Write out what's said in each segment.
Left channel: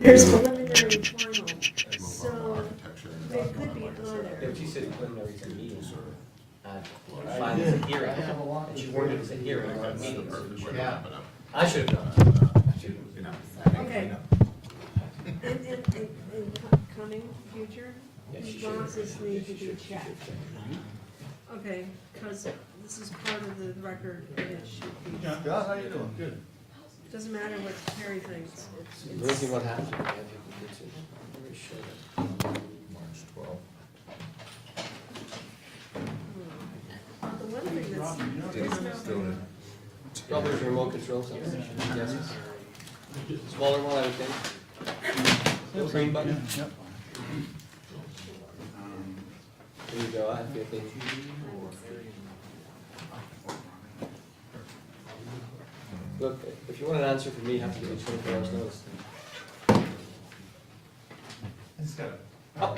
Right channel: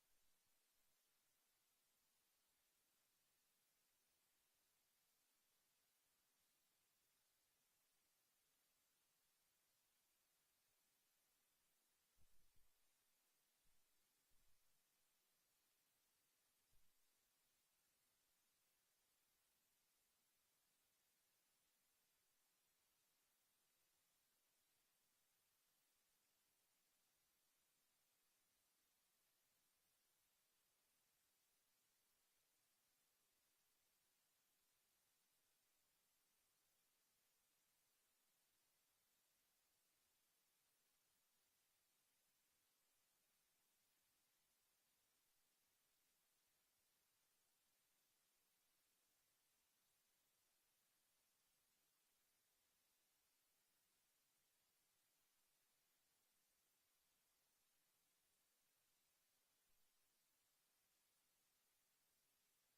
There's preliminary and final, so they could be either. Yeah, she said preliminary is a meeting. Final is a hearing, and she worded it as a hearing, not a meeting, so we should have. I should have done it. I should have. Okay. In coming future, Yeah, she these should. boxes need to be checked. Okay, because this is part of the record and it should be. Yeah, how you doing? Good. Doesn't matter what Terry thinks, We'll see it's, what happens. I think it's very sure. March 12th. the one thing that's. Still in. Probably a remote control something. Yes. Smaller one, I would think. Little green button. Yep. There you go, I think. Look, if you want an answer from me, you have to give me 24 hours notice. I just got a Oh.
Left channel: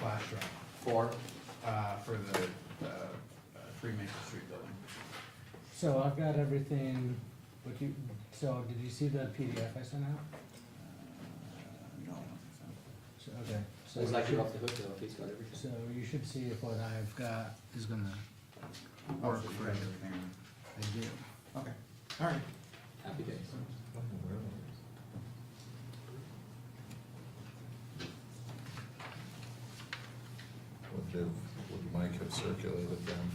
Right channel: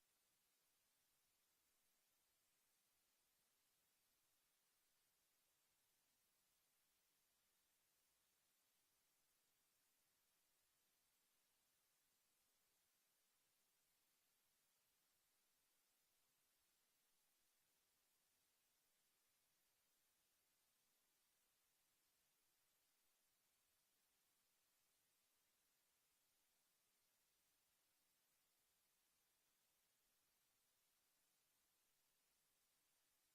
flash drive For, for the 3 Maple Street building. So I've got everything, but so did you see the PDF I sent out? No, So, okay, so it's you like should, you're off the hook though, if he's got everything. so you should see if what I've got is gonna work work for for you. everything. I do. Okay, all right. Happy days. Would Mike have circulated them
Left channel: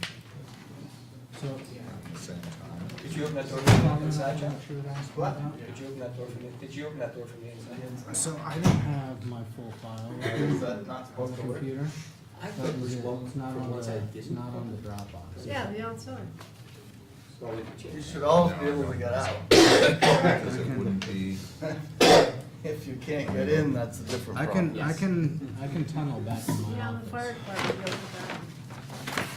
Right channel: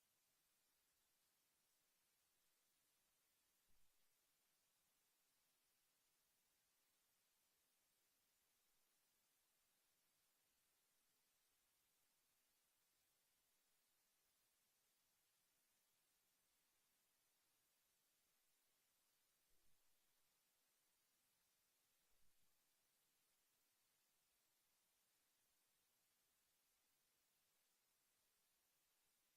So, at the same time? Did you open that door from the inside, John? What you would ask me What? about? Did you open that door from the, did you open that door from the inside? So I don't have my full file Is that not on supposed the to work? computer. I That thought it was was it. one It's not from on one the, side, it's didn't not on the Dropbox. Yeah, the outside. So we could change You that. should always be able to get out. Because it wouldn't be, If you can't get in, that's a different I problem. I can tunnel back to my Yeah, office. the fire department goes with that.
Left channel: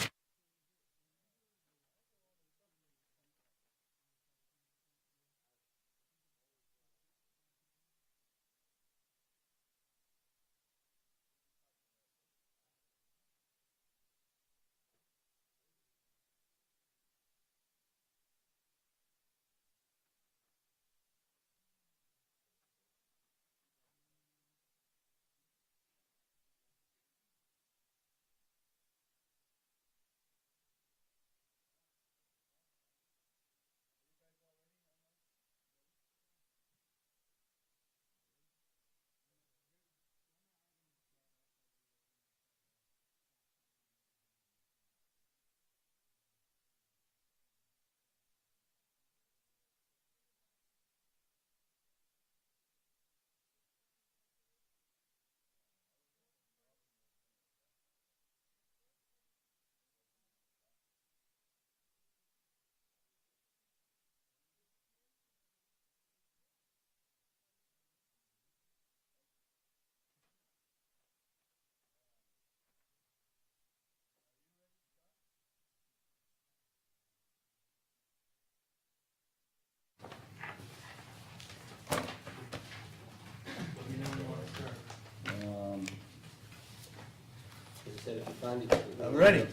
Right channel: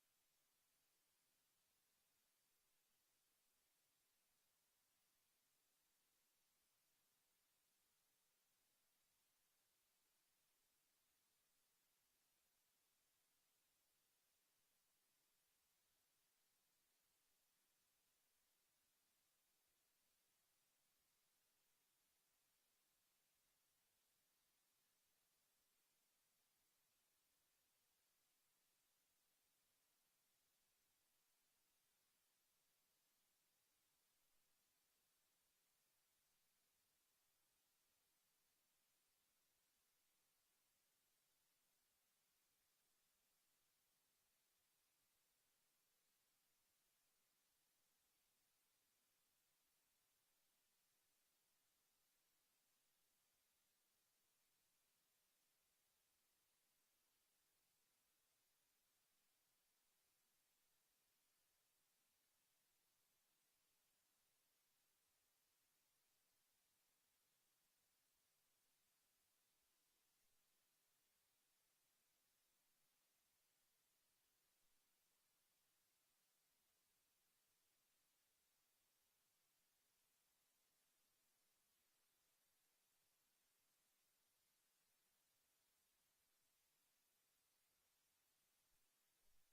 As I said, if you find it. I'm ready.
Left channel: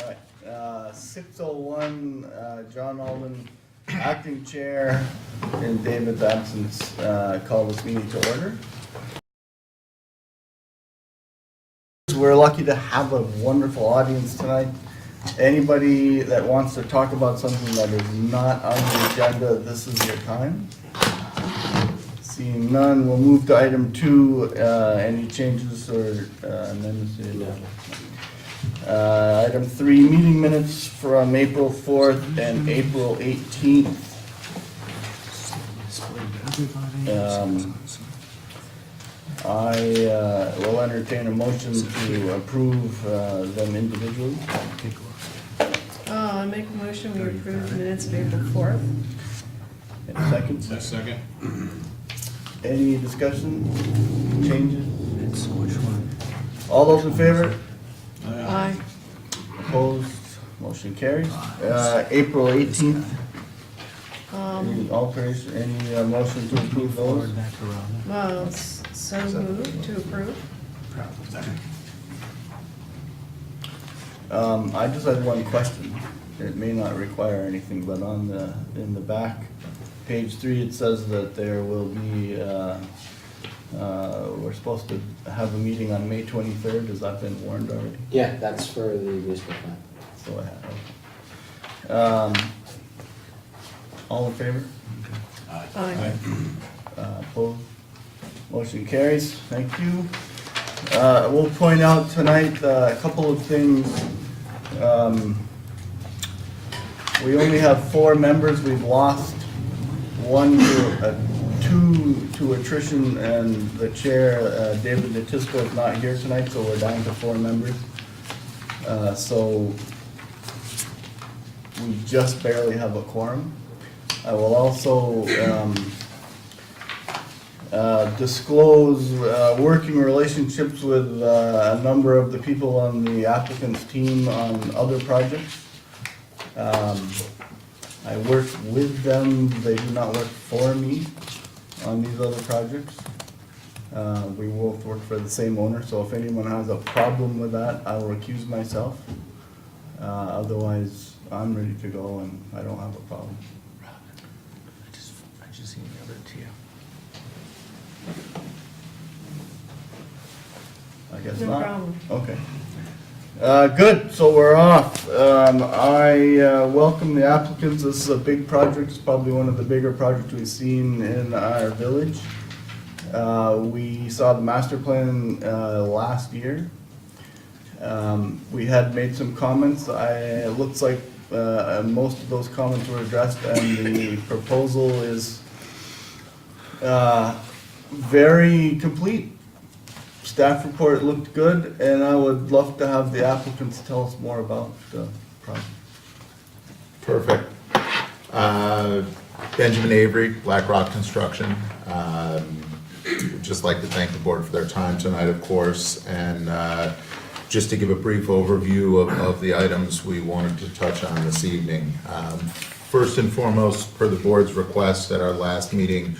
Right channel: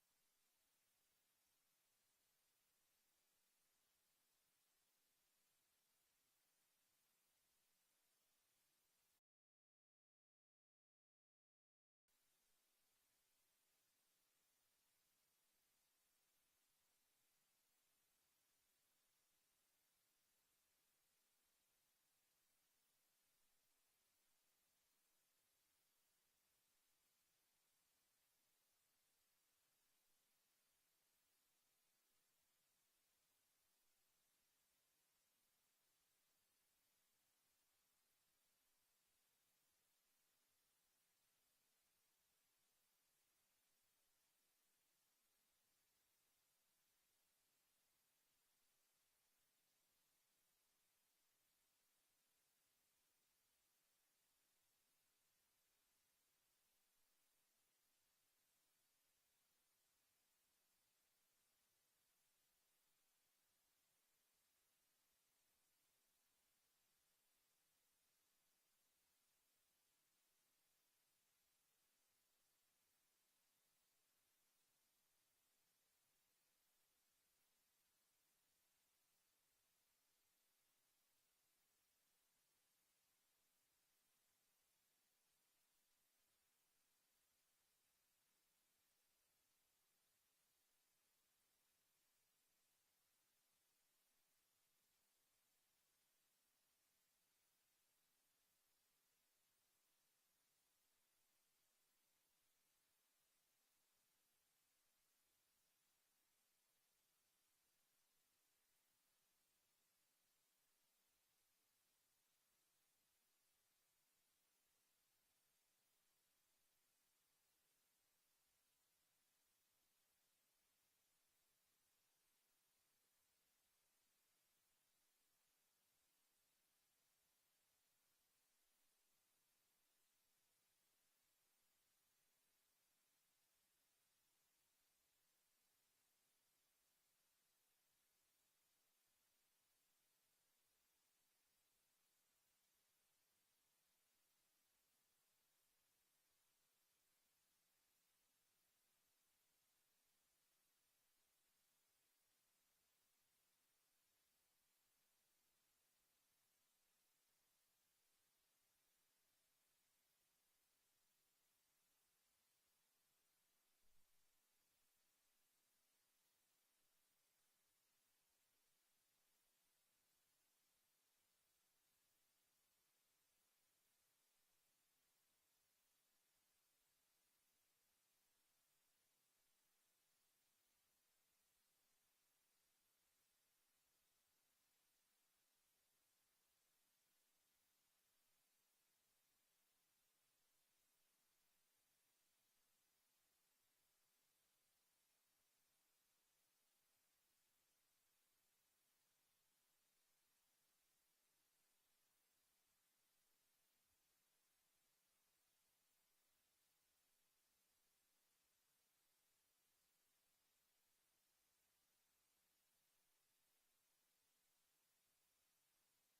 All right, 6:01, John Alden, acting chair, in David's absence, call this meeting to order. We're lucky to have a wonderful audience tonight. Anybody that wants to talk about something that is not on the agenda, this is your time. Seeing none, we'll move to item 2, any changes or amendments to the agenda? Item 3, meeting minutes from April 4th and April 18th. I will entertain a motion to approve them individually. I make a motion, we approve the minutes of April 4th. Any seconds? second. Any discussion, changes? It's which one? All those in favor? Aye. Opposed? Motion carries. April 18th, any alteration, any motion to approve those? Forward that to Robin. Well, so moved to approve. I just had one question. It may not require anything, but in the back, page 3, it says that there will be, we're supposed to have a meeting on May 23rd. Has that been warned already? Yeah, that's for the municipal plan. So I have. All in favor? Aye. Opposed? Motion carries. Thank you. We'll point out tonight a couple of things. We only have 4 members. We've lost 1 to 2 to attrition, and the chair, David Natisco, is not here tonight, so we're down to 4 members. So we just barely have a quorum. I will also disclose working relationships with a number of the people on the applicant's team on other projects. I work with them, they do not work for me on these other projects. We both work for the same owner, so if anyone has a problem with that, I will recuse myself. Otherwise, I'm ready to go and I don't have a problem. I just seen the other tier. I guess No not. problem. Okay. Good, so we're off. I welcome the applicants. This is a big project. It's probably one of the bigger projects we've seen in our village. We saw the master plan last year. We had made some comments. It looks like most of those comments were addressed, and the proposal is very complete. Staff report looked good, and I would love to have the applicants tell us more about the project. Perfect. Benjamin Avery, Black Rock Construction. Would just like to thank the board for their time tonight, of course, and just to give a brief overview of the items we wanted to touch on this evening. First and foremost, per the board's request at our last meeting,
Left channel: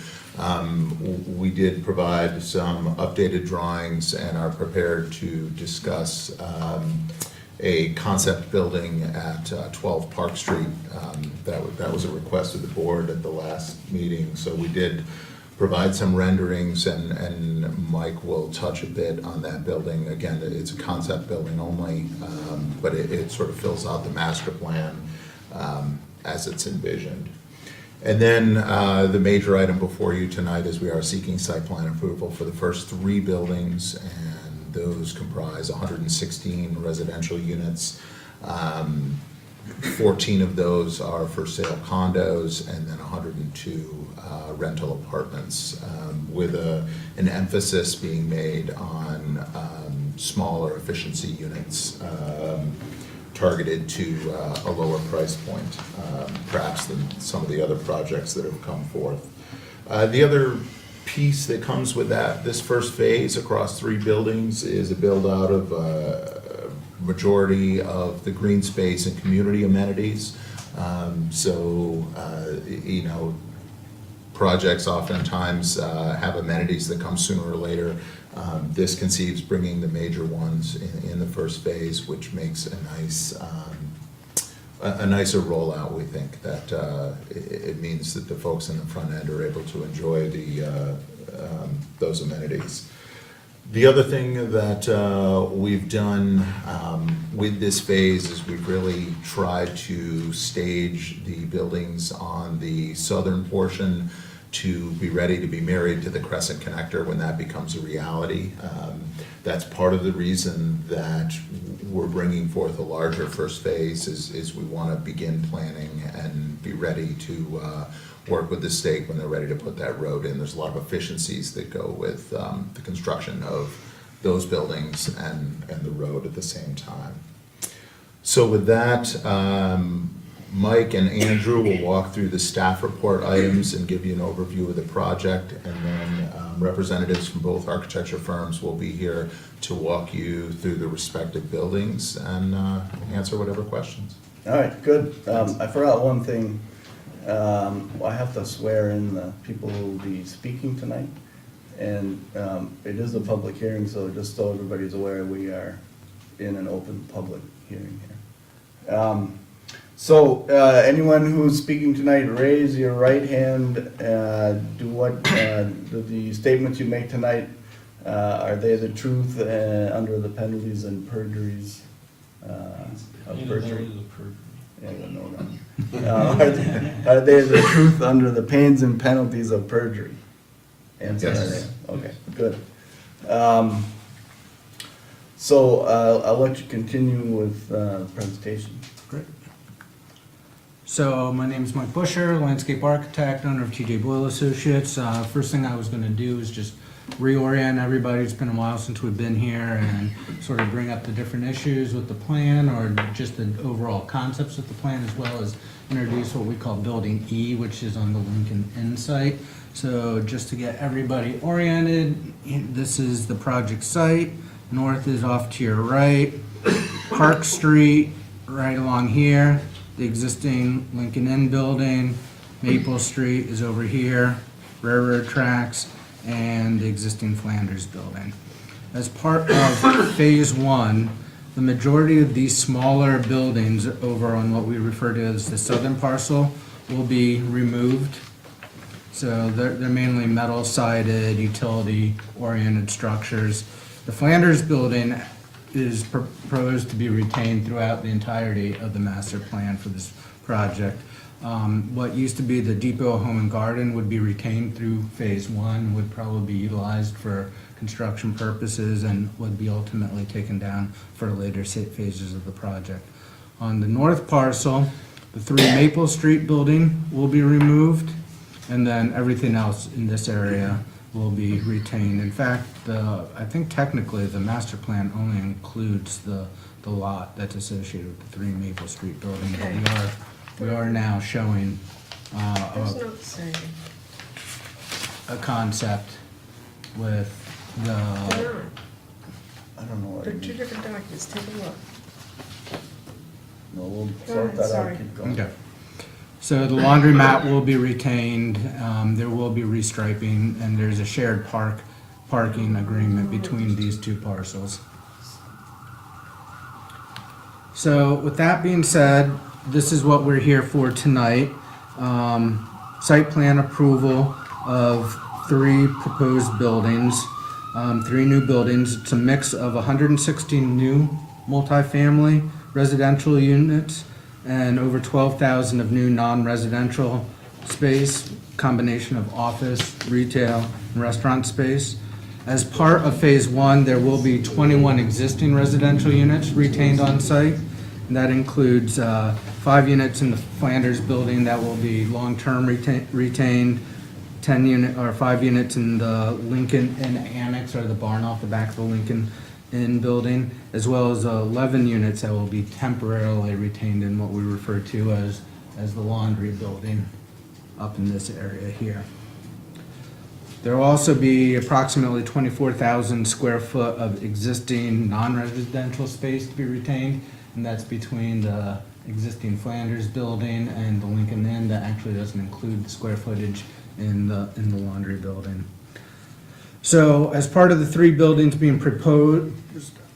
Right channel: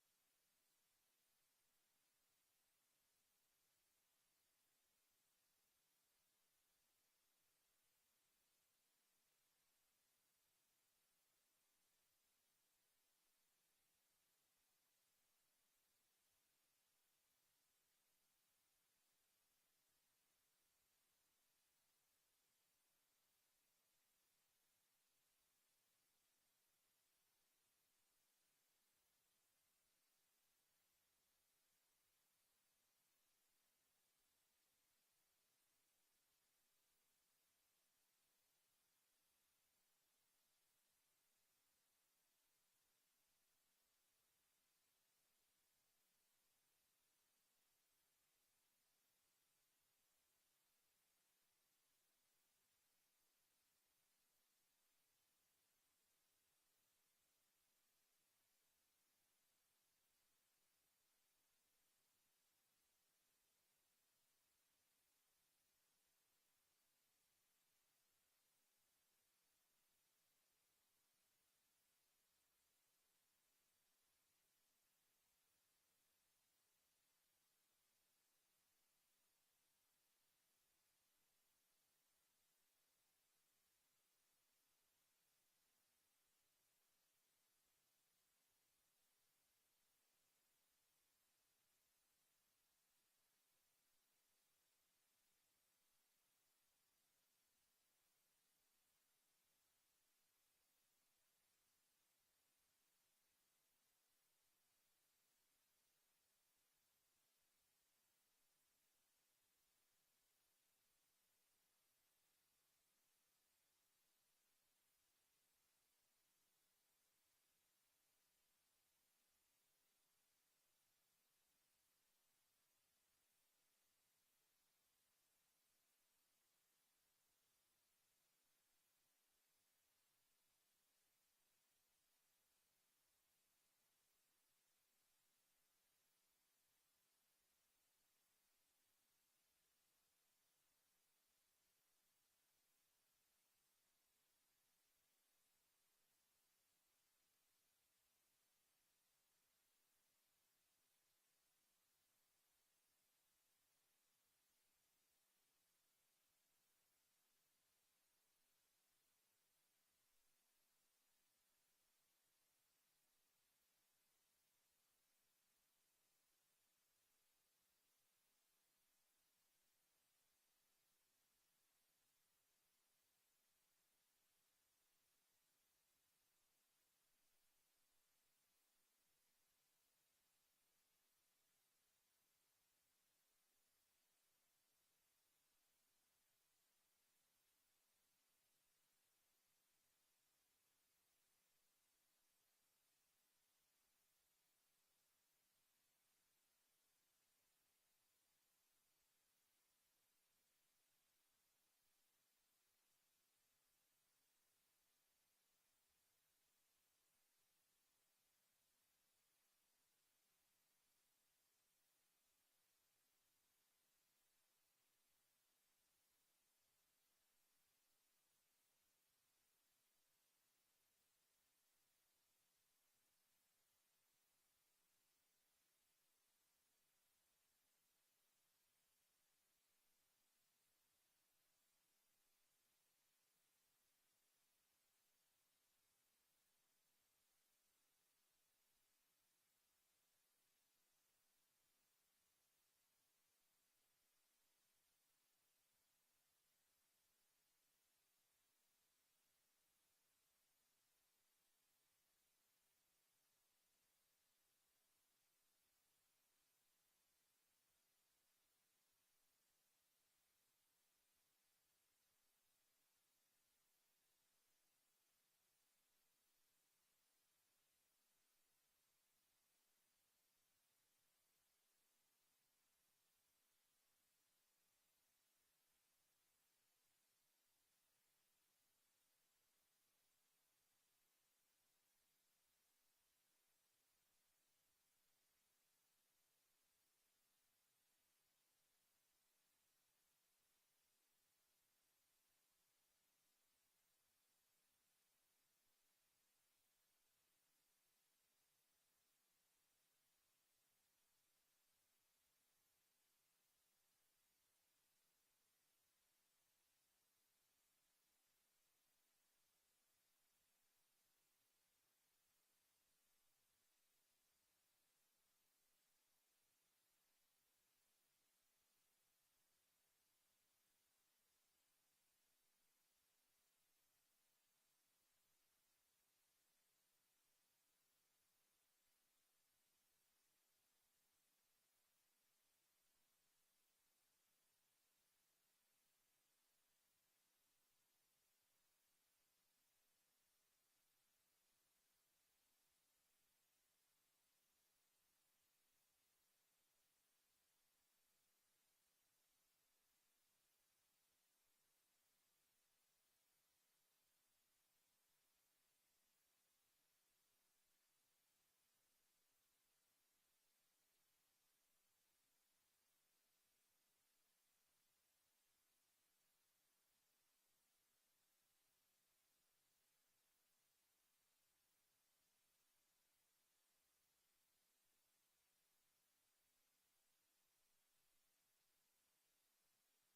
we did provide some updated drawings and are prepared to discuss a concept building at 12 Park Street. That was a request of the board at the last meeting, so we did provide some renderings, and Mike will touch a bit on that building. Again, it's a concept building only, but it sort of fills out the master plan as it's envisioned. And then the major item before you tonight is we are seeking site plan approval for the first 3 buildings, and those comprise 116 residential units. 14 of those are for sale condos, and then 102 rental apartments, with an emphasis being made on smaller efficiency units, targeted to a lower price point, perhaps than some of the other projects that have come forth. The other piece that comes with that, this first phase across 3 buildings, is a build out of majority of the green space and community amenities. You know, projects oftentimes have amenities that come sooner or later. This conceives bringing the major ones in the first phase, which makes a nicer rollout. We think that it means that the folks in the front end are able to enjoy those amenities. The other thing that we've done with this phase is we've really tried to stage the buildings on the southern portion to be ready to be married to the Crescent Connector when that becomes a reality. That's part of the reason that we're bringing forth a larger first phase, is we want to begin planning and be ready to work with the state when they're ready to put that road in. There's a lot of efficiencies that go with the construction of those buildings and the road at the same time. So with that, Mike and Andrew will walk through the staff report items and give you an overview of the project, and then representatives from both architecture firms will be here to walk you through the respective buildings and answer whatever questions. All right, good. I forgot one thing. I have to swear in the people who will be speaking tonight. And it is a public hearing, so just so everybody's aware, we are in an open public hearing here. So, anyone who's speaking tonight, raise your right hand. The statements you make tonight, are they the truth under the penalties and perjuries of perjury? Yeah, no. Are they the truth under the pains and penalties of perjury? Answer Yes. that. Okay, good. So, I'll let you continue with the presentation. Great. So my name is Mike Busher, landscape architect, owner of TJ Boyle Associates. First thing I was gonna do is just reorient everybody. It's been a while since we've been here, and sort of bring up the different issues with the plan, or just the overall concepts of the plan, as well as introduce what we call Building E, which is on the Lincoln Inn site. So just to get everybody oriented, this is the project site. North is off to your right. Park Street, right along here. The existing Lincoln Inn building. Maple Street is over here. Railroad tracks, and the existing Flanders building. As part of phase one, the majority of these smaller buildings over on what we refer to as the southern parcel will be removed. So they're mainly metal sided, utility oriented structures. The Flanders building is proposed to be retained throughout the entirety of the master plan for this project. What used to be the Depot Home and Garden would be retained through phase one, would probably be utilized for construction purposes, and would be ultimately taken down for later phases of the project. On the north parcel, the 3 Maple Street building will be removed, and then everything else in this area will be retained. In fact, I think technically the master plan only includes the lot that's associated with the 3 Maple Street building. But Okay. we are now showing There's no saying. a concept with They're the, not. I don't know what They're you two mean. different documents, take a look. No, we'll Go sort ahead, that out, sorry. keep going. okay. So the laundromat will be retained, there will be restriping, and there's a shared parking agreement between these two parcels. So with that being said, this is what we're here for tonight. Site plan approval of 3 proposed buildings, 3 new buildings. It's a mix of 116 new multifamily residential units and over 12,000 of new non-residential space, combination of office, retail, and restaurant space. As part of phase one, there will be 21 existing residential units retained on site. And that includes 5 units in the Flanders building that will be long-term retained, 5 units in the Lincoln Inn Annex, or the barn off the back of the Lincoln Inn building, as well as 11 units that will be temporarily retained in what we refer to as the laundry building up in this area here. There will also be approximately 24,000 square foot of existing non-residential space to be retained, and that's between the existing Flanders building and the Lincoln Inn. That actually doesn't include the square footage in the laundry building. So as part of the 3 buildings being proposed,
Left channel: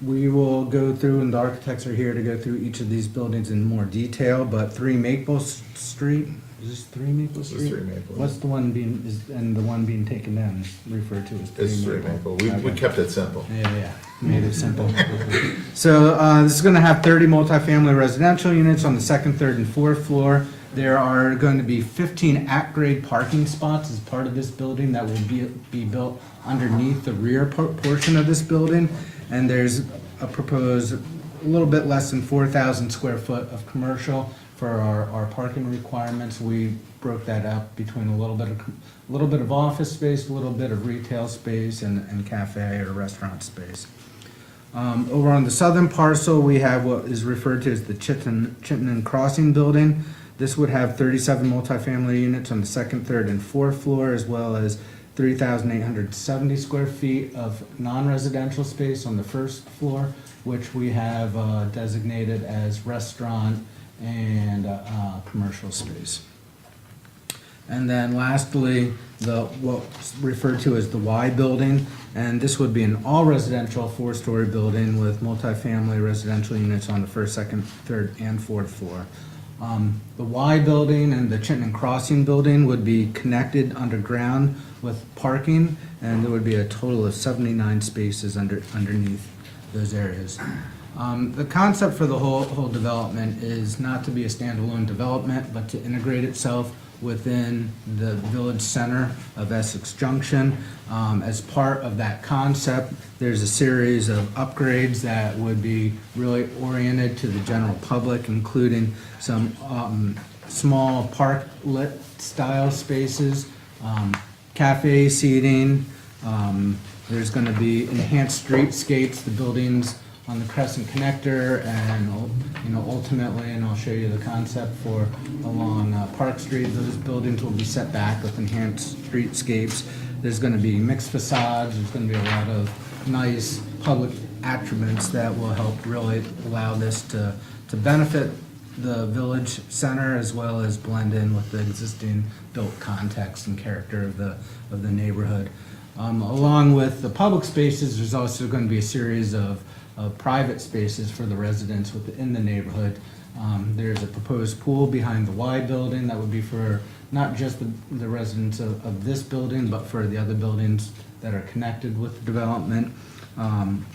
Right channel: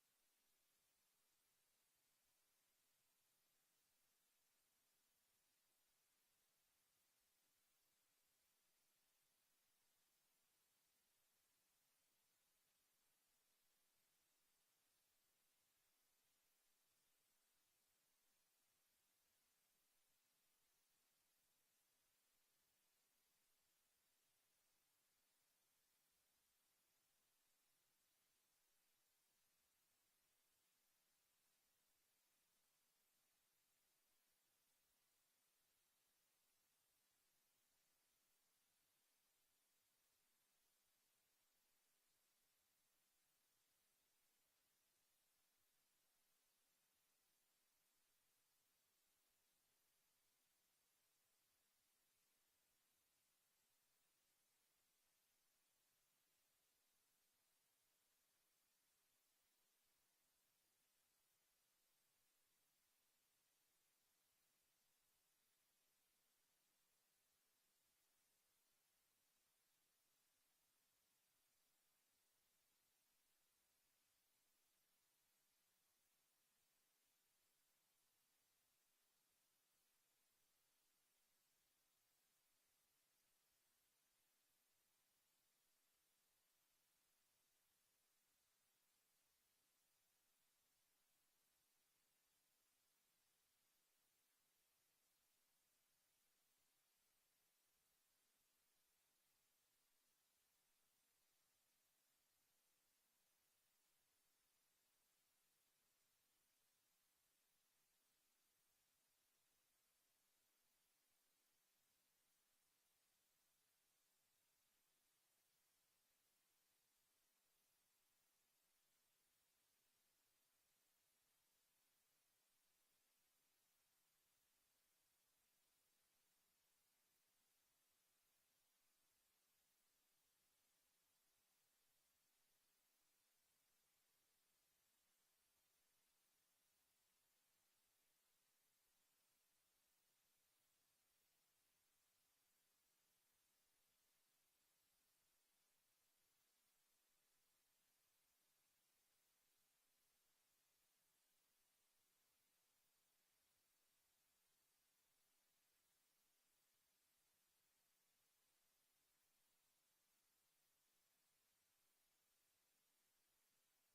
we will go through, and the architects are here to go through each of these buildings in more detail, but 3 Maple Street, is this 3 Maple This is Street? 3 Maple. What's the one being, and the one being taken down is referred to as 3 It's 3 Maple. We Okay. kept it simple. Yeah, made it simple. So, this is gonna have 30 multifamily residential units on the 2nd, 3rd, and 4th floor. There are going to be 15 at-grade parking spots as part of this building that will be built underneath the rear portion of this building. And there's a proposed, a little bit less than 4,000 square foot of commercial for our parking requirements. We broke that up between a little bit of office space, a little bit of retail space, and cafe or restaurant space. Over on the southern parcel, we have what is referred to as the Chittenden Crossing building. This would have 37 multifamily units on the 2nd, 3rd, and 4th floor, as well as 3,870 square feet of non-residential space on the 1st floor, which we have designated as restaurant and commercial space. And then lastly, what's referred to as the Y building, and this would be an all-residential 4-story building with multifamily residential units on the 1st, 2nd, 3rd, and 4th floor. The Y building and the Chittenden Crossing building would be connected underground with parking, and there would be a total of 79 spaces underneath those areas. The concept for the whole development is not to be a standalone development, but to integrate itself within the village center of Essex Junction. As part of that concept, there's a series of upgrades that would be really oriented to the general public, including some small park-lit style spaces, cafe seating. There's going to be enhanced streetscapes, the buildings on the Crescent Connector, and ultimately, and I'll show you the concept for along Park Street. Those buildings will be set back with enhanced streetscapes. There's going to be mixed facades. There's going to be a lot of nice public attributes that will help really allow this to benefit the village center as well as blend in with the existing built context and character of the neighborhood. Along with the public spaces, there's also going to be a series of private spaces for the residents within the neighborhood. There's a proposed pool behind the Y building that would be for not just the residents of this building, but for the other buildings that are connected with the development.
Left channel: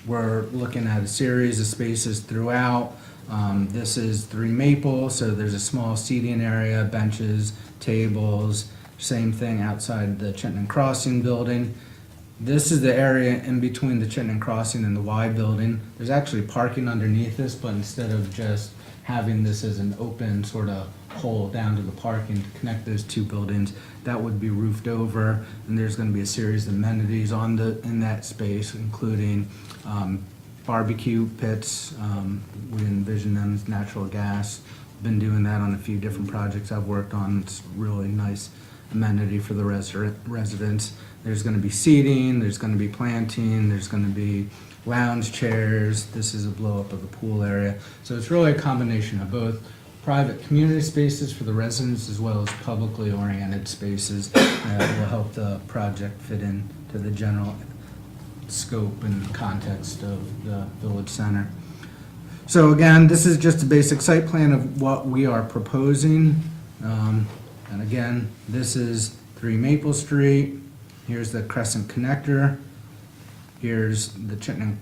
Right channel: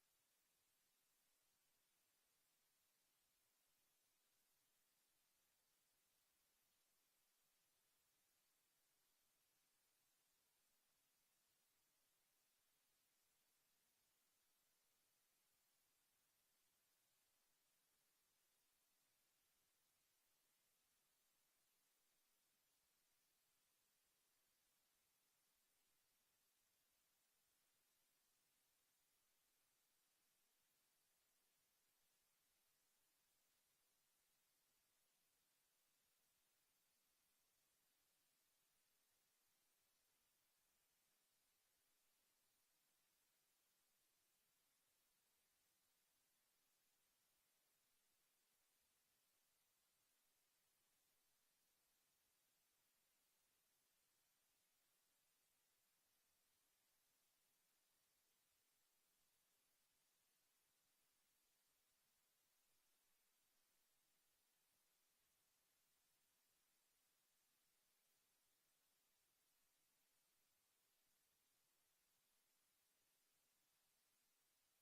We're looking at a series of spaces throughout. This is 3 Maple, so there's a small seating area, benches, tables, same thing outside the Chittenden Crossing building. This is the area in between the Chittenden Crossing and the Y building. There's actually parking underneath this, but instead of just having this as an open sort of hole down to the parking to connect those two buildings, that would be roofed over, and there's going to be a series of amenities in that space, including barbecue pits. We envision them as natural gas. Been doing that on a few different projects I've worked on. It's really nice amenity for the residents. There's going to be seating, there's going to be planting, there's going to be lounge chairs. This is a blow up of the pool area. So it's really a combination of both private community spaces for the residents as well as publicly oriented spaces that will help the project fit into the general scope and context of the village center. So again, this is just a basic site plan of what we are proposing. And again, this is 3 Maple Street. Here's the Crescent Connector. Here's the Chittenden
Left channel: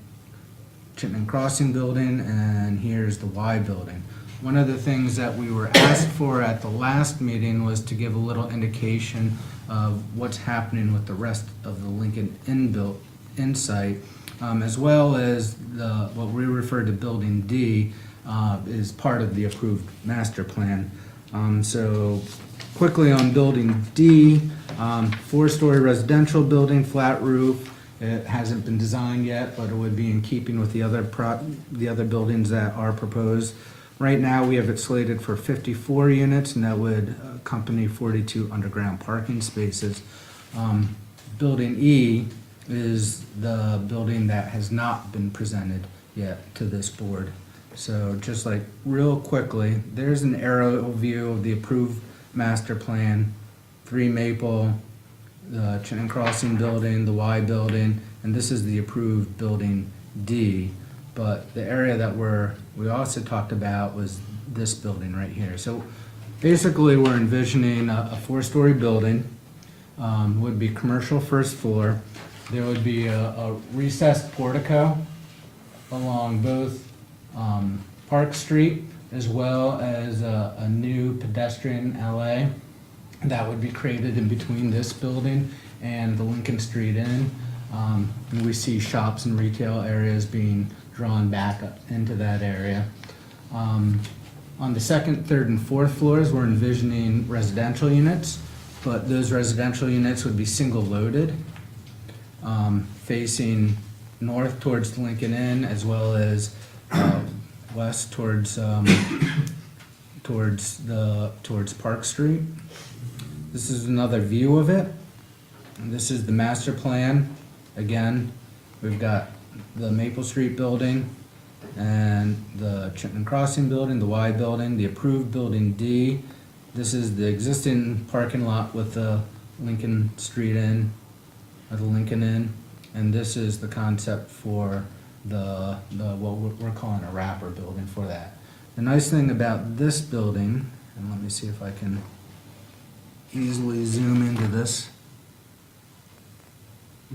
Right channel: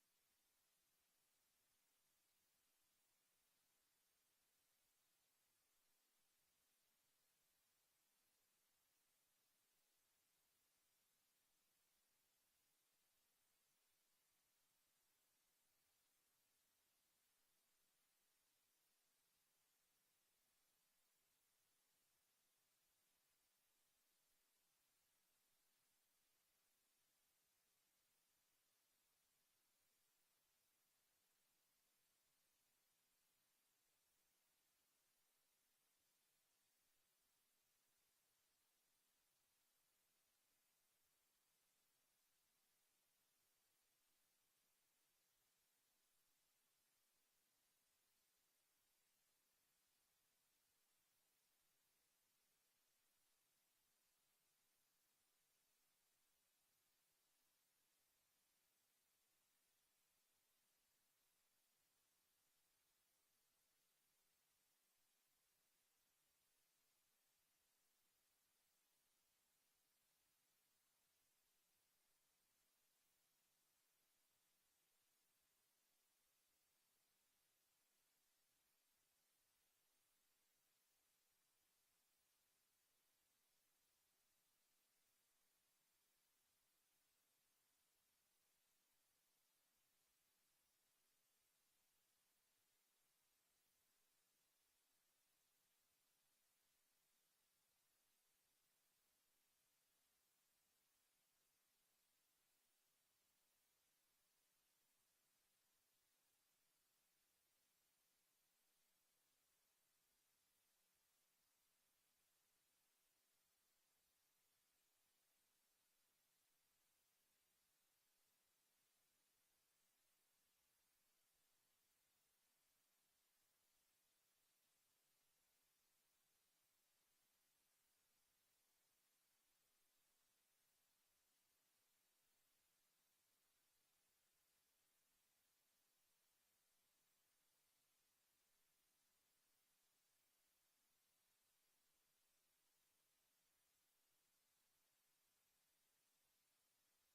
Crossing building, and here's the Y building. One of the things that we were asked for at the last meeting was to give a little indication of what's happening with the rest of the Lincoln Inn site, as well as what we refer to Building D is part of the approved master plan. So quickly on Building D, 4-story residential building, flat roof. It hasn't been designed yet, but it would be in keeping with the other buildings that are proposed. Right now, we have it slated for 54 units, and that would accompany 42 underground parking spaces. Building E is the building that has not been presented yet to this board. So just like real quickly, there's an aerial view of the approved master plan, 3 Maple, the Chittenden Crossing building, the Y building, and this is the approved Building D. But the area that we also talked about was this building right here. So basically, we're envisioning a 4-story building, would be commercial first floor. There would be a recessed portico along both Park Street, as well as a new pedestrian alley that would be created in between this building and the Lincoln Street Inn. We see shops and retail areas being drawn back up into that area. On the 2nd, 3rd, and 4th floors, we're envisioning residential units, but those residential units would be single loaded, facing north towards the Lincoln Inn, as well as west towards Park Street. This is another view of it. And this is the master plan. Again, we've got the Maple Street building and the Chittenden Crossing building, the Y building, the approved Building D. This is the existing parking lot with the Lincoln Street Inn, or the Lincoln Inn, and this is the concept for the what we're calling a wrapper building for that. The nice thing about this building, and let me see if I can easily zoom into this.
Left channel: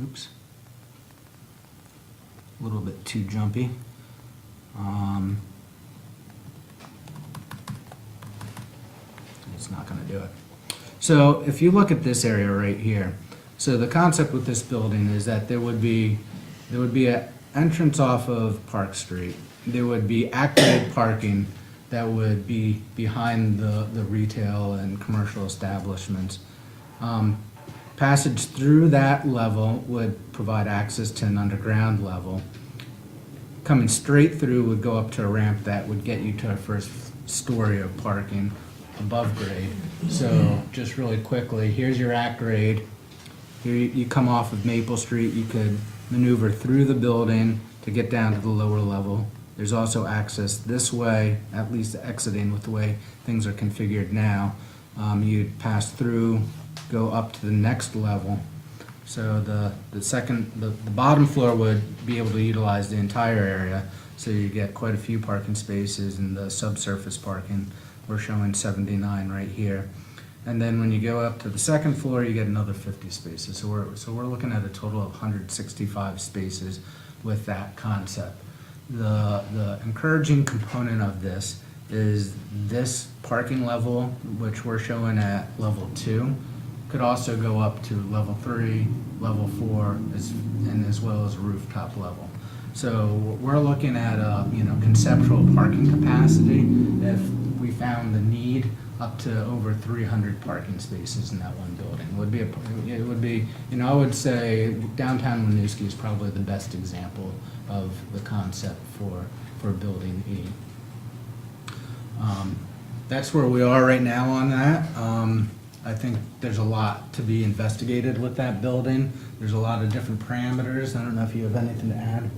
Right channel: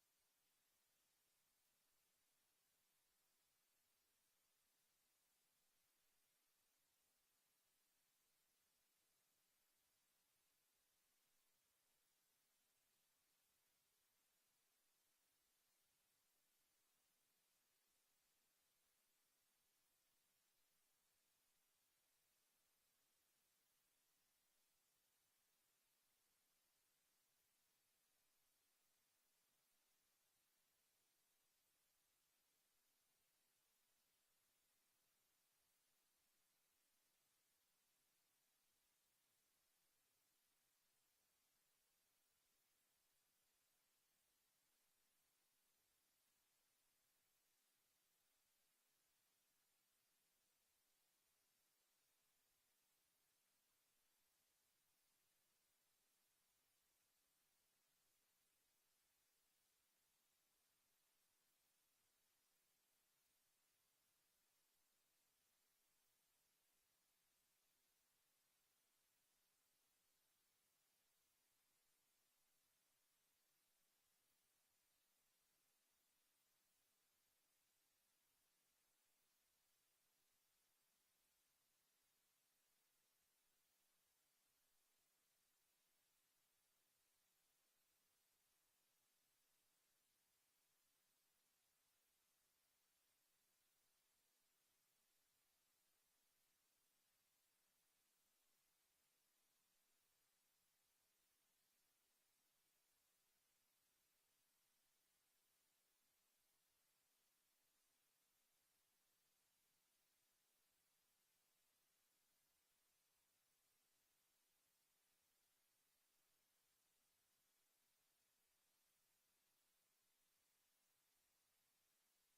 Oops. A little bit too jumpy. It's not gonna do it. So if you look at this area right here, so the concept with this building is that there would be an entrance off of Park Street. There would be active parking that would be behind the retail and commercial establishments. Passage through that level would provide access to an underground level. Coming straight through would go up to a ramp that would get you to a first story of parking above grade. So just really quickly, here's your at grade. Here you come off of Maple Street, you could maneuver through the building to get down to the lower level. There's also access this way, at least exiting with the way things are configured now. You'd pass through, go up to the next level. So the bottom floor would be able to utilize the entire area. So you get quite a few parking spaces, and the subsurface parking, we're showing 79 right here. And then when you go up to the second floor, you get another 50 spaces. So we're looking at a total of 165 spaces with that concept. The encouraging component of this is this parking level, which we're showing at level 2, could also go up to level 3, level 4, and as well as rooftop level. So we're looking at a conceptual parking capacity if we found the need up to over 300 parking spaces in that one building. It would be I would say downtown Winooski is probably the best example of the concept for building E. That's where we are right now on that. I think there's a lot to be investigated with that building. There's a lot of different parameters. I don't know if you have anything to add.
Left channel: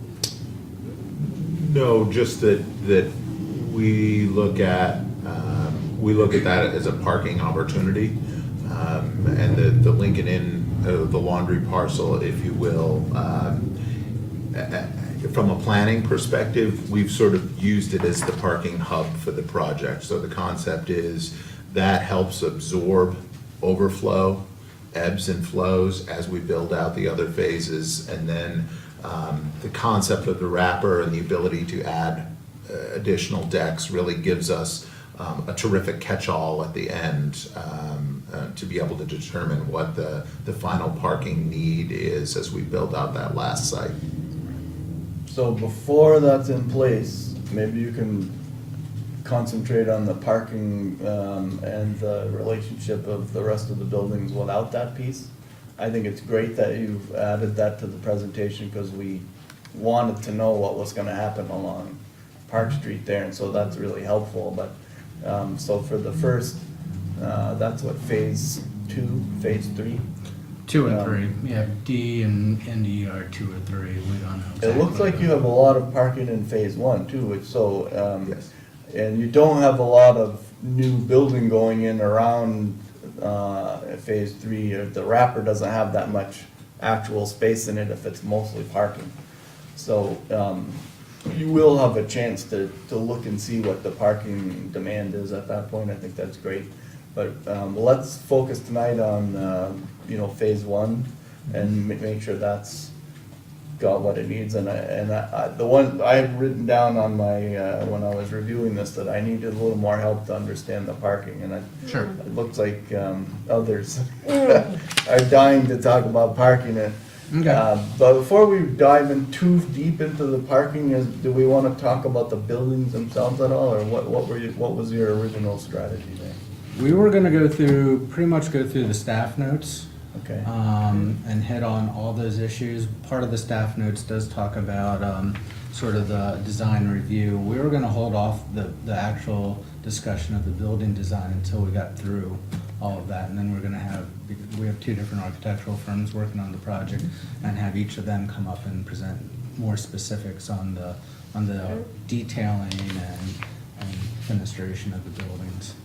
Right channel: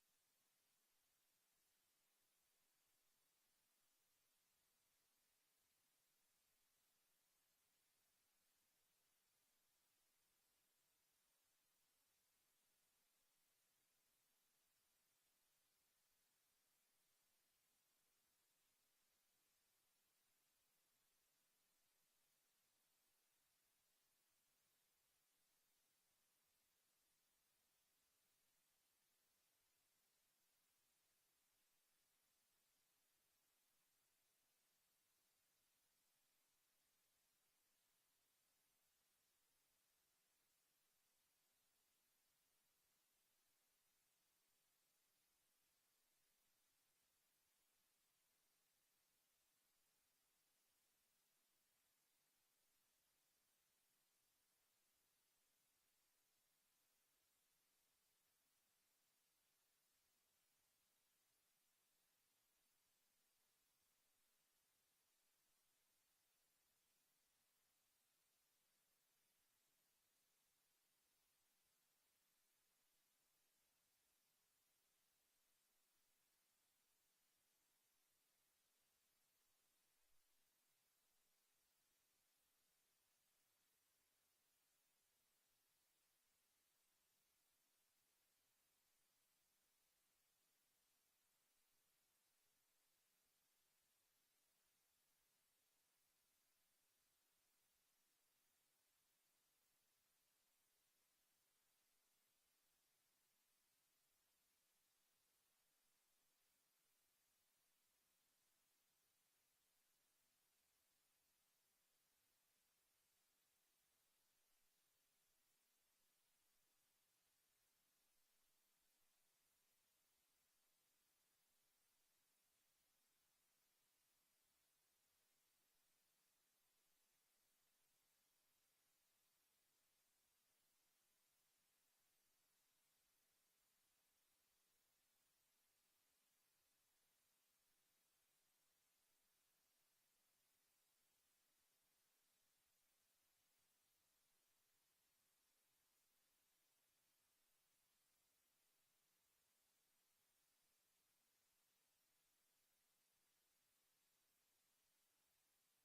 No, just that we look at that as a parking opportunity, and the Lincoln Inn, the laundry parcel, if you will. From a planning perspective, we've sort of used it as the parking hub for the project. So the concept is that helps absorb overflow, ebbs and flows as we build out the other phases. And then the concept of the wrapper and the ability to add additional decks really gives us a terrific catch-all at the end to be able to determine what the final parking need is as we build out that last site. So before that's in place, maybe you can concentrate on the parking and the relationship of the rest of the buildings without that piece. I think it's great that you've added that to the presentation, because we wanted to know what was gonna happen along Park Street there, and so that's really helpful. But so for the first, that's what, phase 2, phase 3? 2 and 3. Yeah, D and E are 2 or 3. We don't know. It looks like you have a lot of parking in phase 1 too, which Yes. and you don't have a lot of new building going in around phase 3, or the wrapper doesn't have that much actual space in it if it's mostly parking. So you will have a chance to look and see what the parking demand is at that point. I think that's great. But let's focus tonight on phase 1 and make sure that's got what it needs. And the one I had written down on my when I was reviewing this, that I needed a little more help to understand the parking, and Sure. it looks like others are dying to talk about parking. Okay. But before we dive in too deep into the parking, do we want to talk about the buildings themselves at all, or what was your original strategy there? We were gonna pretty much go through the staff notes, Okay. and hit on all those issues. Part of the staff notes does talk about, sort of the design review. We were gonna hold off the actual discussion of the building design until we got through all of that, and then we have 2 different architectural firms working on the project, and have each of them come up and present more specifics on the detailing and fenestration of the buildings.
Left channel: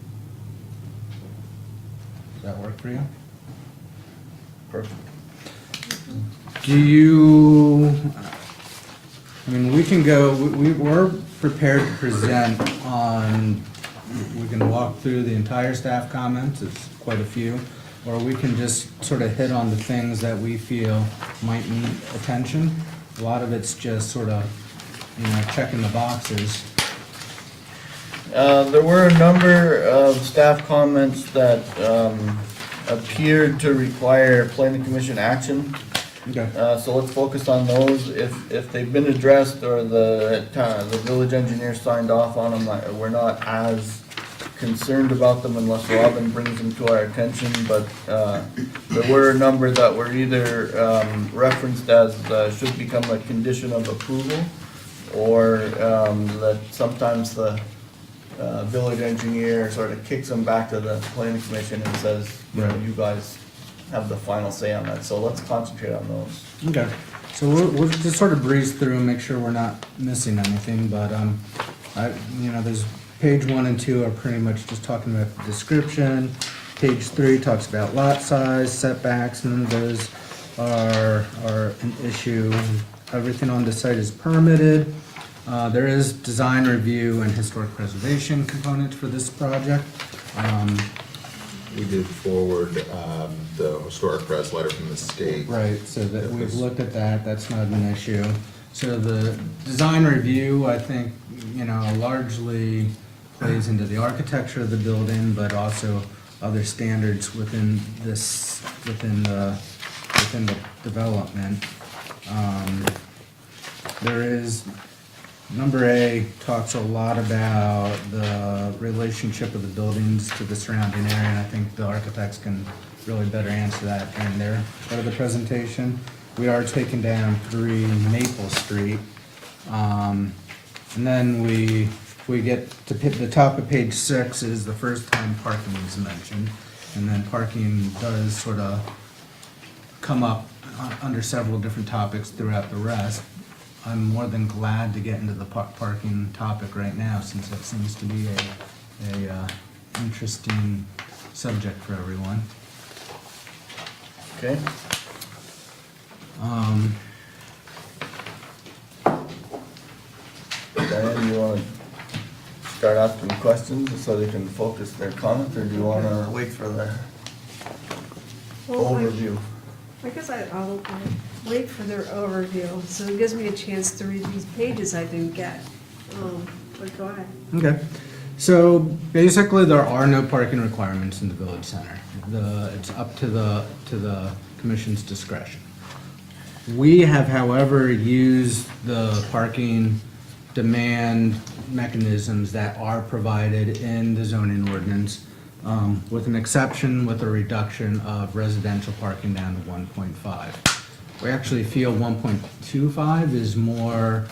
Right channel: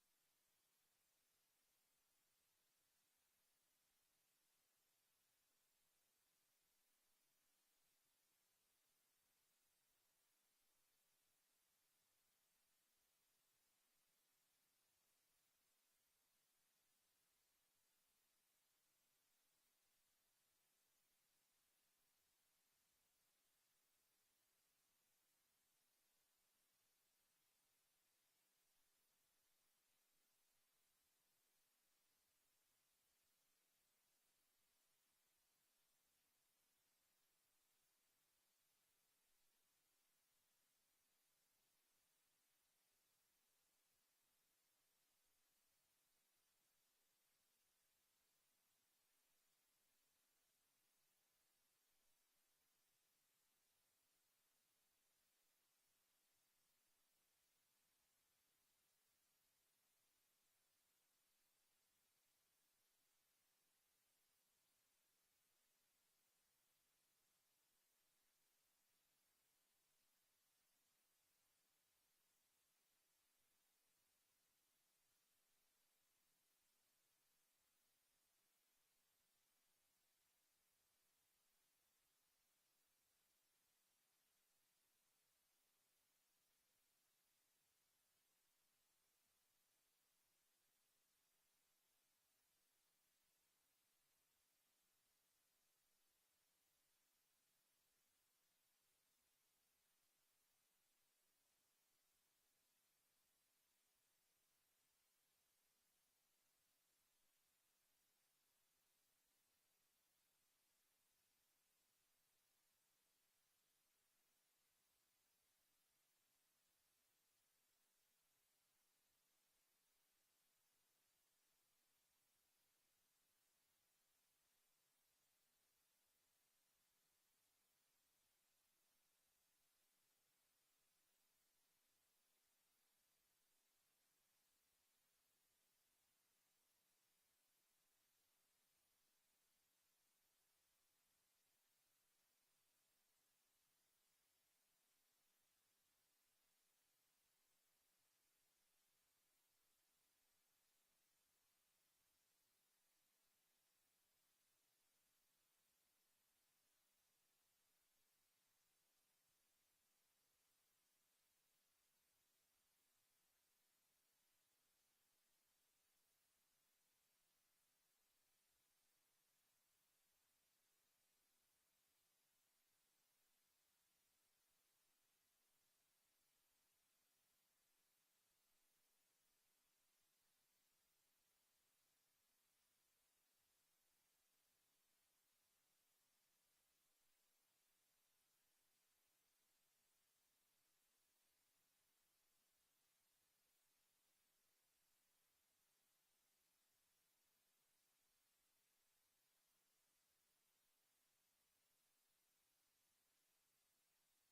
Does that work for you? Perfect. We can go, we're prepared to present on, we can walk through the entire staff comments, it's quite a few, or we can just sort of hit on the things that we feel might need attention. A lot of it's just sort of, checking the boxes. There were a number of staff comments that appeared to require planning commission action. Okay. So let's focus on those. If they've been addressed or the village engineer signed off on them, we're not as concerned about them unless Robin brings them to our attention. But there were a number that were either referenced as should become a condition of approval, or that sometimes the village engineer sort of kicks them back to the planning commission and says, you guys have the final say on that, so let's concentrate on those. Okay, so we'll just sort of breeze through and make sure we're not missing anything, but, there's page 1 and 2 are pretty much just talking about the description. Page 3 talks about lot size, setbacks, none of those are an issue. Everything on the site is permitted. There is design review and historic preservation components for this project. We did forward the historic press letter from the state. Right, so that we've looked at that, that's not an issue. So the design review, I think, largely plays into the architecture of the building, but also other standards within the development. There is, number A talks a lot about the relationship of the buildings to the surrounding area, and I think the architects can really better answer that during their part of the presentation. We are taking down 3 Maple Street. And then we get to the top of page 6 is the first time parking is mentioned. And then parking does sort of come up under several different topics throughout the rest. I'm more than glad to get into the parking topic right now, since it seems to be a interesting subject for everyone. Okay? Diane, you wanna start asking questions so they can focus their comments, or do you wanna wait for the Well, overview? I guess I'll wait for their overview, so it gives me a chance to read these pages I didn't get. But go ahead. Okay, so basically there are no parking requirements in the village center. It's up to the commission's discretion. We have, however, used the parking demand mechanisms that are provided in the zoning ordinance, with an exception with a reduction of residential parking down to 1.5. We actually feel 1.25 is more,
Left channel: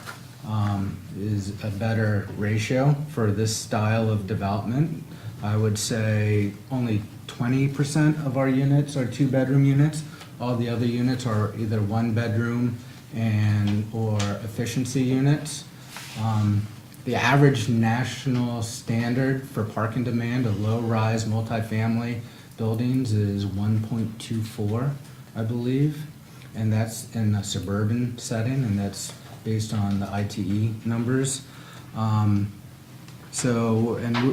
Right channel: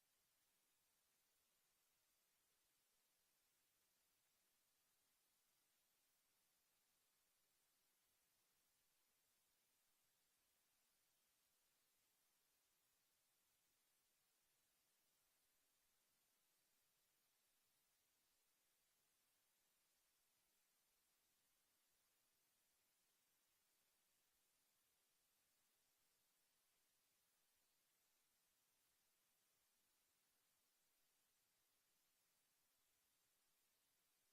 is a better ratio for this style of development. I would say only 20% of our units are 2-bedroom units. All the other units are either 1-bedroom or efficiency units. The average national standard for parking demand of low-rise multifamily buildings is 1.24, I believe. And that's in a suburban setting, and that's based on the ITE numbers.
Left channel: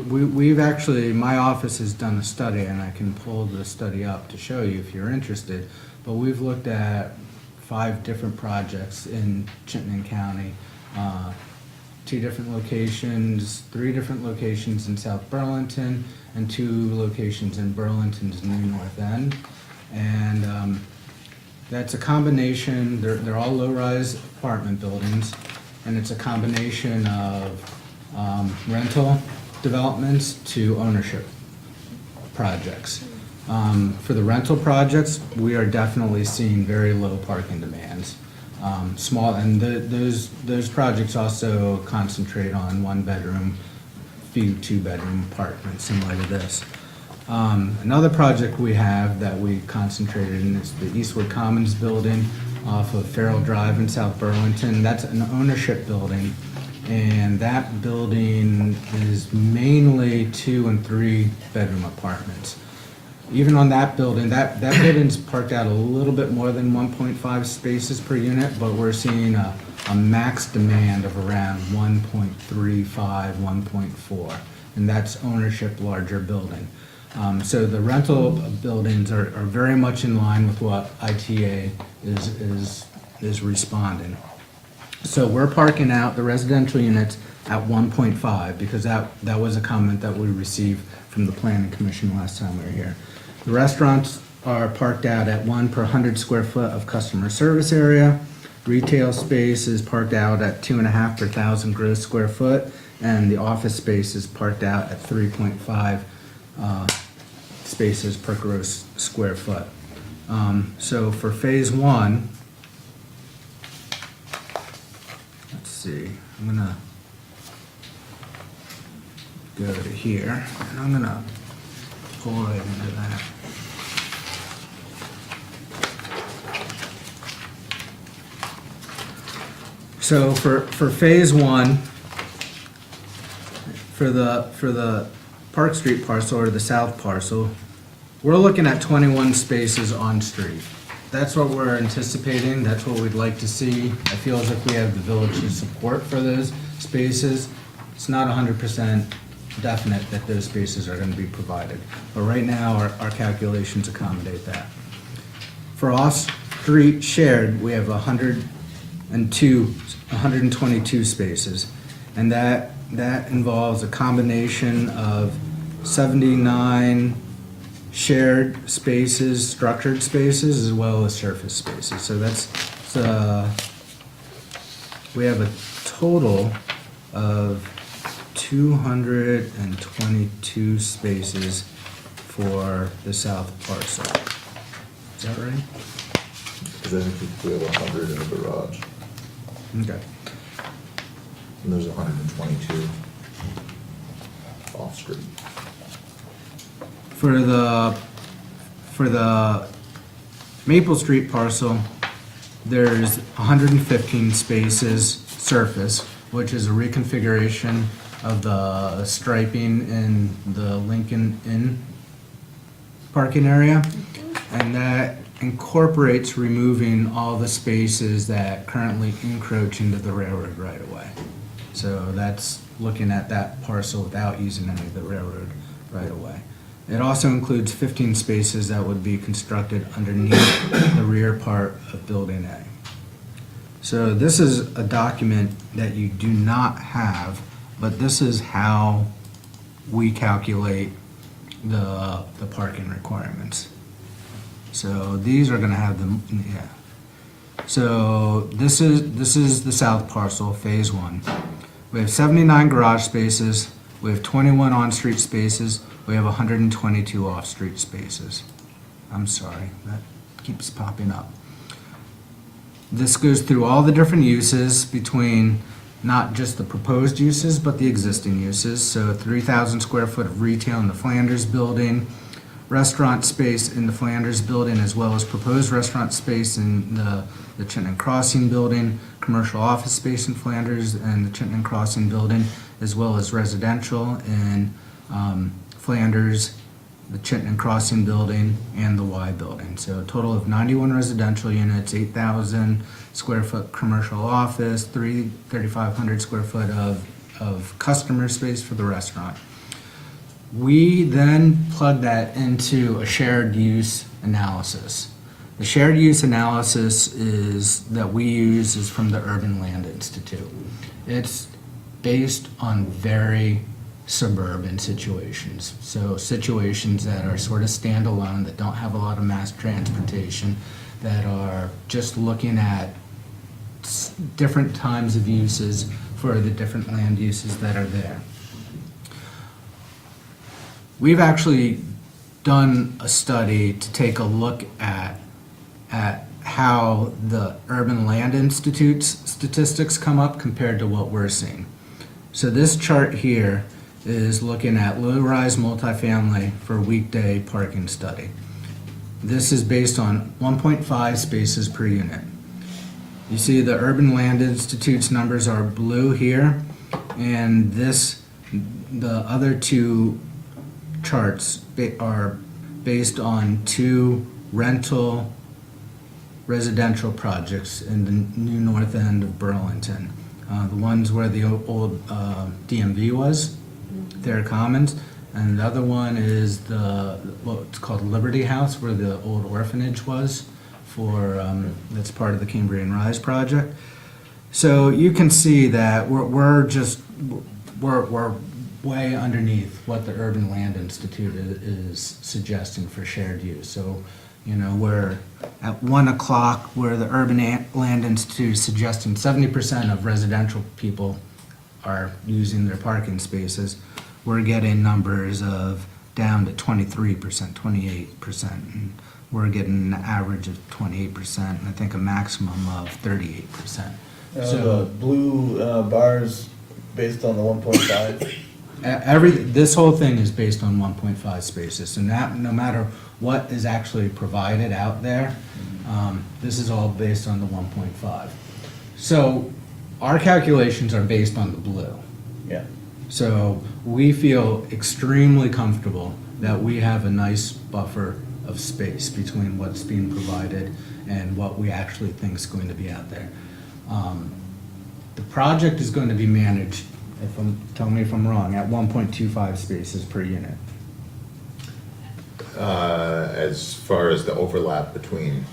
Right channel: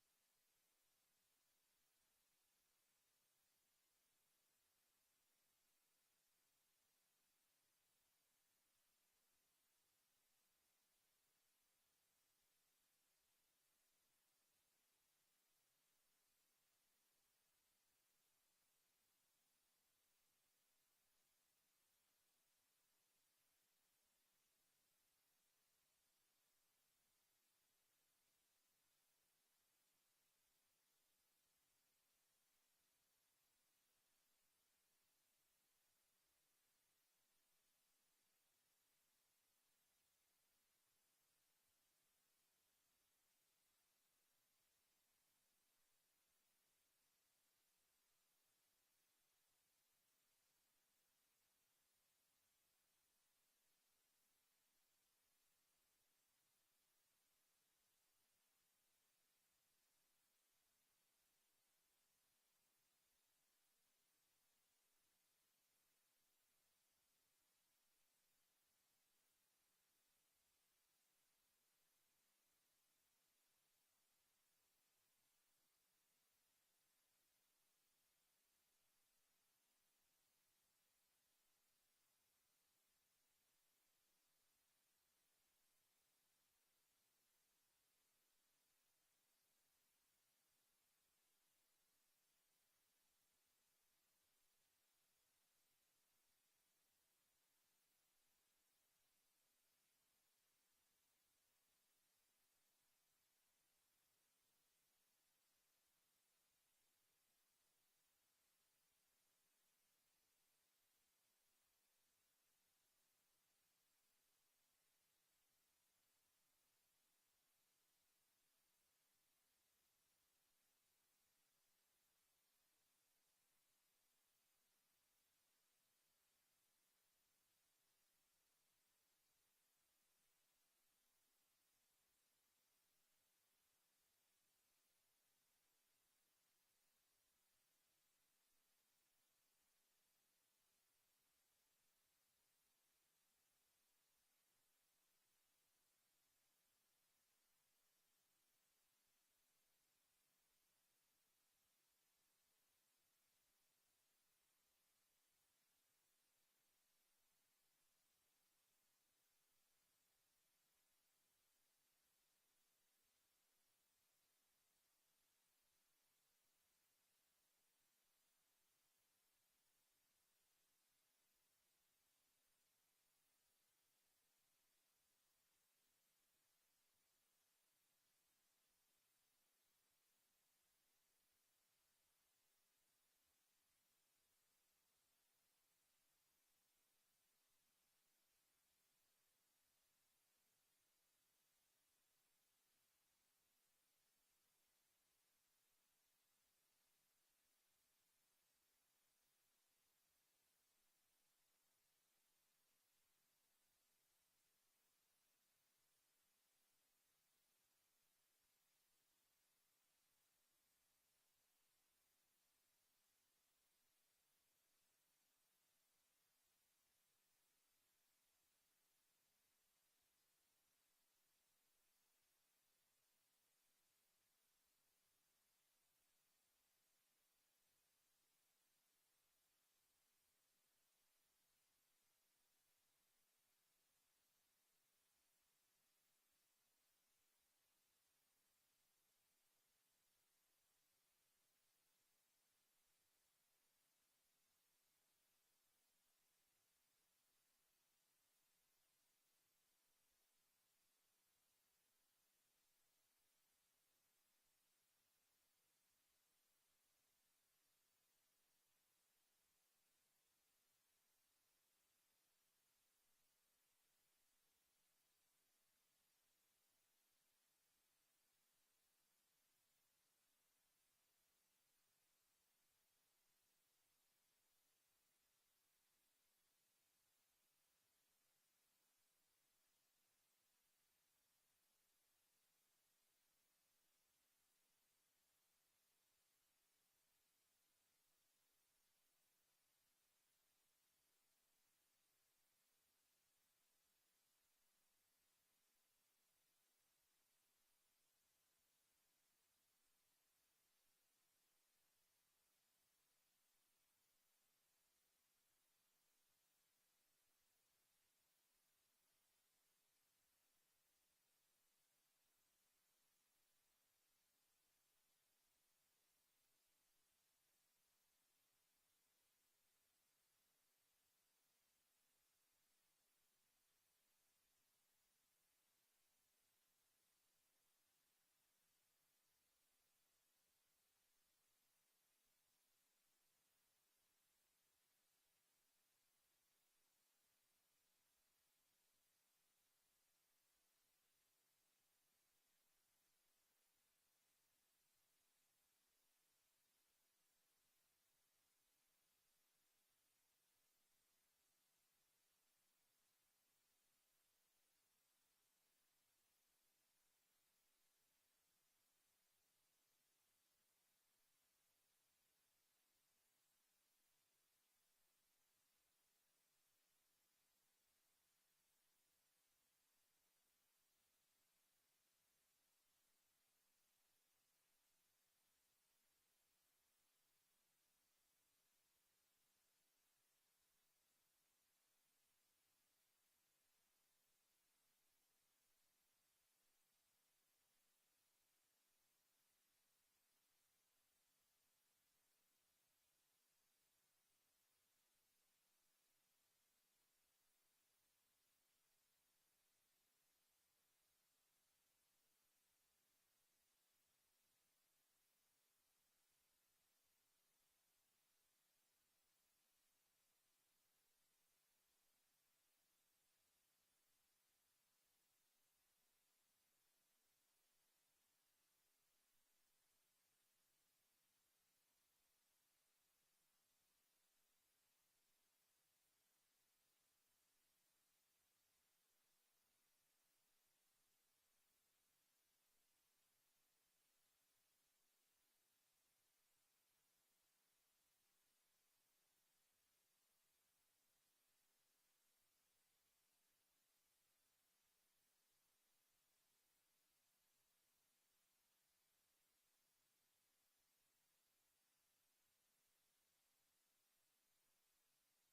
We've actually, my office has done a study, and I can pull the study up to show you if you're interested. But we've looked at 5 different projects in Chittenden County. 2 different locations, 3 different locations in South Burlington, and 2 locations in Burlington's new North End. And that's a combination, they're all low-rise apartment buildings, and it's a combination of rental developments to ownership projects. For the rental projects, we are definitely seeing very low parking demands. Small, and those projects also concentrate on 1-bedroom, few 2-bedroom apartments similar to this. Another project we have that we concentrated in is the Eastwood Commons building off of Farrell Drive in South Burlington. That's an ownership building, and that building is mainly 2- and 3-bedroom apartments. even on that building, that building's parked out a little bit more than 1.5 spaces per unit, but we're seeing a max demand of around 1.35, 1.4, and that's ownership larger building. So the rental buildings are very much in line with what ITA is responding. So we're parking out the residential units at 1.5 because that was a comment that we received from the planning commission last time we were here. The restaurants are parked out at 1 per 100 square foot of customer service area. Retail space is parked out at 2.5 per 1,000 gross square foot, and the office space is parked out at 3.5 spaces per gross square foot. So for phase one, let's see, I'm gonna go to here, and I'm gonna pull right into that. So for phase one, for the Park Street parcel or the south parcel, we're looking at 21 spaces on street. That's what we're anticipating, that's what we'd like to see. I feel as if we have the village's support for those spaces. It's not 100% definite that those spaces are gonna be provided, but right now, our calculations accommodate that. For off-street shared, we have 122 spaces, and that involves a combination of 79 shared spaces, structured spaces, as well as surface spaces. So we have a total of 222 spaces for the south parcel. Is that right? Because I think we have 100 in the garage, Okay. and there's 122 off-street. For the Maple Street parcel, there's 115 spaces surface, which is a reconfiguration of the striping in the Lincoln Inn parking area. And that incorporates removing all the spaces that currently encroach into the railroad right of way. So that's looking at that parcel without using any of the railroad right of way. It also includes 15 spaces that would be constructed underneath the rear part of Building A. So this is a document that you do not have, but this is how we calculate the parking requirements. So these are gonna have them, yeah. So this is the south parcel, phase one. We have 79 garage spaces, we have 21 on-street spaces, we have 122 off-street spaces. I'm sorry, that keeps popping up. This goes through all the different uses between not just the proposed uses, but the existing uses. So 3,000 square foot of retail in the Flanders building, restaurant space in the Flanders building, as well as proposed restaurant space in the Chittenden Crossing building, commercial office space in Flanders and the Chittenden Crossing building, as well as residential in Flanders, the Chittenden Crossing building, and the Y building. So a total of 91 residential units, 8,000 square foot commercial office, 3,500 square foot of customer space for the restaurant. We then plug that into a shared use analysis. The shared use analysis that we use is from the Urban Land Institute. It's based on very suburban situations. So situations that are sort of standalone, that don't have a lot of mass transportation, that are just looking at different times of uses for the different land uses that are there. We've actually done a study to take a look at how the Urban Land Institute's statistics come up compared to what we're seeing. So this chart here is looking at low-rise multifamily for weekday parking study. This is based on 1.5 spaces per unit. You see the Urban Land Institute's numbers are blue here, and the other two charts are based on 2 rental residential projects in the new north end of Burlington. The ones where the old DMV was, Thayer Commons, and the other one is what's called Liberty House, where the old orphanage was that's part of the Cambrian Rise project. So you can see that we're way underneath what the Urban Land Institute is suggesting for shared use. So, we're at 1 o'clock where the Urban Land Institute is suggesting 70% of residential people are using their parking spaces. We're getting numbers of down to 23%, 28%. And we're getting an average of 28%, and I think a maximum of 38%. The blue bars based on the 1.5? This whole thing is based on 1.5 spaces, so no matter what is actually provided out there, this is all based on the 1.5. So our calculations are based on the blue. Yeah. So we feel extremely comfortable that we have a nice buffer of space between what's being provided and what we actually think is going to be out there. The project is going to be managed, tell me if I'm wrong, at 1.25 spaces per unit. As far as the overlap between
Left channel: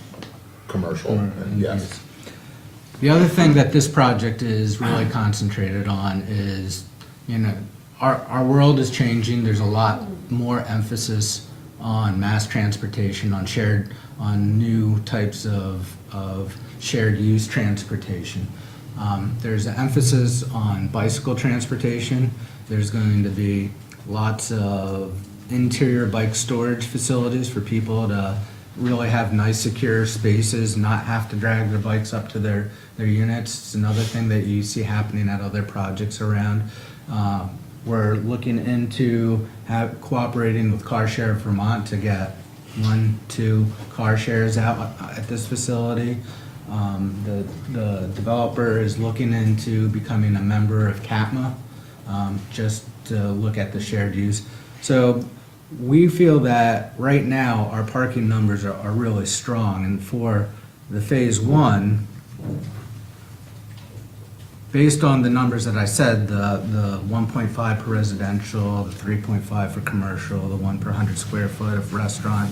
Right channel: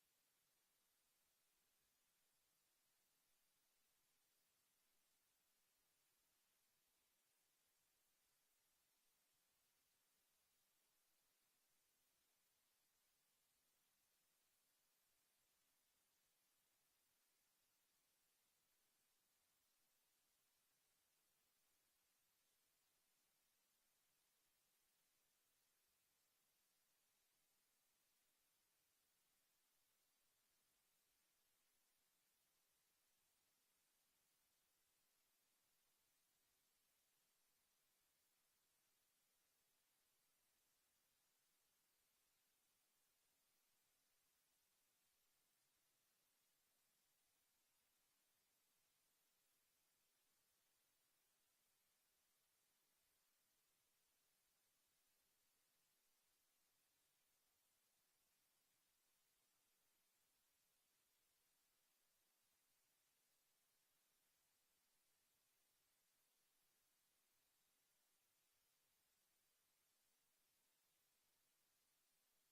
commercial and yes. The other thing that this project is really concentrated on is, our world is changing. There's a lot more emphasis on mass transportation, on new types of shared use transportation. There's an emphasis on bicycle transportation. There's going to be lots of interior bike storage facilities for people to really have nice secure spaces, not have to drag their bikes up to their units. It's another thing that you see happening at other projects around. We're looking into cooperating with Car Share of Vermont to get 1-2 car shares out at this facility. The developer is looking into becoming a member of CATMA, just to look at the shared use. So we feel that right now our parking numbers are really strong, and for the phase 1, based on the numbers that I said, the 1.5 per residential, the 3.5 for commercial, the 1 per 100 square foot of restaurant,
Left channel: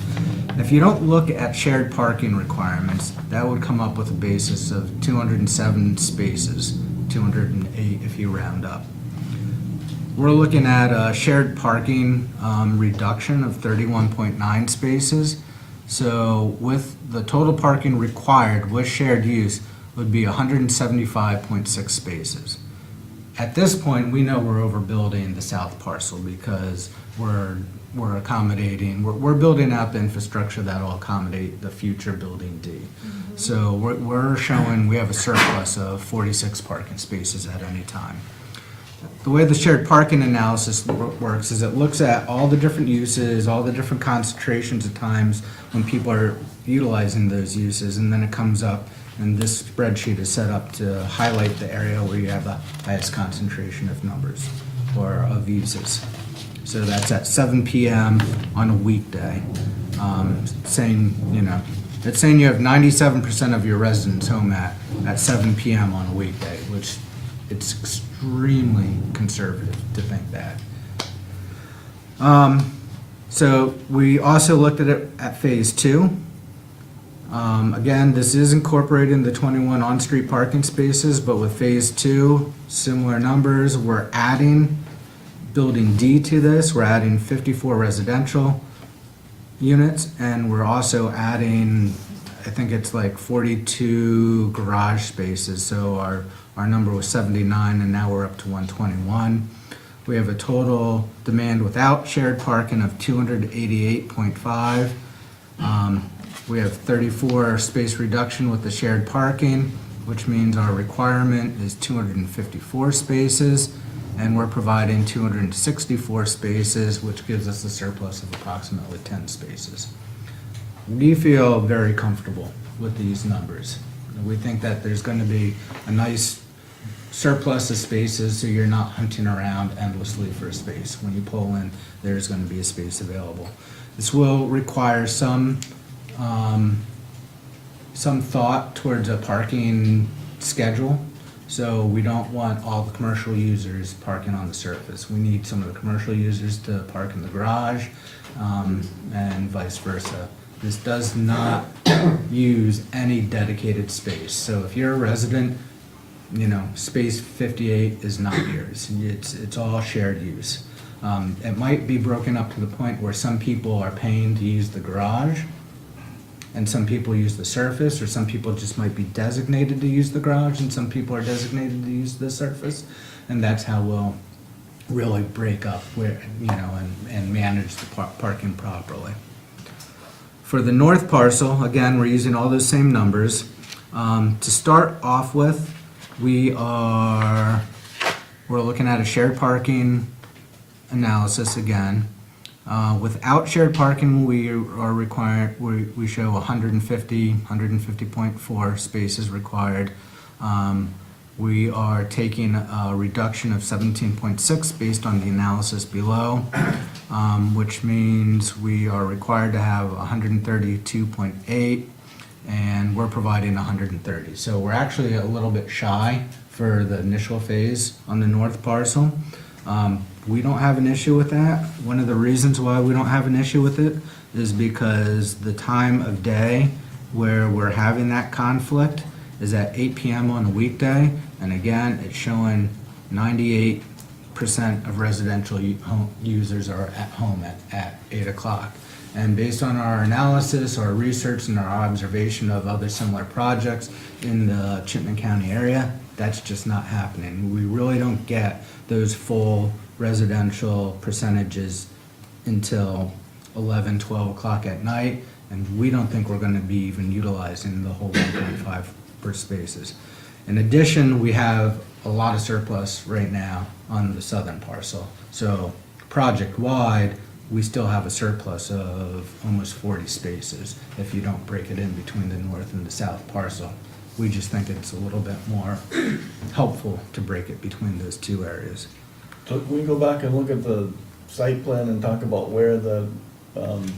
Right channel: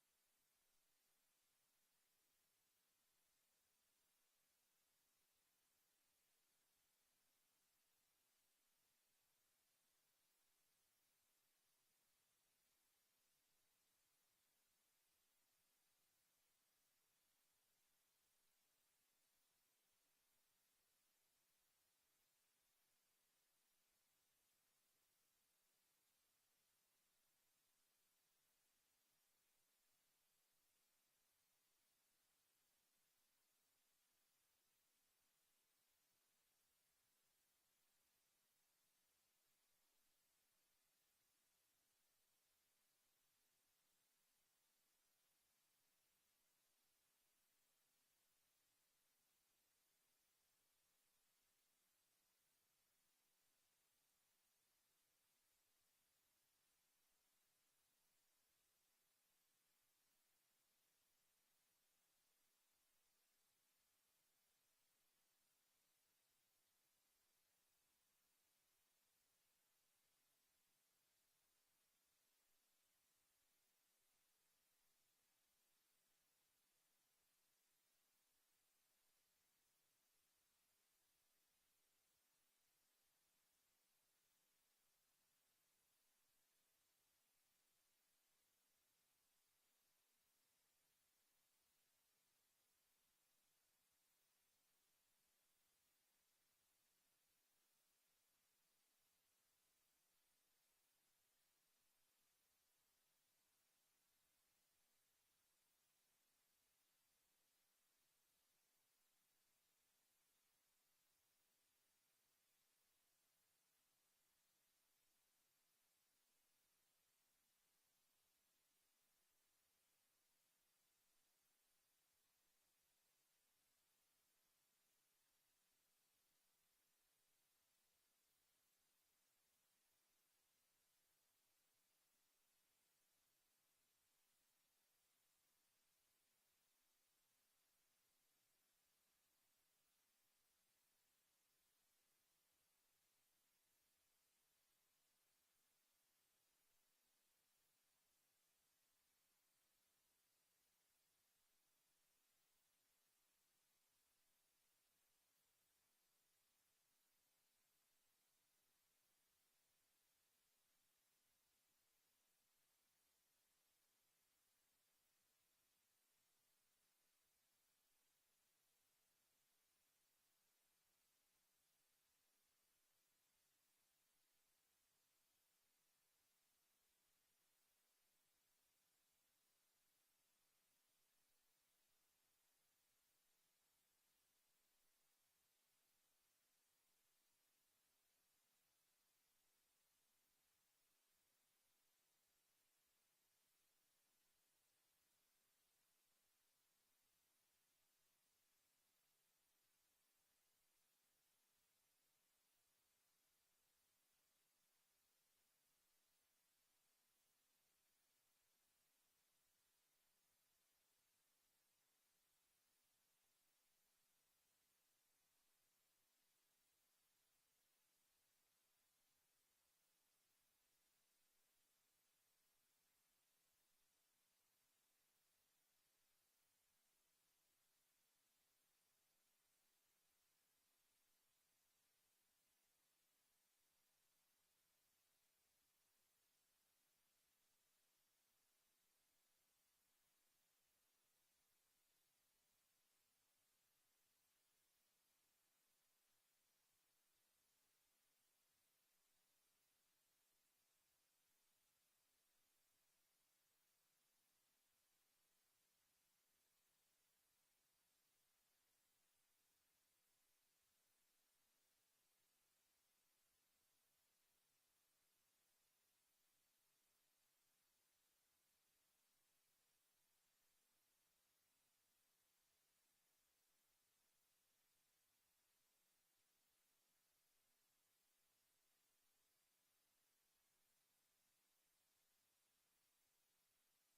if you don't look at shared parking requirements, that would come up with a basis of 207 spaces, 208 if you round up. We're looking at a shared parking reduction of 31.9 spaces. So with the total parking required with shared use would be 175.6 spaces. At this point, we know we're overbuilding the south parcel because we're building out the infrastructure that will accommodate the future building D. So we're showing we have a surplus of 46 parking spaces at any time. The way the shared parking analysis works is it looks at all the different uses, all the different concentrations of times when people are utilizing those uses, and then it comes up, and this spreadsheet is set up to highlight the area where you have the highest concentration of numbers or of uses. So that's at 7 p.m. on a weekday. It's saying you have 97% of your residents home at 7 p.m. on a weekday, which it's extremely conservative to think that. So we also looked at it at phase 2. Again, this is incorporating the 21 on-street parking spaces, but with phase 2, similar numbers. We're adding building D to this. We're adding 54 residential units, and we're also adding, I think it's like 42 garage spaces. So our number was 79, and now we're up to 121. We have a total demand without shared parking of 288.5. We have 34 space reduction with the shared parking, which means our requirement is 254 spaces, and we're providing 264 spaces, which gives us a surplus of approximately 10 spaces. We feel very comfortable with these numbers. We think that there's going to be a nice surplus of spaces, so you're not hunting around endlessly for a space. When you pull in, there's going to be a space available. This will require some thought towards a parking schedule. So we don't want all the commercial users parking on the surface. We need some of the commercial users to park in the garage, and vice versa. This does not use any dedicated space. So if you're a resident, space 58 is not yours. It's all shared use. It might be broken up to the point where some people are paying to use the garage, and some people use the surface, or some people just might be designated to use the garage, and some people are designated to use the surface. And that's how we'll really break up where, and manage the parking properly. For the north parcel, again, we're using all those same numbers. To start off with, we're looking at a shared parking analysis again. Without shared parking, we are required, we show 150.4 spaces required. We are taking a reduction of 17.6 based on the analysis below, which means we are required to have 132.8, and we're providing 130. So we're actually a little bit shy for the initial phase on the north parcel. We don't have an issue with that. One of the reasons why we don't have an issue with it is because the time of day where we're having that conflict is at 8 p.m. on a weekday, and again, it's showing 98% of residential users are at home at 8 o'clock. And based on our analysis, our research, and our observation of other similar projects in the Chittenden County area, that's just not happening. We really don't get those full residential percentages until 11, 12 o'clock at night, and we don't think we're gonna be even utilizing the whole 1.5 per spaces. In addition, we have a lot of surplus right now on the southern parcel. So project-wide, we still have a surplus of almost 40 spaces if you don't break it in between the north and the south parcel. We just think it's a little bit more helpful to break it between those two areas. So can we go back and look at the site plan and talk about where the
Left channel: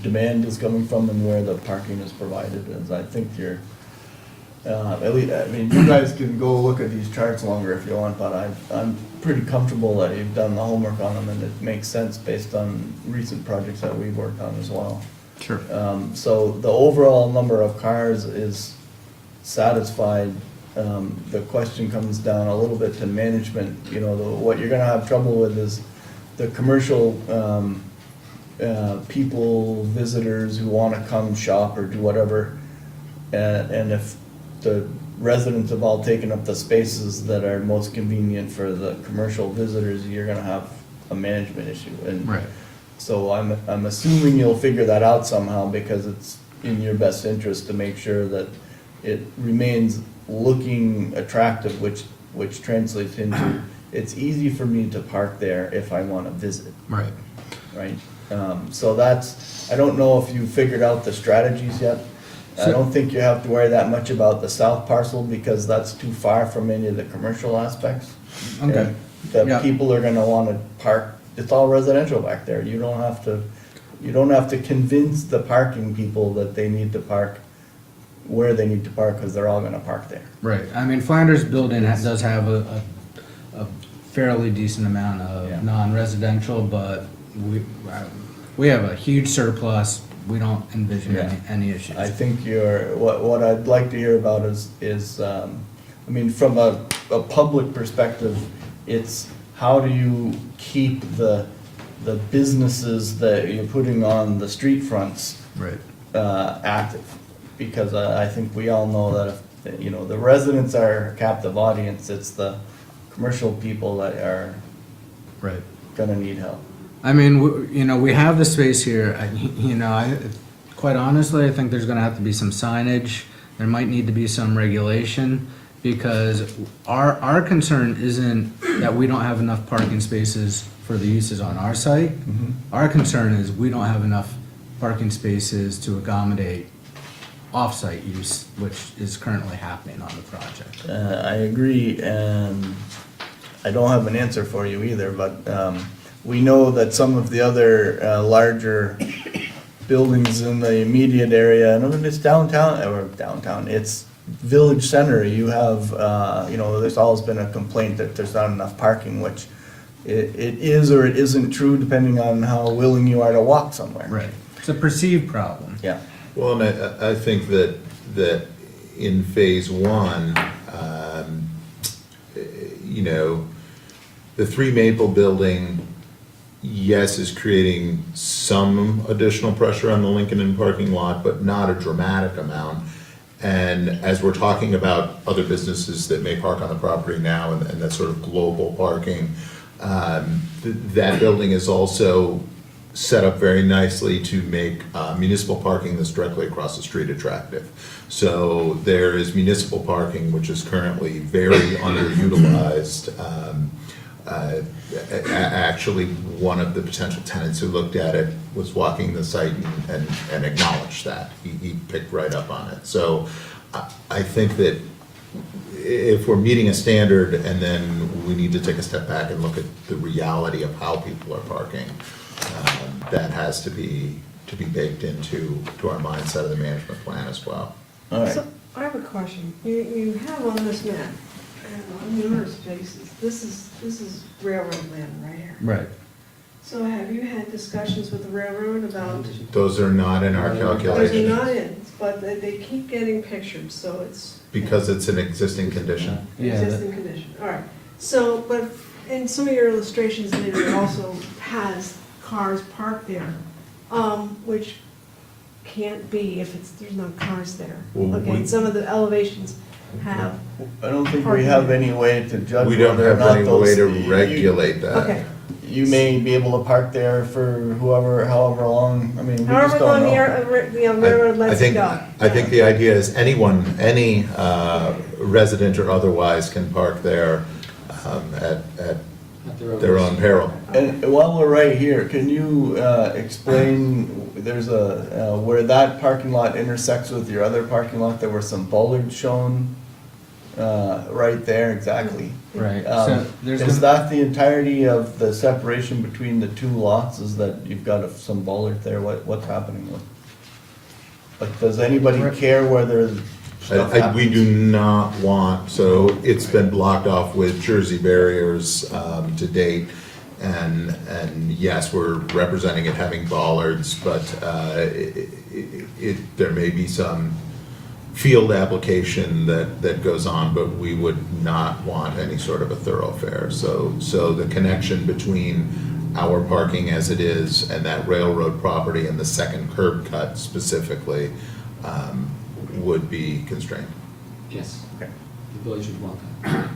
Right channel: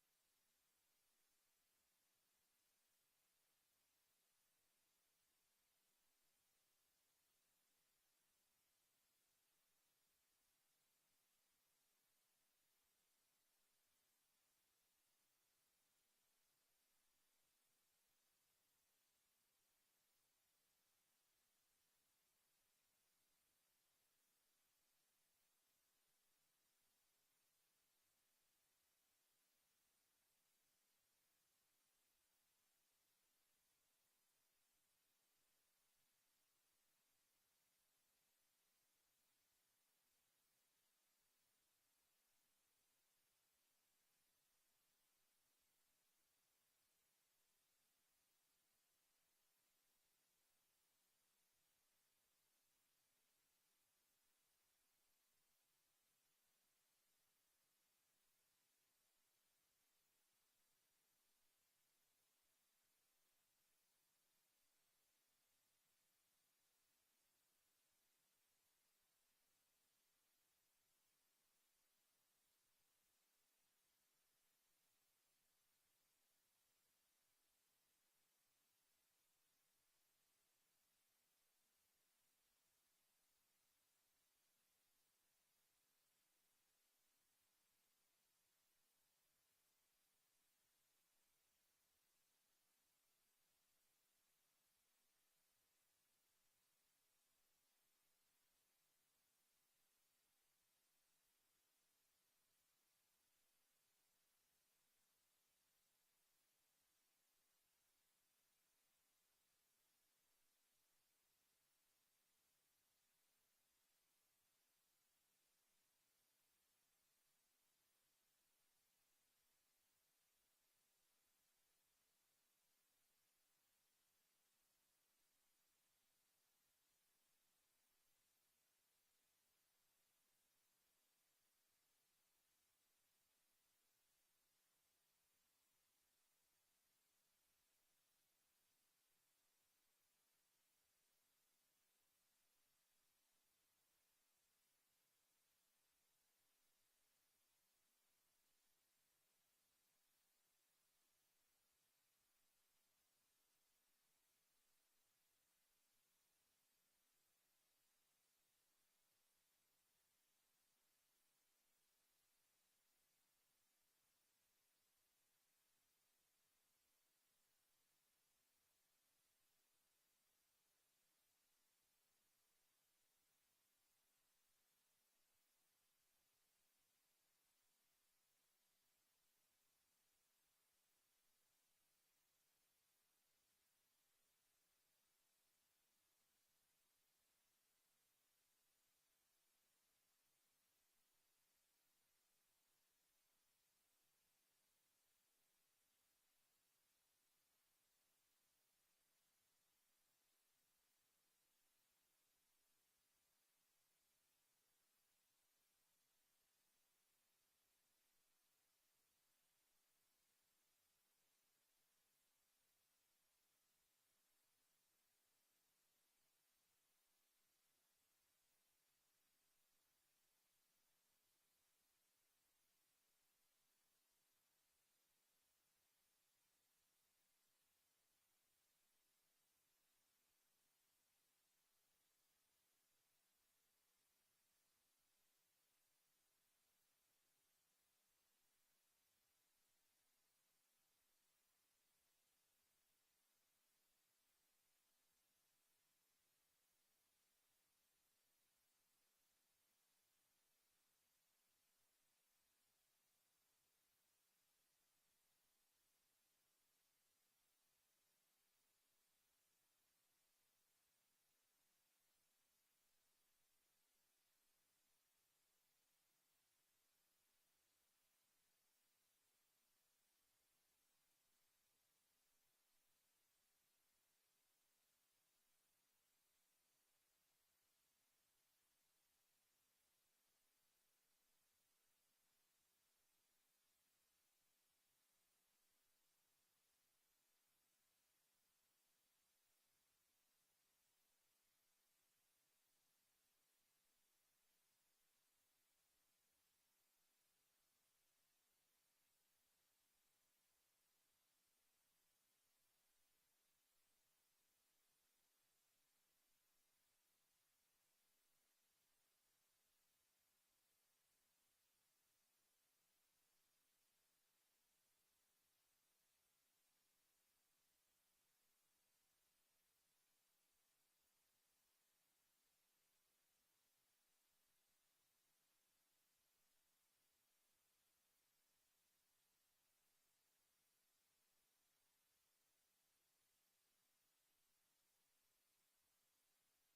demand is coming from and where the parking is provided? As I think you're, at least, I mean, you guys can go look at these charts longer if you want, but I'm pretty comfortable that you've done the homework on them, and it makes sense based on recent projects that we've worked on as well. Sure. So the overall number of cars is satisfied. The question comes down a little bit to management. What you're gonna have trouble with is the commercial people, visitors who wanna come shop or do whatever. And if the residents have all taken up the spaces that are most convenient for the commercial visitors, you're gonna have a management issue. And Right. so I'm assuming you'll figure that out somehow, because it's in your best interest to make sure that it remains looking attractive, which translates into, it's easy for me to park there if I wanna visit, Right. right? So I don't know if you figured out the strategies yet. I don't think you have to worry that much about the south parcel, because that's too far from any of the commercial aspects. Okay. And the Yeah. people are gonna wanna park, it's all residential back there. You don't have to convince the parking people that they need to park where they need to park, because they're all gonna park there. Right. I mean, Flanders Building does have a fairly decent amount Yeah. of non-residential, but we have a huge surplus. We don't envision Yeah. any issues. I think what I'd like to hear about is, I mean, from a public perspective, it's how do you keep the businesses that you're putting on the street fronts Right. active? Because I think we all know that if, the residents are a captive audience, it's the commercial people that are Right. gonna need help. I mean, we have the space here. Quite honestly, I think there's gonna have to be some signage. There might need to be some regulation, because our concern isn't that we don't have enough parking spaces for the uses on our site. Our concern is we don't have enough parking spaces to accommodate off-site use, which is currently happening on the project. I agree, and I don't have an answer for you either, but we know that some of the other larger buildings in the immediate area, and when it's downtown, it's village center, you have, you know, there's always been a complaint that there's not enough parking, which it is or it isn't true depending on how willing you are to walk somewhere. Right. It's a perceived problem. Yeah. Well, and I think that in phase one, you know, the 3 Maple building, yes, is creating some additional pressure on the Lincoln Inn parking lot, but not a dramatic amount. And as we're talking about other businesses that may park on the property now and that sort of global parking, that building is also set up very nicely to make municipal parking that's directly across the street attractive. So there is municipal parking, which is currently very underutilized. Actually, one of the potential tenants who looked at it was walking the site and acknowledged that. He picked right up on it. So I think that if we're meeting a standard and then we need to take a step back and look at the reality of how people are parking, that has to be baked into our mindset of the management plan as well. All right. So, I have a question. You have on this map, and on numerous places, this is railroad land right here. Right. So have you had discussions with the railroad about, Those are not in our those calculations. are not in, but they keep getting pictured, so it's. Because it's an existing condition. Yeah, that- Existing condition, all right. So, but in some of your illustrations, it also has cars parked there, which can't be if there's no cars there. Well, Okay, we- and some of the elevations have, I don't think we have any way to judge We don't whether or have not any those. way to you- regulate that. okay. You may be able to park there for however long, I mean, we just However don't long know. the railroad I lets it think, go. I think the idea is any resident or otherwise can park there at their own peril. And while we're right here, can you explain, there's where that parking lot intersects with your other parking lot, there were some bollards shown right there, exactly. Right. So there's Is gonna- that the entirety of the separation between the two lots, is that you've got some bollard there, what's happening with? Like, does anybody care whether stuff We happens? do not want, so it's been blocked off with Jersey barriers to date. And yes, we're representing it having bollards, but there may be some field application that goes on, but we would not want any sort of a thoroughfare. So the connection between our parking as it is and that railroad property and the second curb cut specifically would be constrained. Yes, Okay. the village would want that.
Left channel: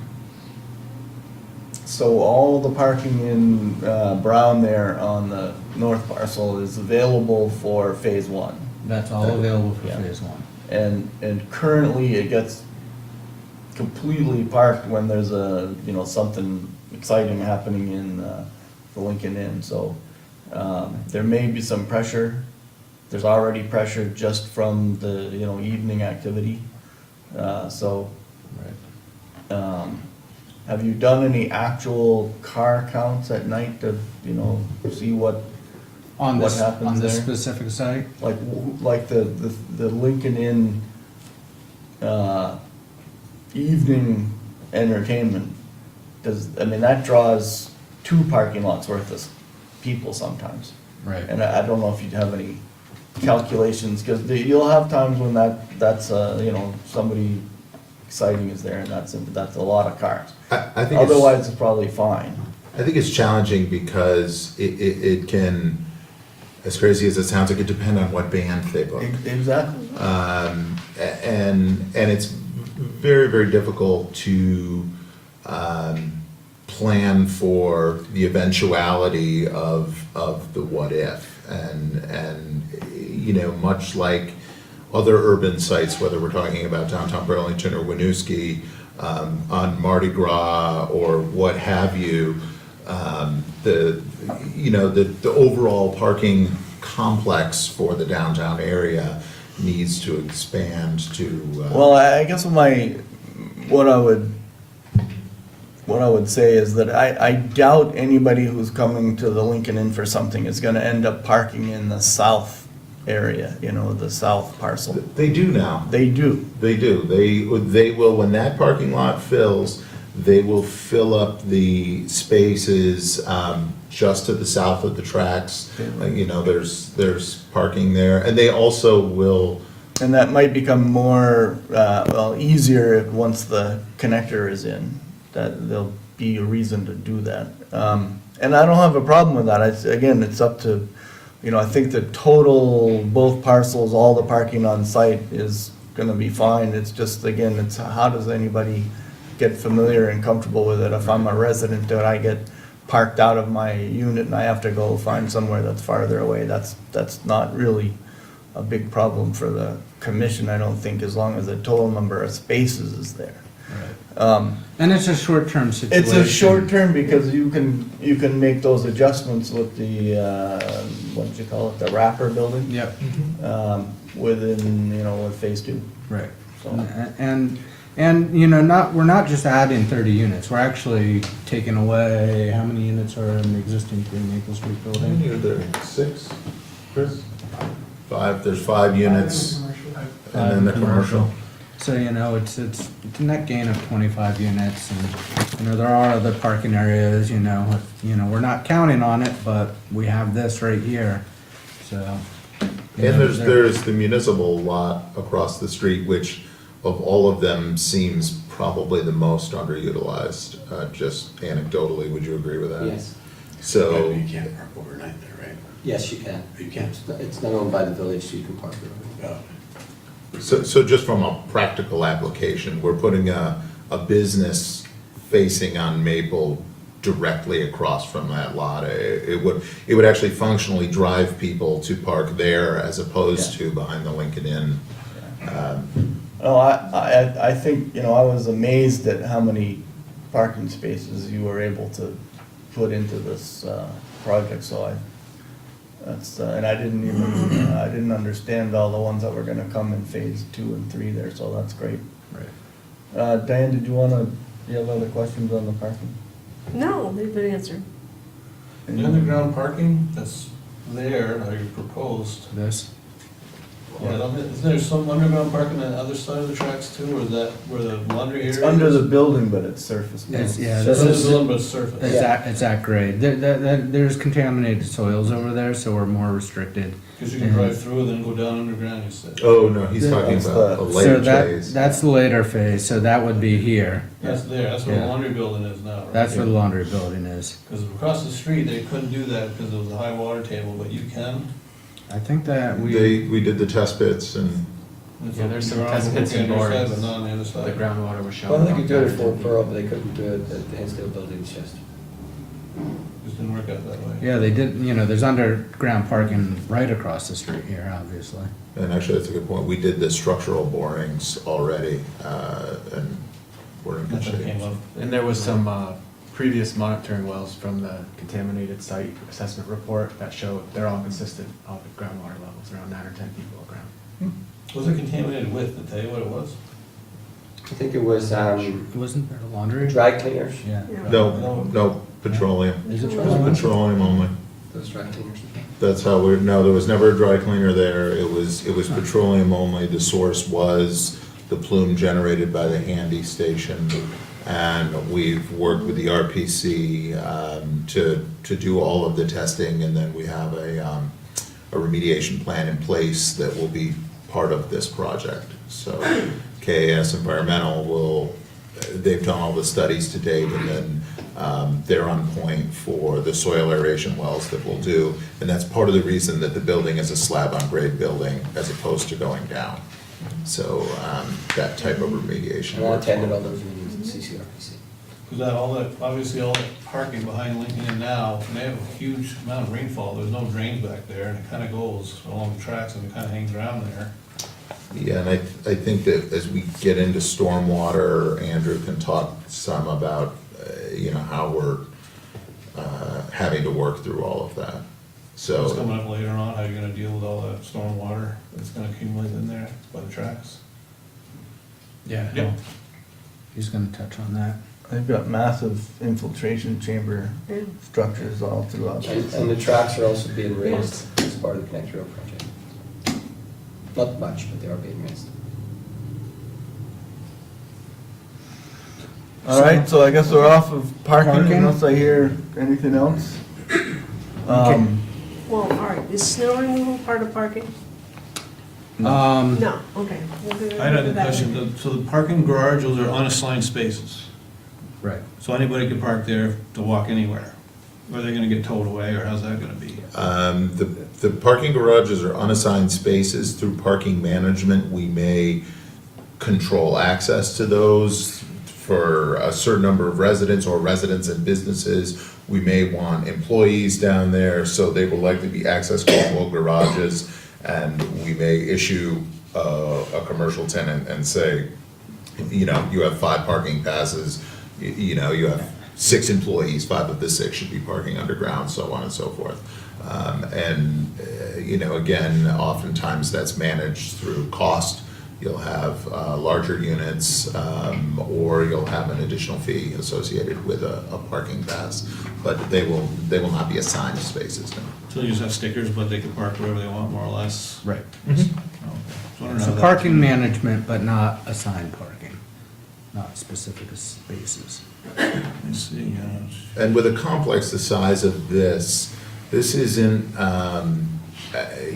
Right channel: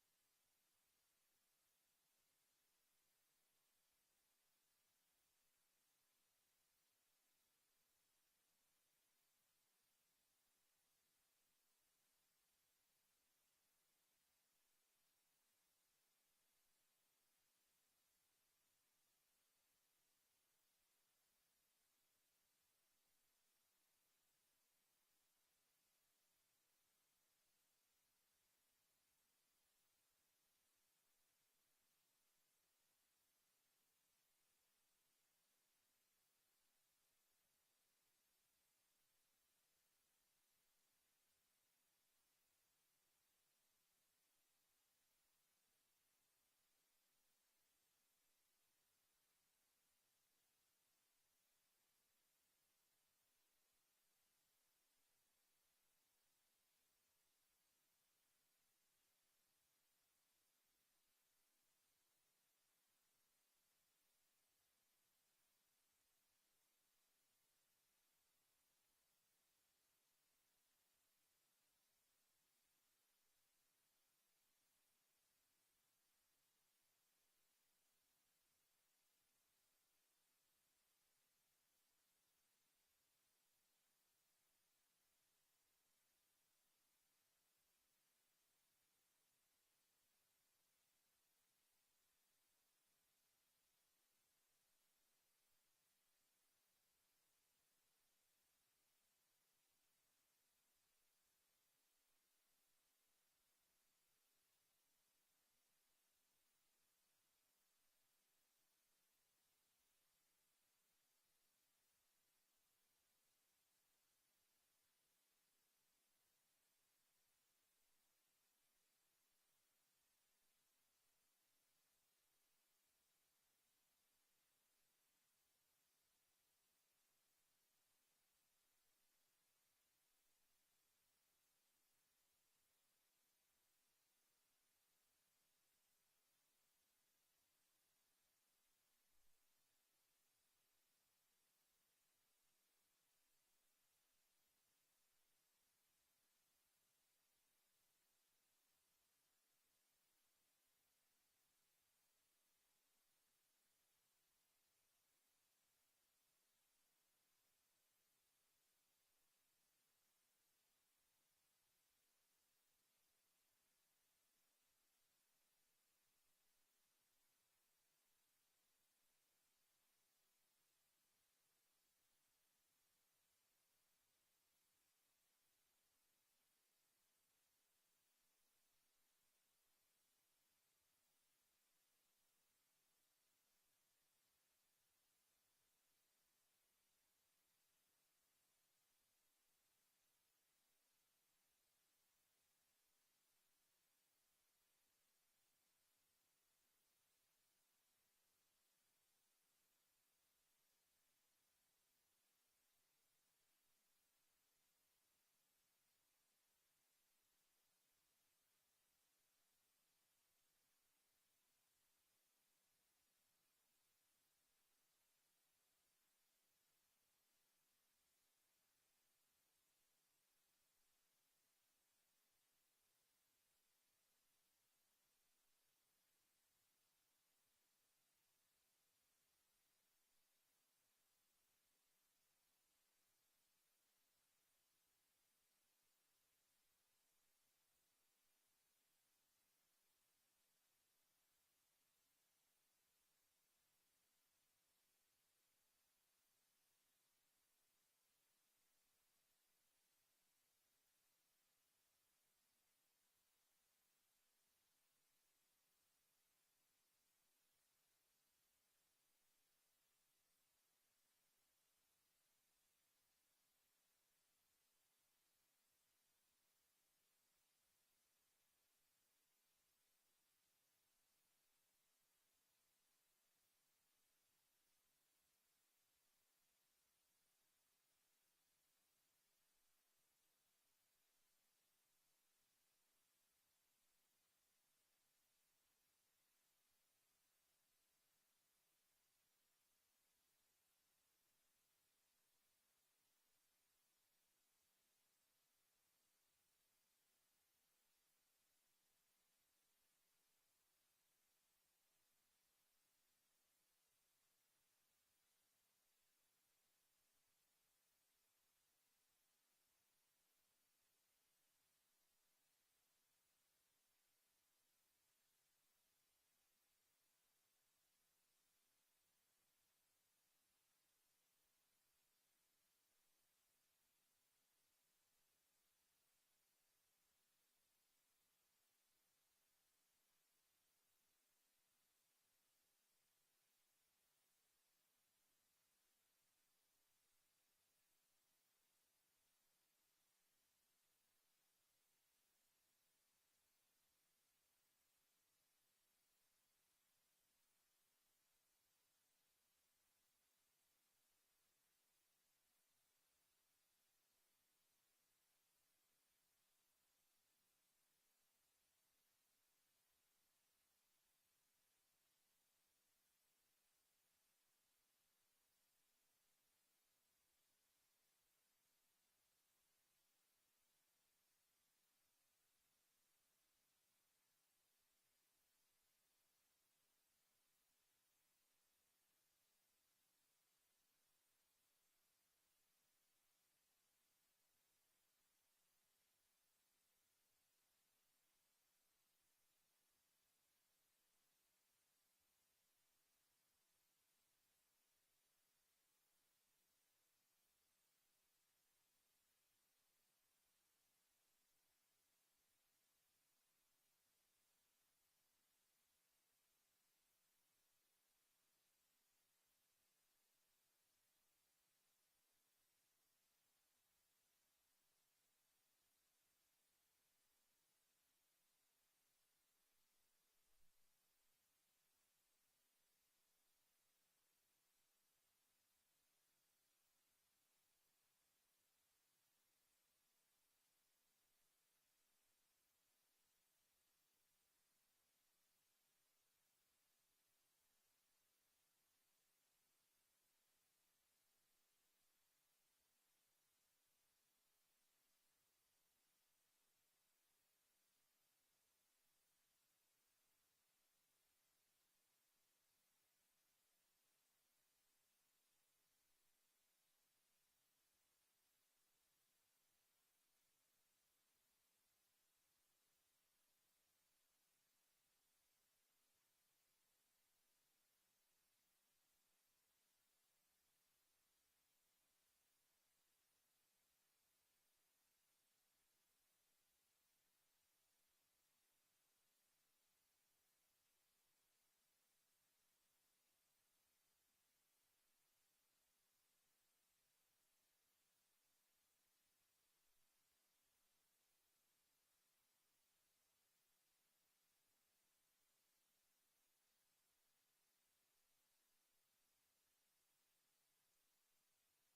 So all the parking in Brown there on the north parcel is available for phase one? That's all available for Yeah. phase one. And currently it gets completely parked when there's something exciting happening in the Lincoln Inn, so there may be some pressure. There's already pressure just from the, evening activity, so. Have you done any actual car counts at night to, see what On What this, happens on this there? specific site? like the Lincoln Inn, evening entertainment, that draws 2 parking lots worth of people sometimes. Right. And I don't know if you'd have any calculations, cause you'll have times when that's, somebody exciting is there and that's a lot of cars. I think it's, Otherwise, it's probably fine. I think it's challenging because it can, as crazy as it sounds, it could depend on what band they book. Exactly. And it's very, very difficult to plan for the eventuality of the what if. And much like other urban sites, whether we're talking about downtown Burlington or Winooski, on Mardi Gras or what have you, the overall parking complex for the downtown area needs to expand to. Well, I guess what I would say is that I doubt anybody who's coming to the Lincoln Inn for something is gonna end up parking in the south area, you know, the south parcel. They do now. They do. They do. They will, when that parking lot fills, they will fill up the spaces, just to the south of the tracks. You know, there's parking there, and they also will, And that might become more, well, easier if, once the connector is in, that there'll be a reason to do that. And I don't have a problem with that. Again, it's up to, you know, I think the total, both parcels, all the parking on site is gonna be fine. It's just, again, it's how does anybody get familiar and comfortable with it? If I'm a resident and I get parked out of my unit and I have to go find somewhere that's farther away, that's not really a big problem for the commission, I don't think, as long as the total number of spaces is there. And it's a short-term situation. It's a short term because you can make those adjustments with the, what did you call it, the wrapper building? Yep, Within, you know, with phase two, right. so. And, you know, we're not just adding 30 units, we're actually taking away, how many units are in the existing 3 Maple Street how building? many are there? 6, Chris? 5, there's 5 units, and then the commercial. So, you know, it's a net gain of 25 units, and, you know, there are other parking areas, you know, we're not counting on it, but we have this right here, so. you And know, there's the municipal lot across the street, which of all of them seems probably the most underutilized, just anecdotally, would you agree with that? Yes, So, You can't park overnight there, right? yes, you can. You can. It's not owned by the village, so you can park there. Oh. so just from a practical application, we're putting a business facing on Maple directly across from that lot. It would actually functionally drive people to park there as opposed to behind the Lincoln Inn. Oh, I think, you know, I was amazed at how many parking spaces you were able to put into this, project, so and I didn't even, I didn't understand all the ones that were gonna come in phase 2 and 3 there, so that's great. Right. Diane, did you have other questions on the parking? No, they've been answered. The underground parking that's there, how you proposed, This, isn't there some underground parking on the other side of the tracks too, or is that where the laundry area is? It's under the building, but it's surface. It's- yeah, So this it's is- a little bit surface. it's at grade, there's contaminated soils over there, so we're more restricted. Because you can drive through and then go down underground, you said. Oh, no, he's talking That's about a the- So later phase. that's the later phase, so that would be here. That's there, that's where the Yeah. laundry building is now, right? That's where the laundry building is. Because across the street, they couldn't do that because it was a high water table, but you can. I think that we, We did the test pits and, It's Yeah, up there's some ground, test pits okay, and on your side, borings. But not on the other The side. groundwater was shown. Well, they could do it out for there. Pearl, but they couldn't do it at the Hinsdale buildings just. Just didn't work out that way. yeah, they did, you know, there's underground parking right across the street here, obviously. and actually, that's a good point. We did the structural borings already, and we're in good Nothing shape. came up. And there was some previous monitoring wells from the contaminated site assessment report that showed they're all consistent, all the groundwater levels, around 9 or 10 people around. Was it contaminated with, to tell you what it was? I think it was, Wasn't there a laundry? dry cleaners. Yeah. No, petroleum. Is it Petroleum only. Those dry cleaners. That's how no, there was never a dry cleaner there. It was petroleum only. The source was the plume generated by the Handy station. And we've worked with the RPC to do all of the testing, and then we have a remediation plan in place that will be part of this project. So KAS Environmental they've done all the studies to date, and then they're on point for the soil aeration wells that we'll do. And that's part of the reason that the building is a slab-on-grade building as opposed to going down. So that type of remediation. And I works attended well. all those meetings at CCRPC. Because obviously all that parking behind Lincoln Inn now, and they have a huge amount of rainfall, there's no drains back there, and it kind of goes along the tracks and it kind of hangs around there. Yeah, and I think that as we get into stormwater, Andrew can talk some about, how we're having to work through all of that. It's So, coming up later on, how you're gonna deal with all that storm water that's gonna accumulate in there by the tracks. Yeah. Yep. He's gonna touch on that. They've got massive infiltration chamber Yeah. structures all throughout. And the tracks are also being raised as part of the Connect Trail project. Not much, but they are being raised. All right, so I guess we're off of parking Parking? unless I hear anything else. Okay. Well, all right, is snow removal part of parking? Um, No, okay. We'll do I had a that question, one. so the parking garage, those are unassigned spaces, right. so anybody can park there to walk anywhere? Or are they gonna get towed away, or how's that gonna be? The parking garages are unassigned spaces. Through parking management, we may control access to those for a certain number of residents or residents and businesses. We may want employees down there, so they will likely be access control garages. And we may issue a commercial tenant and say, you know, you have 5 parking passes, you know, you have 6 employees, 5 of the 6 should be parking underground, so on and so forth. You know, again, oftentimes that's managed through cost. You'll have larger units, or you'll have an additional fee associated with a parking pass. But they will not be assigned spaces, no. So they just have stickers, but they can park wherever they want, more or less? Right. Okay. So I don't know So how that- parking management, but not assigned parking, not specific spaces. Let's see, And with a complex the size of this isn't,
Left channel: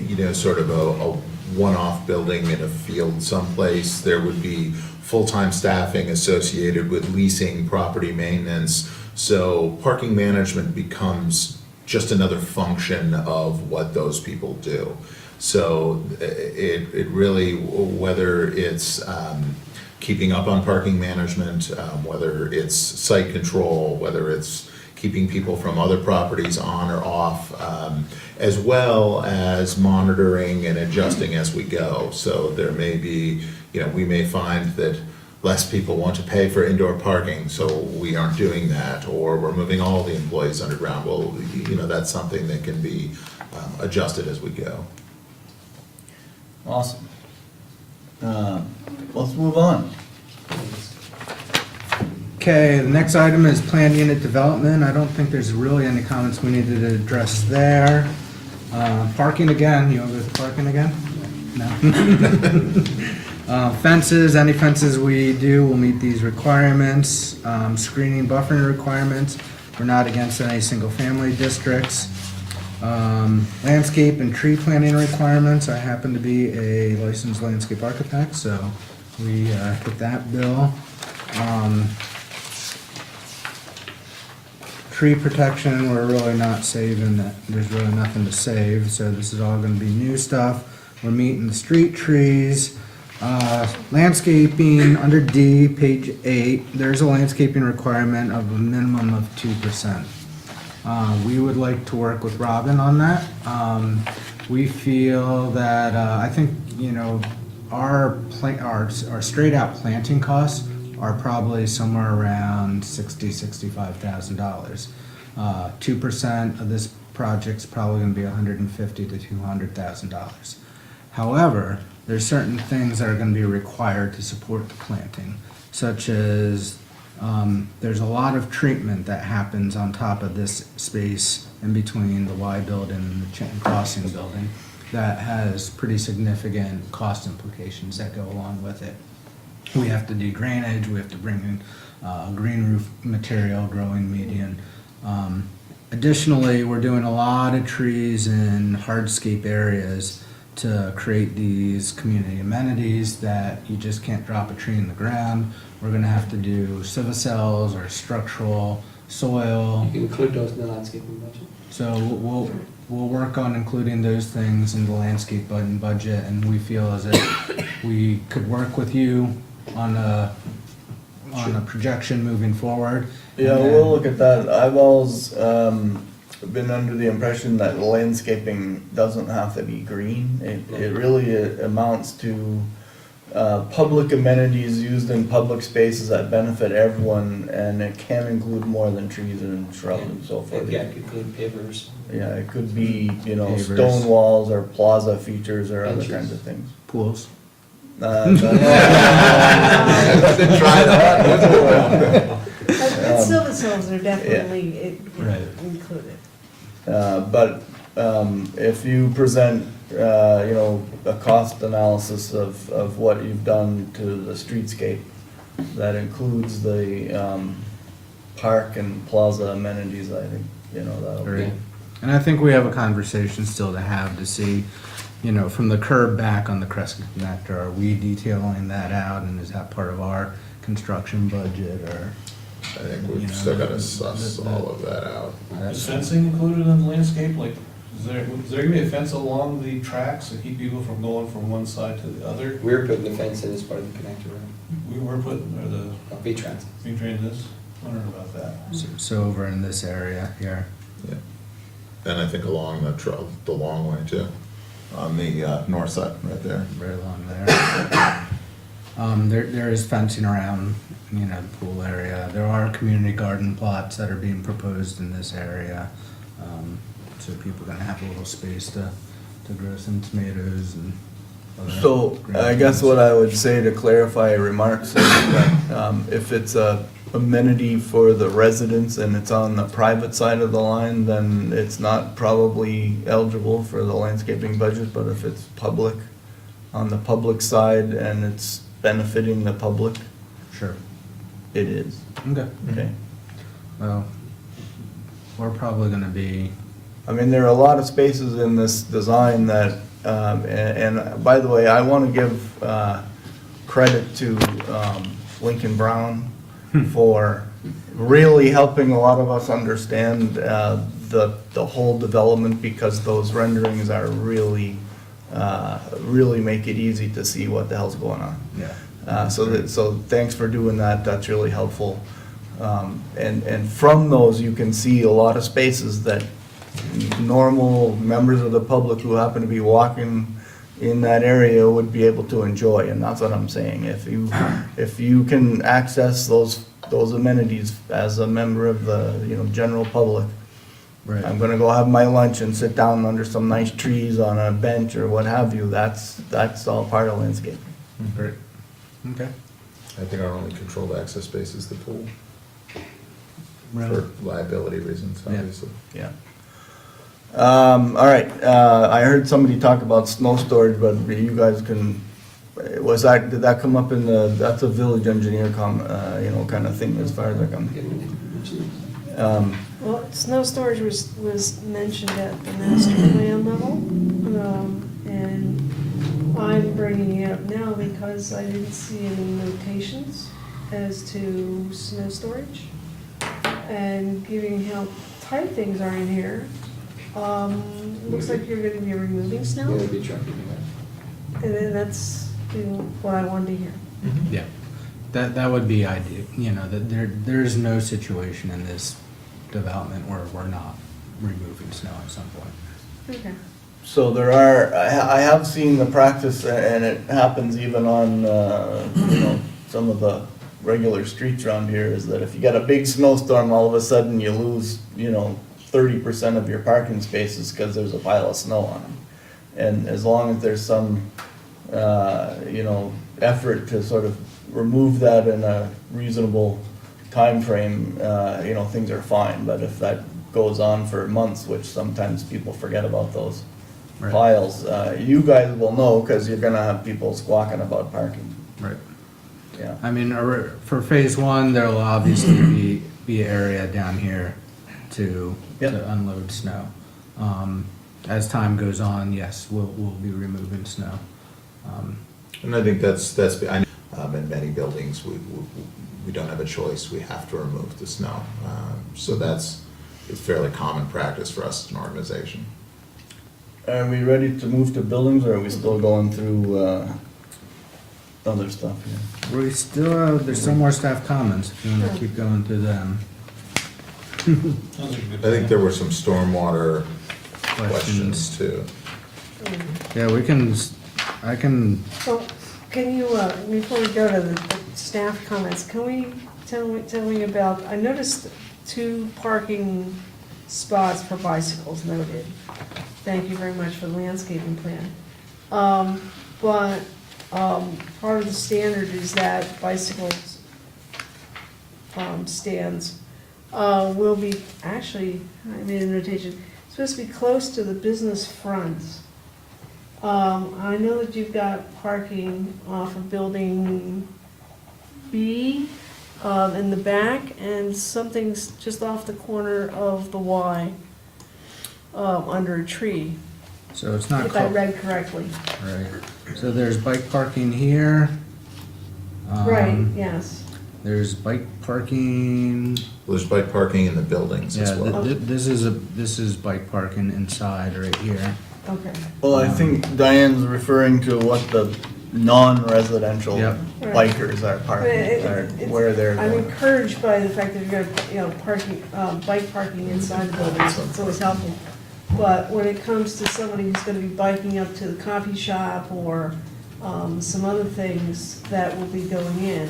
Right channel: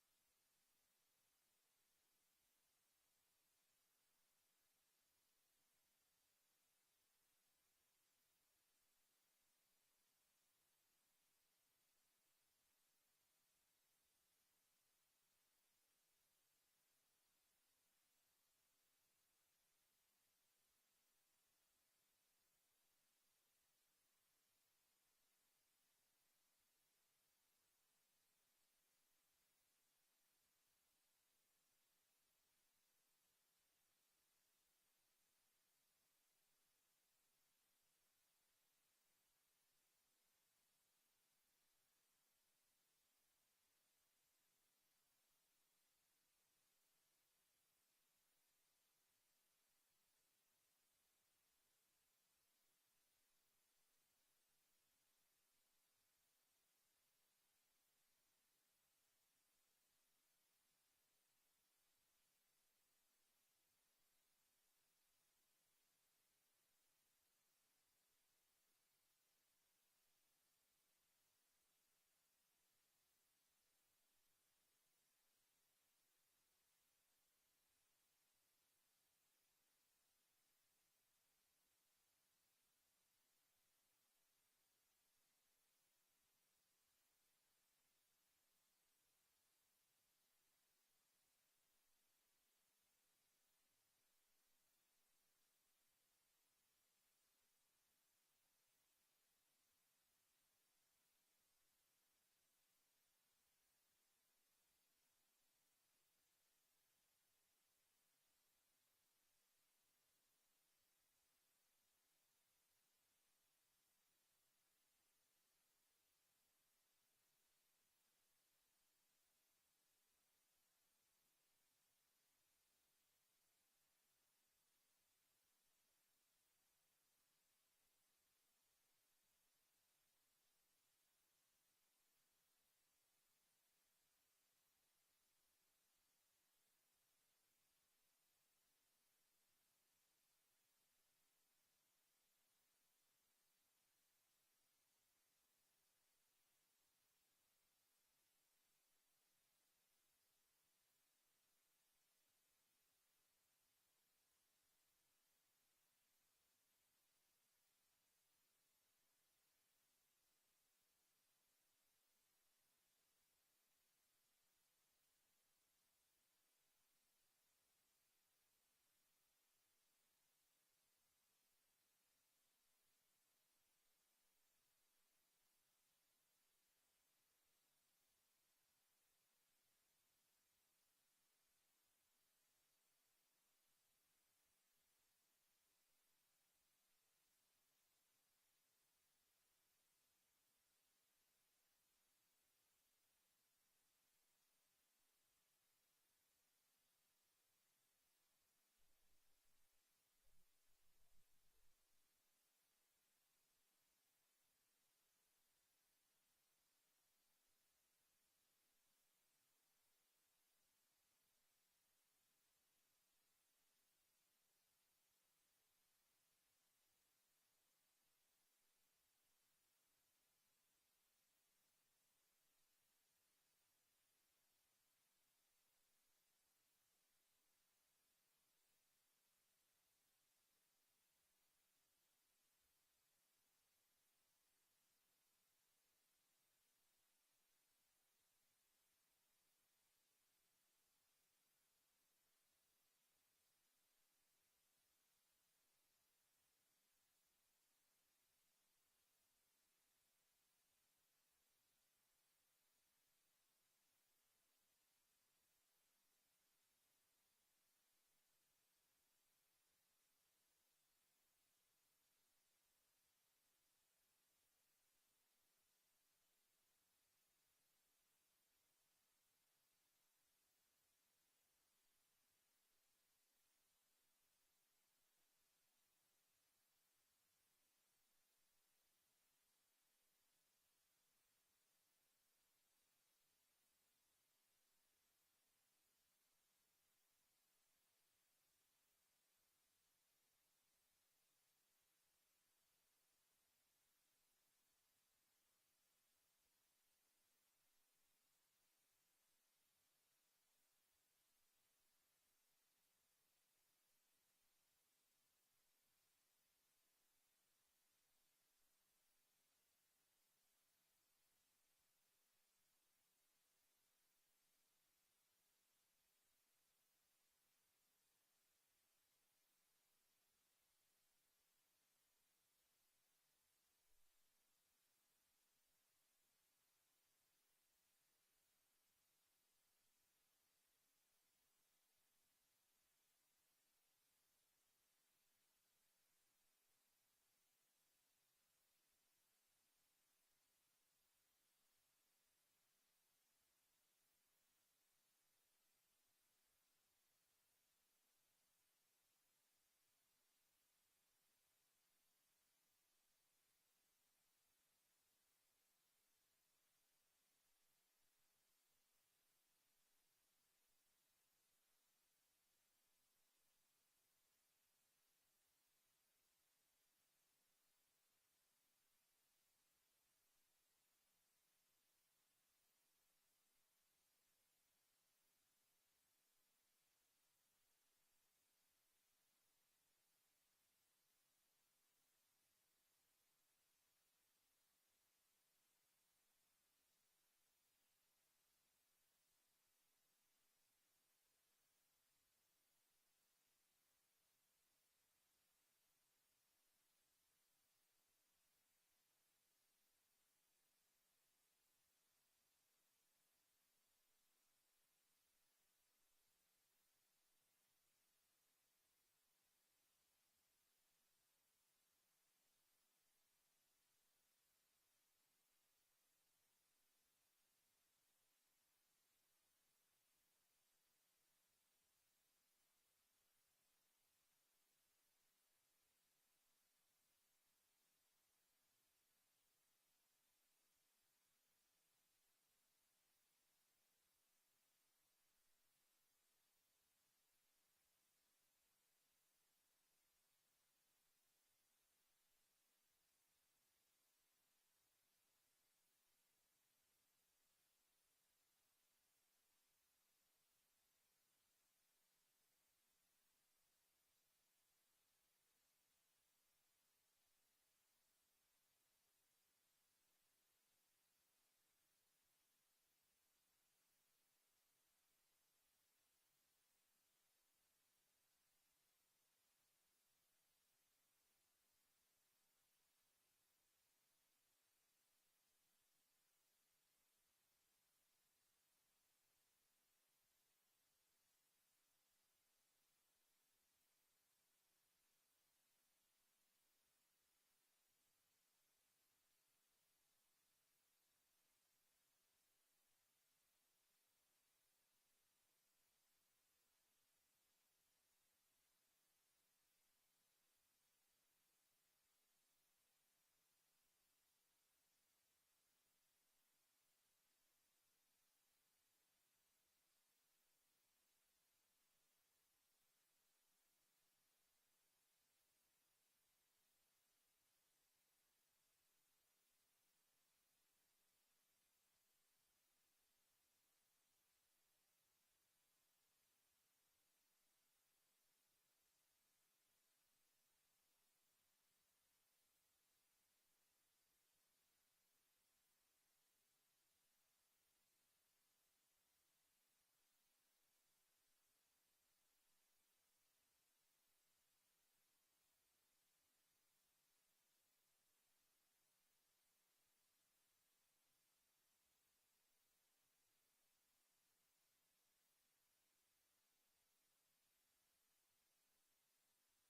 you know, sort of a one-off building in a field someplace. There would be full-time staffing associated with leasing, property maintenance. So parking management becomes just another function of what those people do. So it really, whether it's keeping up on parking management, whether it's site control, whether it's keeping people from other properties on or off, as well as monitoring and adjusting as we go. So there may be, you know, we may find that less people want to pay for indoor parking, so we aren't doing that, or we're moving all the employees underground. Well, you know, that's something that can be adjusted as we go. Awesome. Let's move on. Okay, the next item is planned unit development. I don't think there's really any comments we needed to address there. Parking again, you want to go with parking again? No. Fences, any fences we do will meet these requirements. Screening, buffering requirements, we're not against any single-family districts. Landscape and tree planting requirements, I happen to be a licensed landscape architect, so we hit that bill. Tree protection, we're really not saving that, there's really nothing to save, so this is all gonna be new stuff. We're meeting the street trees. Landscaping, under D, page 8, there's a landscaping requirement of a minimum of 2%. We would like to work with Robin on that. We feel that, I think, you know, our straight out planting costs are probably somewhere around $65,000. 2% of this project's probably gonna be $150,000 to $200,000. However, there's certain things that are gonna be required to support the planting, such as, there's a lot of treatment that happens on top of this space in between the Y building and the Chinton Crossing building that has pretty significant cost implications that go along with it. We have to do drainage, we have to bring in green roof material, growing median. Additionally, we're doing a lot of trees in hardscape areas to create these community amenities that you just can't drop a tree in the ground. We're gonna have to do civicels or structural soil. You can include those in the landscaping budget. So we'll work on including those things in the landscape budget, and we feel as if we could work with you on a projection moving forward. Yeah, And then- we'll look at that. I've always been under the impression that landscaping doesn't have to be green. It really amounts to public amenities used in public spaces that benefit everyone, and it can include more than trees and shrubs and so forth. Yeah, it could include pavers. Yeah, it could be, you know, Pavers. stone walls or plaza features or other Benches. kinds of things. Pools. Didn't try that. But civicels are definitely Right. included. But if you present a cost analysis of what you've done to the streetscape. That includes the, park and plaza amenities, I think, that'll be. Right. And I think we have a conversation still to have to see, from the curb back on the Crescent Connector, are we detailing that out, and is that part of our construction budget, or? I think we've still gotta suss all of that out. Is fencing included in the landscape? Like, is there gonna be a fence along the tracks to keep people from going from one side to the other? We're putting the fence in as part of the connector room. We were putting, or the, V-Trans. we trained this, wondering about that. So over in this area here. Yeah. And I think along the long way too, on the north side, right there. Right along there. There is fencing around, the pool area. There are community garden plots that are being proposed in this area. So people are gonna have a little space to grow some tomatoes and other So, green I guess things. what I would say to clarify remarks is that, if it's a amenity for the residents and it's on the private side of the line, then it's not probably eligible for the landscaping budget, but if it's public, on the public side and it's benefiting the public, Sure. it is, Okay. okay? Well, we're probably gonna be, I mean, there are a lot of spaces in this design that, and by the way, I want to give credit to Lincoln Brown for really helping a lot of us understand the whole development, because those renderings are really make it easy to see what the hell's going on. yeah. So thanks for doing that, that's really helpful. And from those, you can see a lot of spaces that normal members of the public who happen to be walking in that area would be able to enjoy, and that's what I'm saying. If you can access those amenities as a member of the, general public, Right. I'm gonna go have my lunch and sit down under some nice trees on a bench or what have you, that's all part of landscaping. Great. Okay. I think our only controlled access space is the pool, Right. for liability reasons, Yeah. obviously. Yeah. All right, I heard somebody talk about snow storage, but you guys can, did that come up in that's a village engineer kind of thing as far as I come. Well, snow storage was mentioned at the master plan level, and I'm bringing it up now because I didn't see any notations as to snow storage. And given how tight things are in here, looks like you're gonna be removing snow, Yeah, be trucking that. and then that's what I wanted to hear. Yeah. That would be ideal, that there's no situation in this development where we're not removing snow at some point. Okay. So there are, I have seen the practice, and it happens even on, some of the regular streets around here, is that if you get a big snowstorm, all of a sudden you lose, 30% of your parking spaces because there's a pile of snow on them. And as long as there's some, effort to sort of remove that in a reasonable timeframe, things are fine. But if that goes on for months, which sometimes people forget about those Right. piles, you guys will know because you're gonna have people squawking about parking, Right. yeah. I mean, for phase one, there'll obviously be area down here to Yep. unload snow. As time goes on, yes, we'll be removing snow. And I think in many buildings, we don't have a choice, we have to remove the snow. So it's fairly common practice for us as an organization. Are we ready to move to buildings, or are we still going through, other stuff here? We still, there's some more staff comments, if you wanna keep going through them. Sounds like a good I think plan. there were some stormwater Questions. questions too. Yeah, I can, So, can you, before we go to the staff comments, can we tell me about, I noticed 2 parking spots for bicycles noted. Thank you very much for the landscaping plan. But part of the standard is that bicycles stands will be, actually, I made a notation, supposed to be close to the business fronts. I know that you've got parking off of building B, in the back, and something's just off the corner of the Y, under a tree, So it's not, if I read correctly. right, so there's bike parking here. Right, Um, yes. There's bike parking, There's bike parking in the buildings yeah, as well. this is bike parking inside right here. Okay. Well, I think Diane's referring to what the non-residential Yep. Right. bikers are But parking, or where they're I'm going. encouraged by the fact that you're gonna, parking, bike parking inside the buildings, it's always helpful. But when it comes to somebody who's gonna be biking up to the coffee shop or, some other things that will be going in,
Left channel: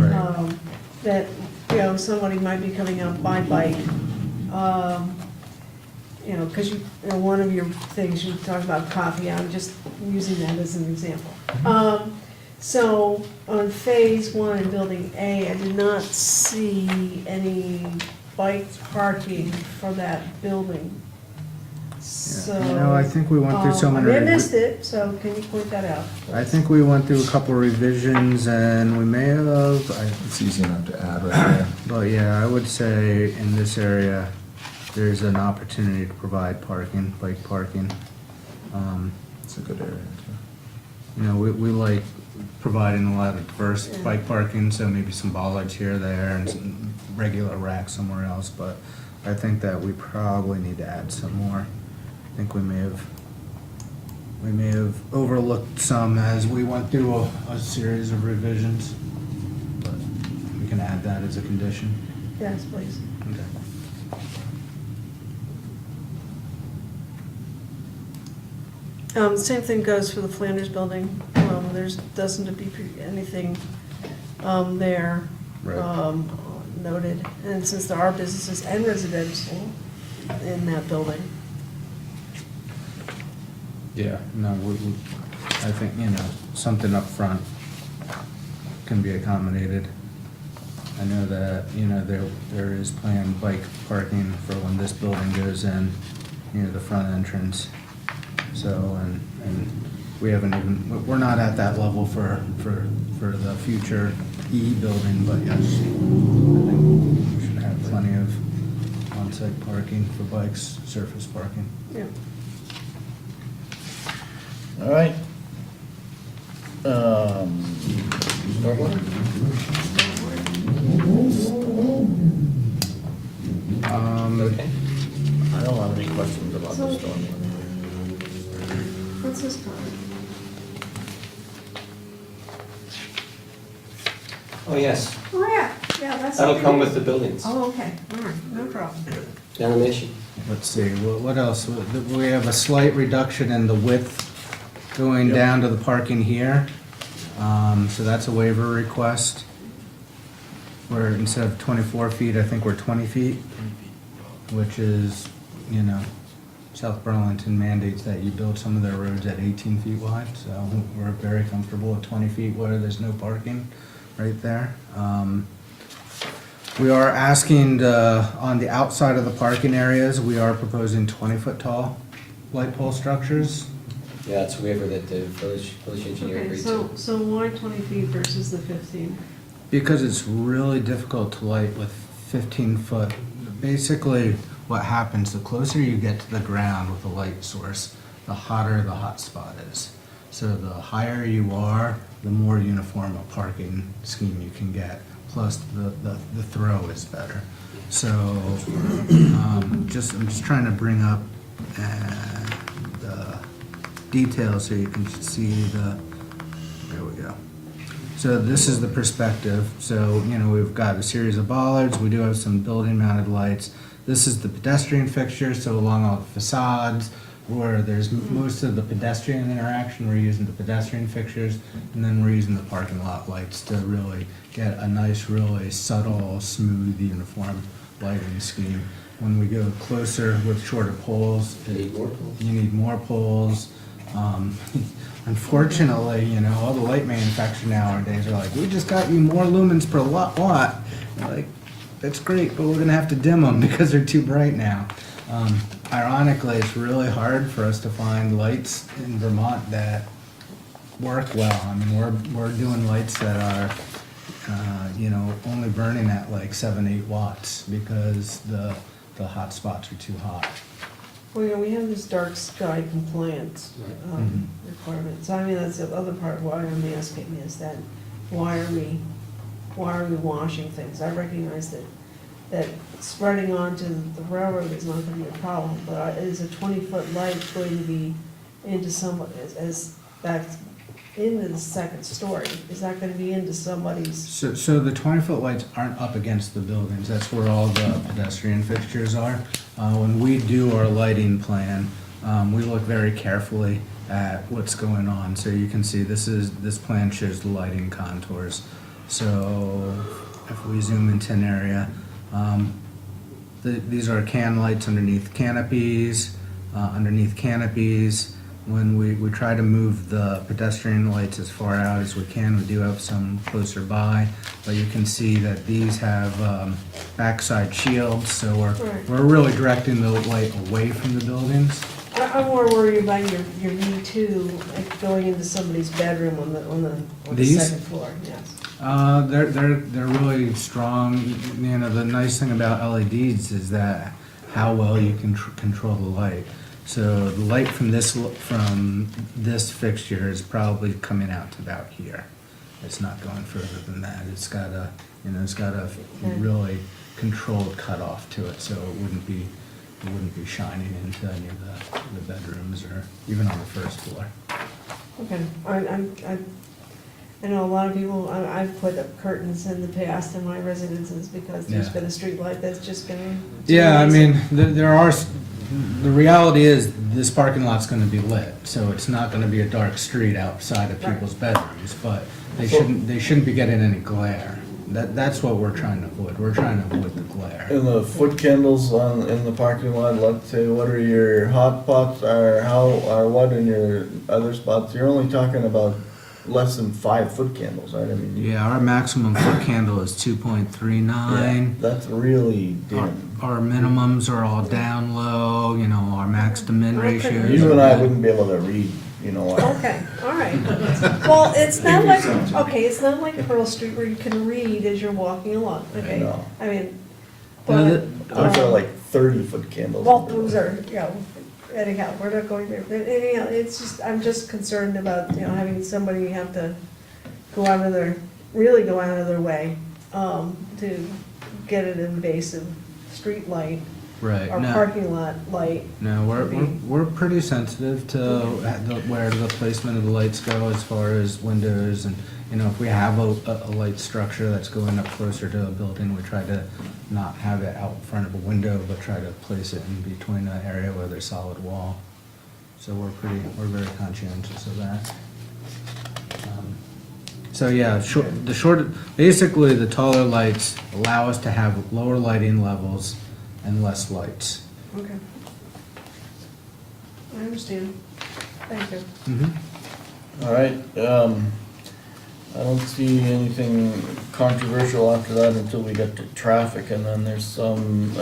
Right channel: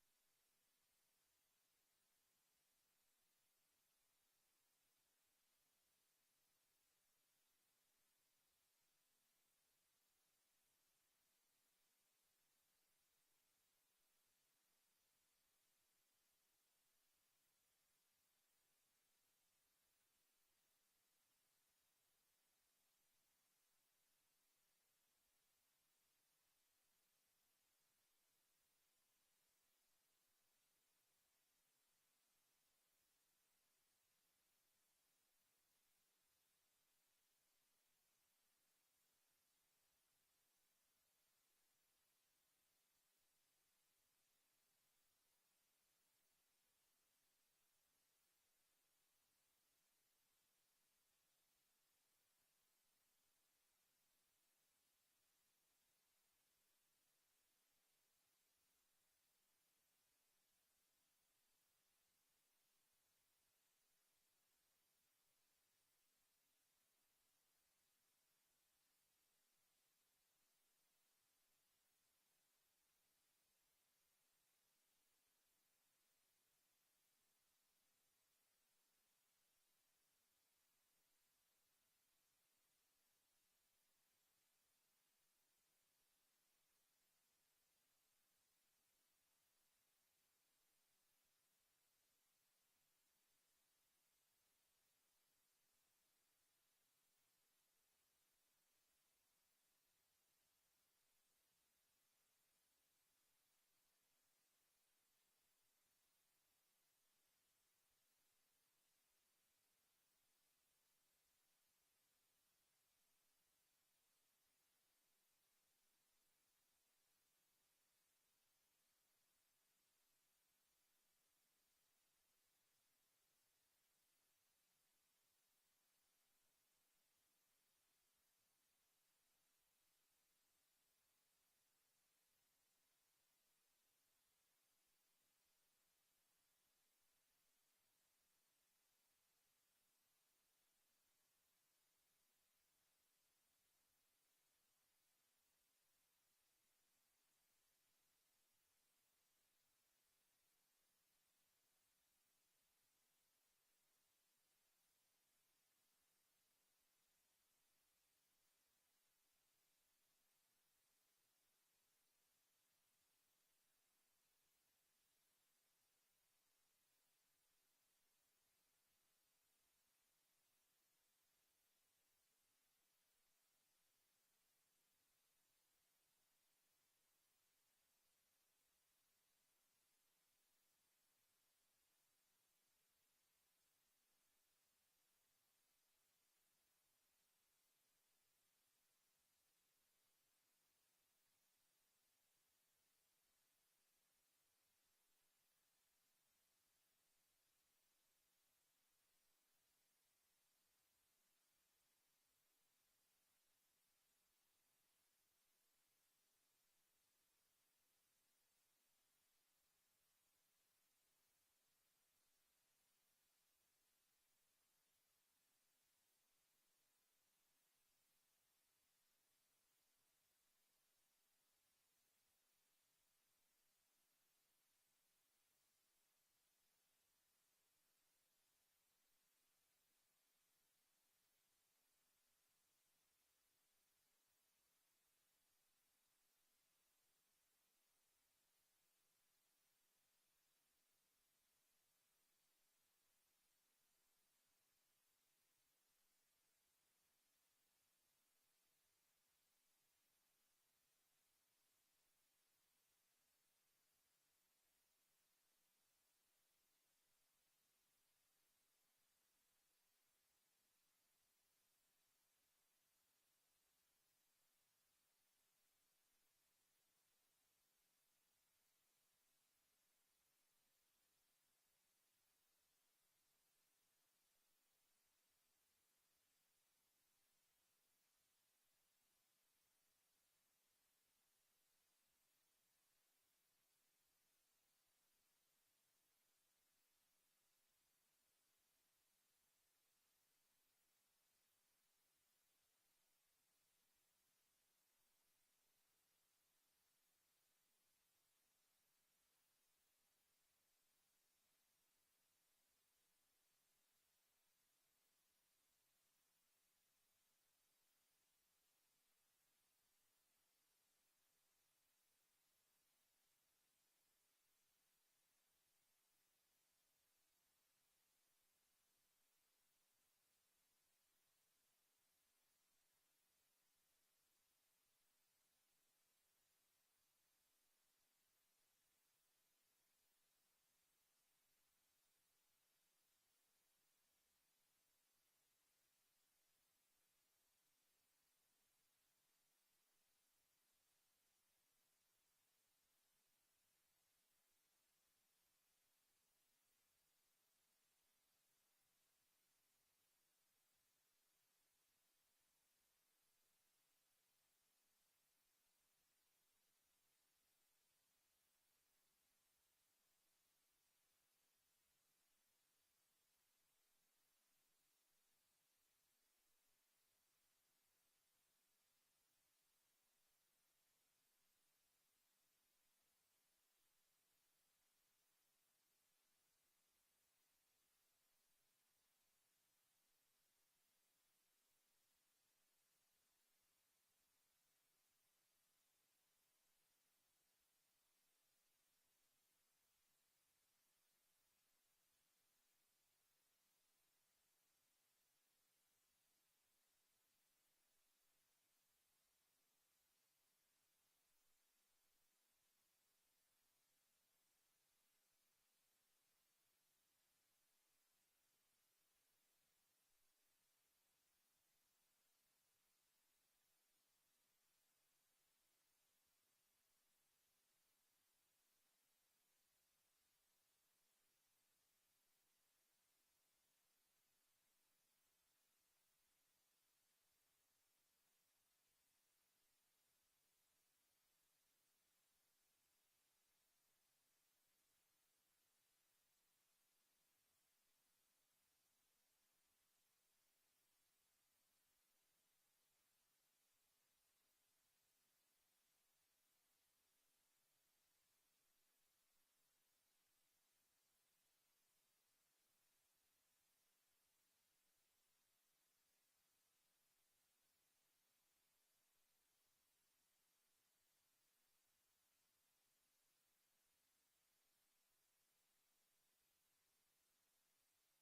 Right. that, somebody might be coming out by bike, because one of your things, you talked about coffee, I'm just using that as an example. So on phase one in building A, I did not see any bike parking for that building. So. I think we went through so many. I may have missed it, so can you point that out? I think we went through a couple revisions and we may have, It's easy enough to add right there. but yeah, I would say in this area, there's an opportunity to provide parking, bike parking. It's a good area too. We like providing a lot of diverse Yeah. bike parking, so maybe some bollards here, there, and some regular racks somewhere else, but I think that we probably need to add some more. I think we may have overlooked some as we went through a series of revisions, but we can add that as a condition. Yes, please. Same thing goes for the Flanders building. There's, doesn't be anything, there, Right. noted. And since there are businesses and residential in that building. Yeah, no, I think, something up front can be accommodated. I know that, there is planned bike parking for when this building goes in, the front entrance. So, and we haven't even, we're not at that level for the future E building, but yes, I think we should have plenty of on-site parking for bikes, surface parking. Yeah. All right. Stormwater? Okay. I don't have any questions about the So- stormwater. What's this called? Oh, yes, Oh, yeah, that's. that'll something come we- with the buildings, Oh, okay, all right, no problem. not an issue. Let's see, what else? We have a slight reduction in the width going down to the parking here. So that's a waiver request. Where instead of 24 feet, I think we're 20 feet, which is, South Burlington mandates that you build some of their roads at 18 feet wide, so we're very comfortable at 20 feet where there's no parking right there. We are asking, on the outside of the parking areas, we are proposing 20-foot tall light pole structures. Yeah, it's a waiver that the village engineer Okay, agreed so, to. so why 20 feet versus the 15? Because it's really difficult to light with 15-foot. Basically, what happens, the closer you get to the ground with a light source, the hotter the hot spot is. So the higher you are, the more uniform a parking scheme you can get. Plus, the throw is better. So, I'm just trying to bring up the details so you can see there we go. So this is the perspective. So, we've got a series of bollards. We do have some building mounted lights. This is the pedestrian fixture, so along all the facades, where there's most of the pedestrian interaction, we're using the pedestrian fixtures, and then we're using the parking lot lights to really get a nice, really subtle, smooth, uniform lighting scheme. When we go closer with shorter poles, You need more poles? you need more poles. Unfortunately, all the light manufacturers nowadays are like, we just got you more lumens per watt. Like, that's great, but we're gonna have to dim them because they're too bright now. Ironically, it's really hard for us to find lights in Vermont that work well. I mean, we're doing lights that are, only burning at like 7-8 watts because the hot spots are too hot. Well, we have this dark sky compliance requirement, so I mean, that's the other part why I'm asking is that, why are we washing things? I recognize that spreading onto the railroad is not gonna be a problem, but is a 20-foot light going to be into somebody, as back into the second story? Is that gonna be into somebody's? So the 20-foot lights aren't up against the buildings, that's where all the pedestrian fixtures are. When we do our lighting plan, we look very carefully at what's going on. So you can see this plan shows the lighting contours. So if we zoom into an area, these are can lights underneath canopies. When we try to move the pedestrian lights as far out as we can, we do have some closer by, but you can see that these have backside shields, so we're really directing the light away from the buildings. I'm more worried about your V2 like going into somebody's bedroom on the These? second floor, yes. They're really strong. You know, the nice thing about LEDs is that how well you can control the light. So the light from this fixture is probably coming out to about here. It's not going further than that. It's got a really controlled cutoff to it, so it wouldn't be shining into any of the bedrooms or even on the first floor. Okay, I know a lot of people, I've put up curtains in the past in my residences because there's Yeah. been a street light that's just been. Yeah, I mean, the reality is this parking lot's gonna be lit, so it's not gonna be a dark street outside of people's bedrooms, but they shouldn't be getting any glare. That's what we're trying to avoid. We're trying to avoid the glare. And the foot candles in the parking lot, let's say, what are your hot spots, or what in your other spots? You're only talking about less than 5 foot candles, right? I mean, Yeah, our maximum foot candle is 2.39. that's really dim. Our minimums are all down low, our max to min Okay. ratios. You and I wouldn't be able to read, Okay, all right. Well, it's not like Pearl Street where you can read as you're walking along, okay? No. I mean, No, but, Those are like 30-foot candles. well, those are, anyhow, we're not going there. But anyhow, I'm just concerned about, having somebody have to really go out of their way, to get an invasive street light Right. or No. parking lot light. No, we're pretty sensitive to where the placement of the lights go as far as windows and, if we have a light structure that's going up closer to a building, we try to not have it out in front of a window, but try to place it in between an area where there's solid wall. So we're very conscientious of that. So yeah, basically the taller lights allow us to have lower lighting levels and less lights. Okay. I understand. Thank you. Mm-hmm. All right, I don't see anything controversial after that until we get to traffic, and then there's some,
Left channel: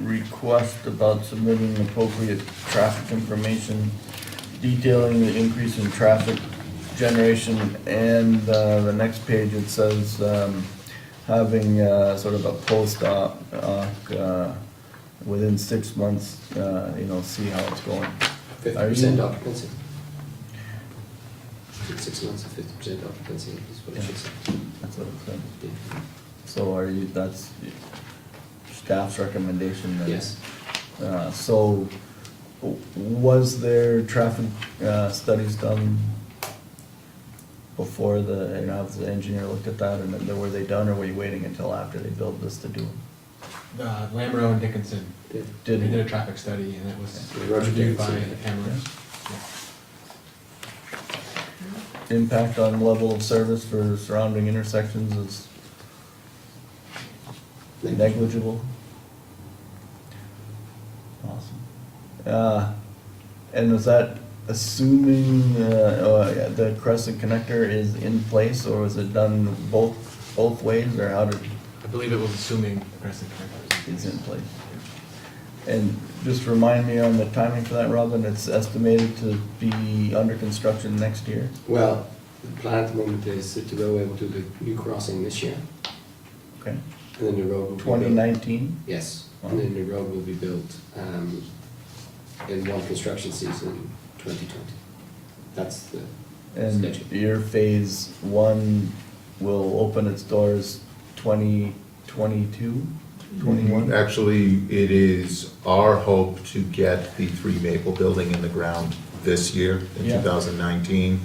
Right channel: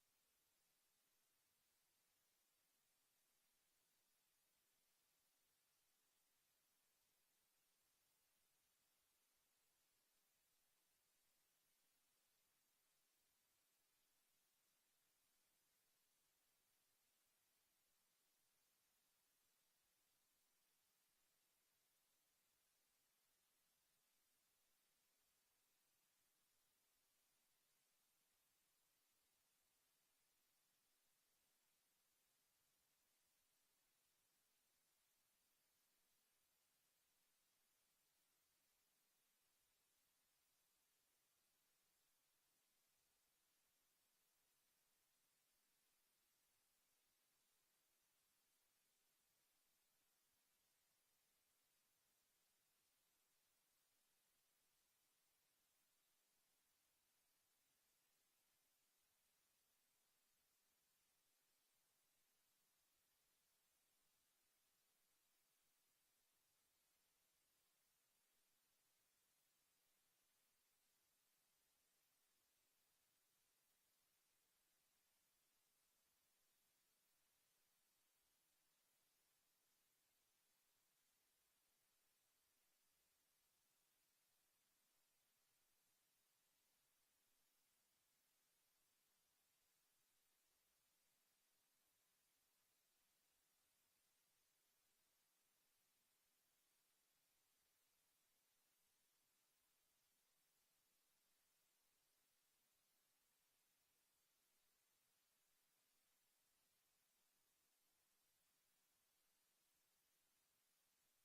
request about submitting appropriate traffic information detailing the increase in traffic generation, and, the next page it says, having, sort of a post-op, within 6 months, see how it's going. 50% occupancy. 6 months of 50% occupancy is what it should say. That's what it said. So that's staff's recommendation then? Yes. So, was there traffic, studies done before has the engineer looked at that, and then were they done, or were you waiting until after they built this to do them? Lamro and Dickinson, Did they he? did a traffic study and it was Yeah, Roger reviewed by Dickinson, the cameras. Impact on level of service for surrounding intersections is negligible? Awesome. And is that assuming, the Crescent Connector is in place, or was it done both ways, or how did, I believe it was assuming the Crescent Connector is in place? And just remind me on the timing for that, Robin, it's estimated to be under construction next year? Well, the plan at the moment is to go able to do the new crossing this year, Okay. and then the road will be built. 2019? Yes, and then the road will be built in one construction season, 2020. That's the And schedule. your phase one will open its doors 2022, 21? Actually, it is our hope to get the 3 Maple building in the ground this year, in Yeah. 2019,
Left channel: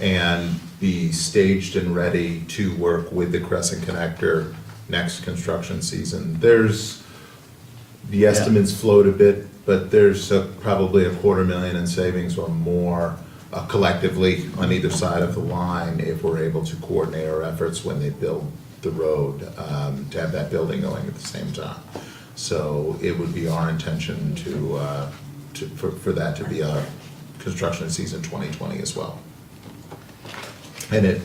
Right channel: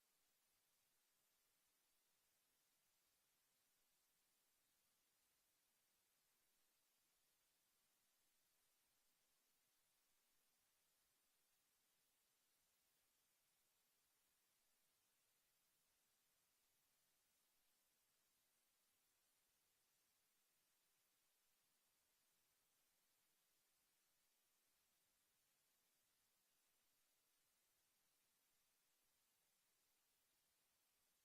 and be staged and ready to work with the Crescent Connector next construction season. The estimates float a bit, but there's probably $250,000 in savings or more collectively on either side of the line if we're able to coordinate our efforts when they build the road, to have that building going at the same time. So it would be our intention for that to be a construction season 2020 as well. And it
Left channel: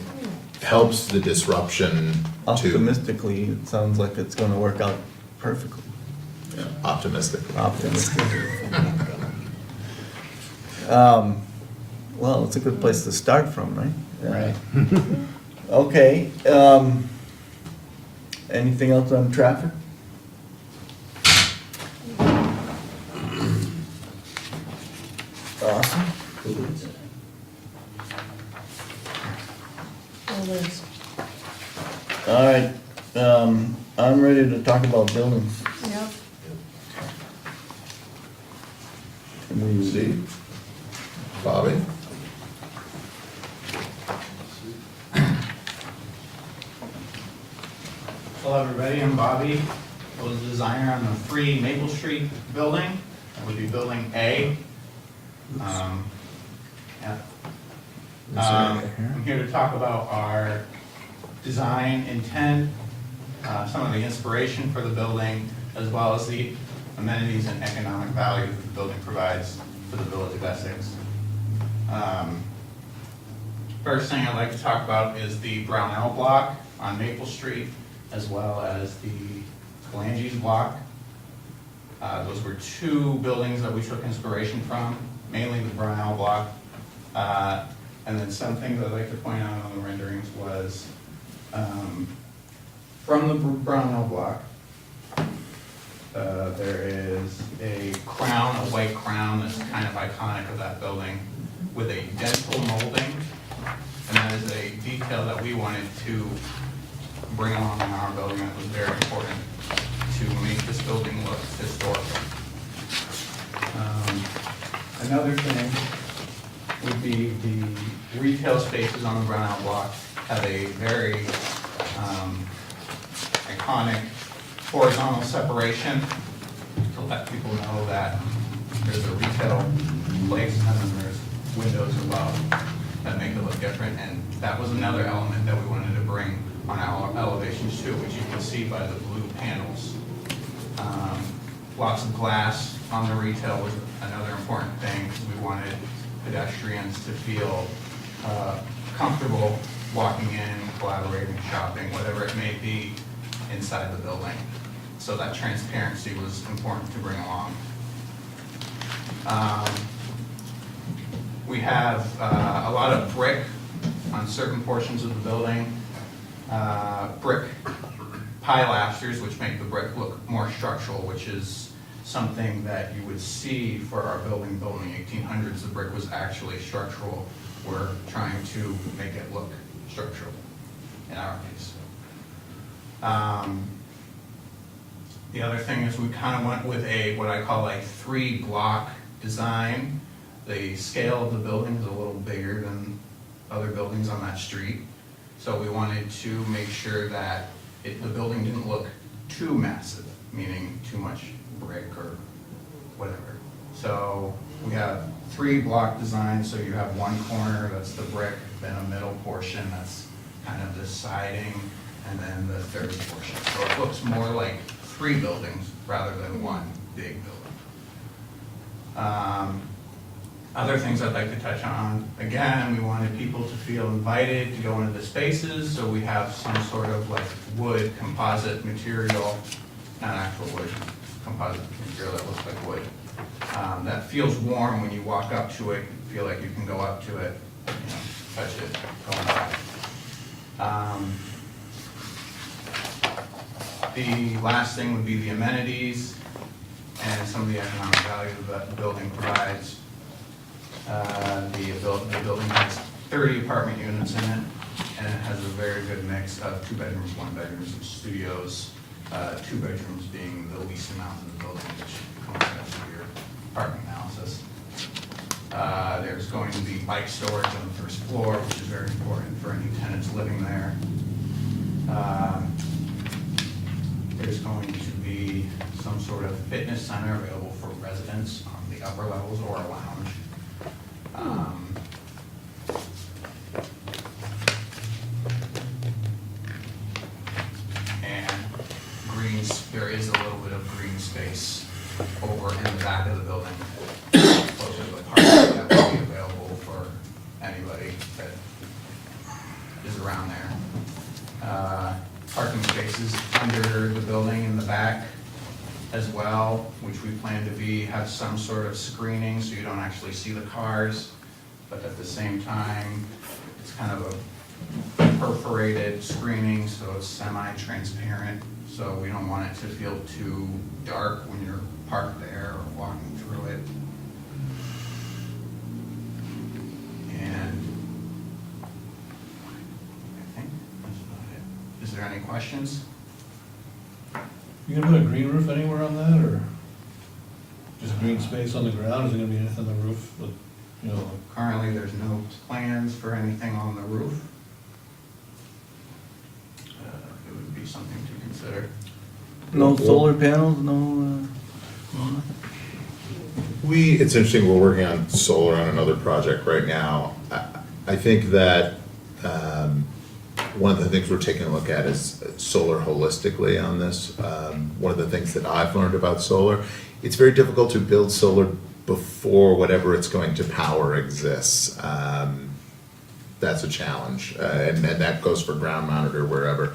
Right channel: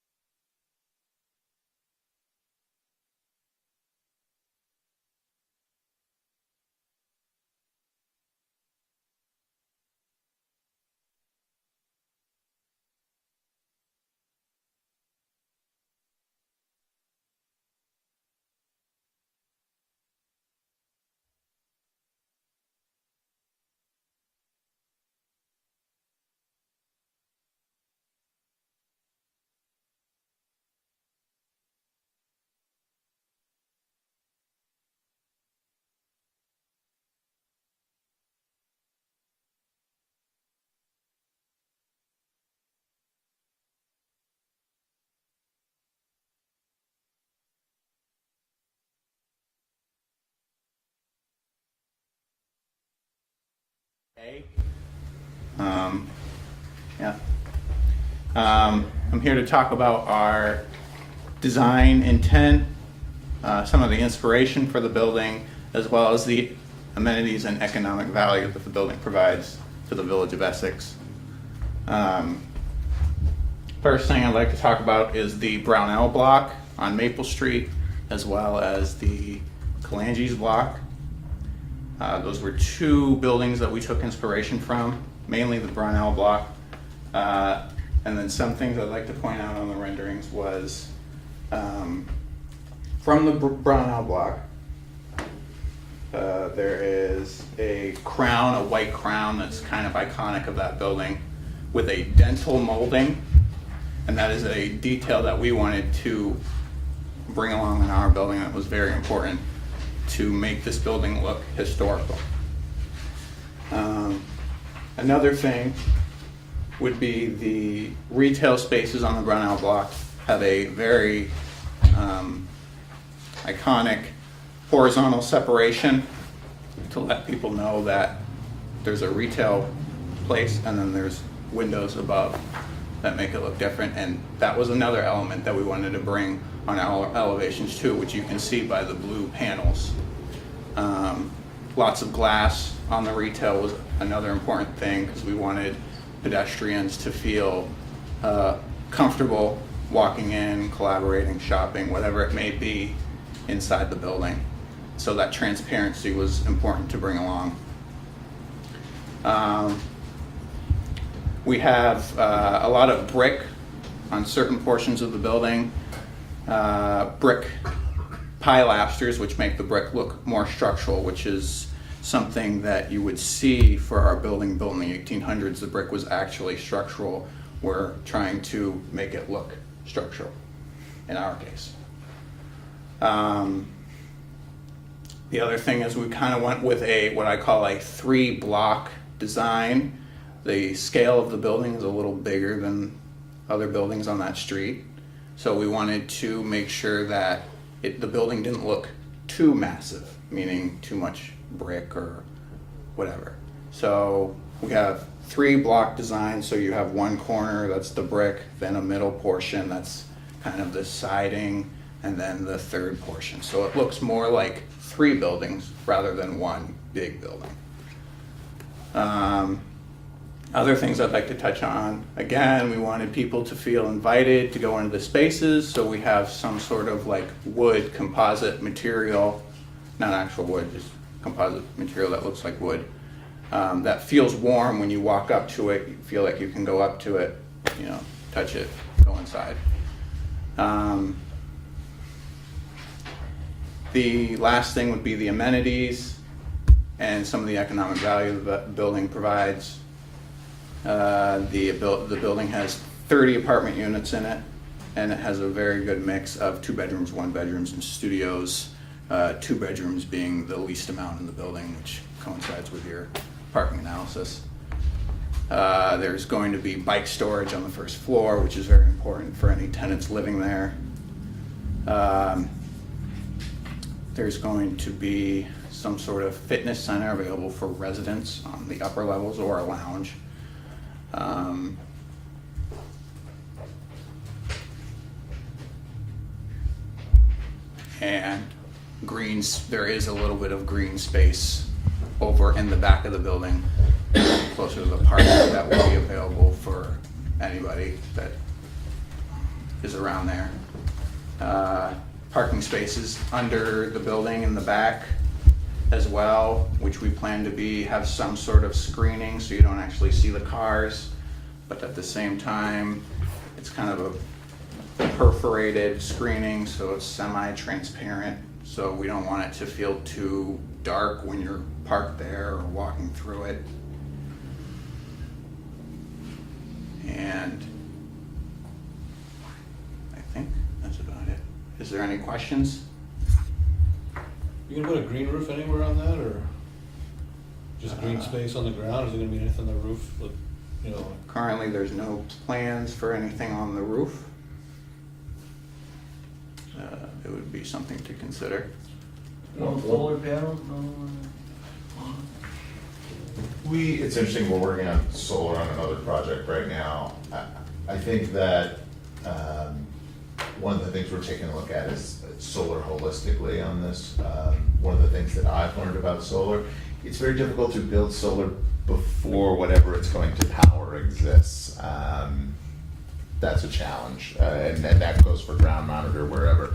helps the disruption to, Optimistically, it sounds like it's gonna work out perfectly. optimistically. Optimistically. Well, it's a good place to start from, right? Right. Okay, anything else on traffic? Awesome. Well, there's, All right, I'm ready to talk about buildings. yep. Can we- Steve? Bobby? Hello, everybody, I'm Bobby. I was the designer on the 3 Maple Street building. That would be Building A. Yeah. I'm here to talk about our design intent, some of the inspiration for the building, as well as the amenities and economic value that the building provides to the village of Essex. First thing I'd like to talk about is the Brownell block on Maple Street, as well as the Kalanges block. Those were 2 buildings that we took inspiration from, mainly the Brownell block. And then some things I'd like to point out on the renderings was, from the Brownell block, there is a crown, a white crown that's kind of iconic of that building with a dental molding. And that is a detail that we wanted to bring along in our building that was very important to make this building look historical. Another thing would be the retail spaces on the Brownell block have a very iconic horizontal separation to let people know that there's a retail place and then there's windows above that make it look different. And that was another element that we wanted to bring on our elevations too, which you can see by the blue panels. Lots of glass on the retail was another important thing because we wanted pedestrians to feel comfortable walking in, collaborating, shopping, whatever it may be inside the building. So that transparency was important to bring along. We have a lot of brick on certain portions of the building, brick pilasters, which make the brick look more structural, which is something that you would see for our building built in the 1800s. The brick was actually structural. We're trying to make it look structural in our case. The other thing is we kind of went with what I call a 3-block design. The scale of the building is a little bigger than other buildings on that street. So we wanted to make sure that the building didn't look too massive, meaning too much brick or whatever. So we have 3-block design, so you have one corner that's the brick, then a middle portion that's kind of the siding, and then the third portion. So it looks more like 3 buildings rather than one big building. Other things I'd like to touch on, again, we wanted people to feel invited to go into the spaces, so we have some sort of like wood composite material, not actual wood, composite material that looks like wood. That feels warm when you walk up to it, you feel like you can go up to it, you know, touch it, go inside. The last thing would be the amenities and some of the economic value that the building provides. The building has 30 apartment units in it, and it has a very good mix of 2 bedrooms, 1 bedrooms, and studios. 2 bedrooms being the least amount in the building, which coincides with your apartment analysis. There's going to be bike storage on the first floor, which is very important for any tenants living there. There's going to be some sort of fitness center available for residents on the upper levels or a lounge. And greens, there is a little bit of green space over in the back of the building, closer to the park, that will be available for anybody that is around there. Parking spaces under the building in the back as well, which we plan to have some sort of screening so you don't actually see the cars, but at the same time, it's kind of a perforated screening, so it's semi-transparent, so we don't want it to feel too dark when you're parked there or walking through it. And I think that's about it. Is there any questions? You gonna put a green roof anywhere on that, or just green space on the ground? Is there gonna be anything on the roof, like, you know, like? Currently, there's no plans for anything on the roof. It would be something to consider. No solar panels, no, It's interesting, we're working on solar on another project right now. I think that one of the things we're taking a look at is solar holistically on this. One of the things that I've learned about solar, it's very difficult to build solar before whatever it's going to power exists. That's a challenge, and that goes for ground mounted or wherever.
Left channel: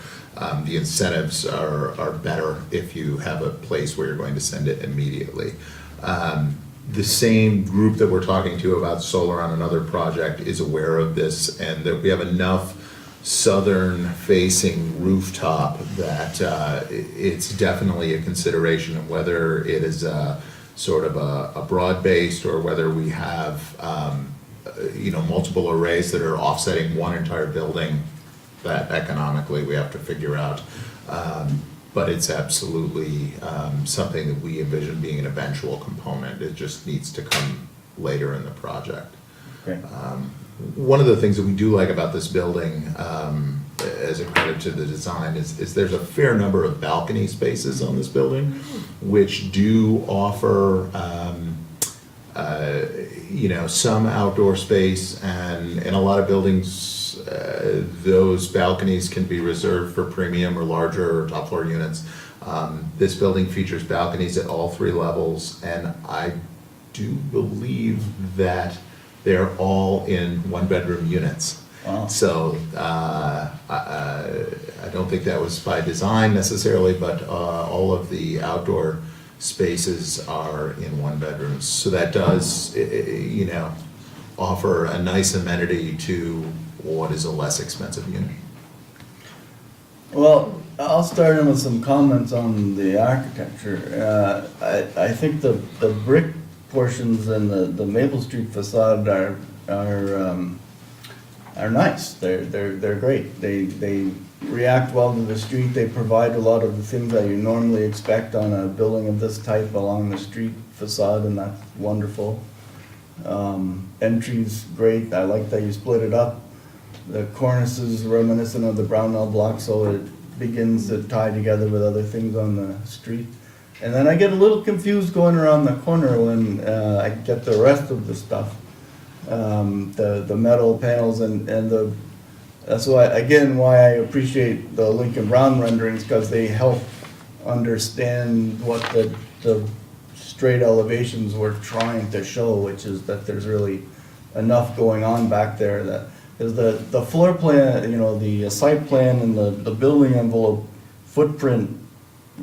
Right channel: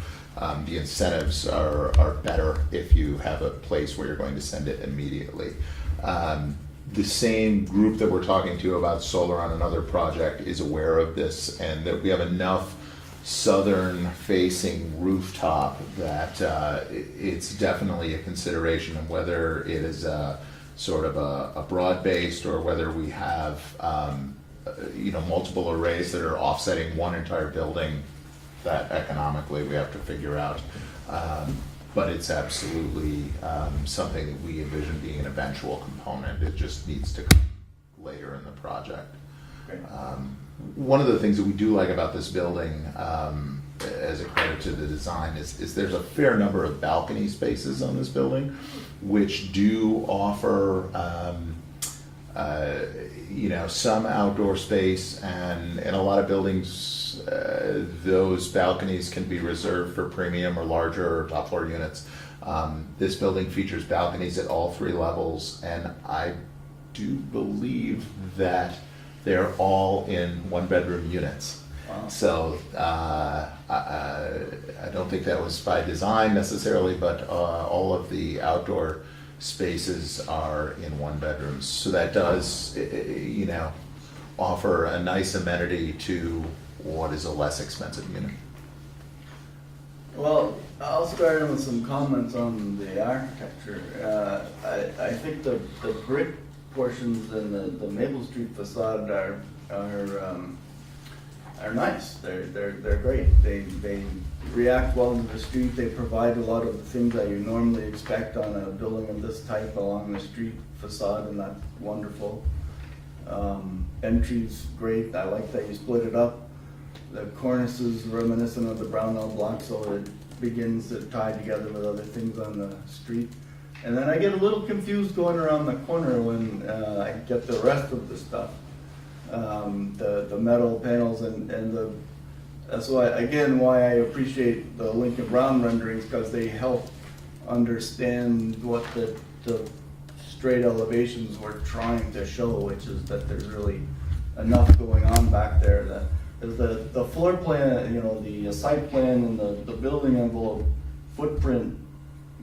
The incentives are better if you have a place where you're going to send it immediately. The same group that we're talking to about solar on another project is aware of this, and that we have enough southern facing rooftop that it's definitely a consideration of whether it is sort of a broad-based or whether we have multiple arrays that are offsetting one entire building. That economically we have to figure out. But it's absolutely something that we envision being an eventual component. It just needs to come later in the project. Great. One of the things that we do like about this building, as a credit to the design, is there's a fair number of balcony spaces on this building, which do offer some outdoor space, and in a lot of buildings, those balconies can be reserved for premium or larger or top floor units. This building features balconies at all 3 levels, and I do believe that they're all in 1-bedroom units. Wow. So I don't think that was by design necessarily, but all of the outdoor spaces are in 1 bedrooms. So that does, offer a nice amenity to what is a less expensive unit. Well, I'll start in with some comments on the architecture. I think the brick portions and the Maple Street facade are nice. They're great. They react well to the street. They provide a lot of the things that you normally expect on a building of this type along the street facade, and that's wonderful. Entry's great. I like that you split it up. The cornice is reminiscent of the Brownell block, so it begins to tie together with other things on the street. And then I get a little confused going around the corner when I get the rest of the stuff. The metal panels and that's why I appreciate the Lincoln Brown renderings, because they help understand what the straight elevations were trying to show, which is that there's really enough going on back there. That is the floor plan, the site plan and the building envelope footprint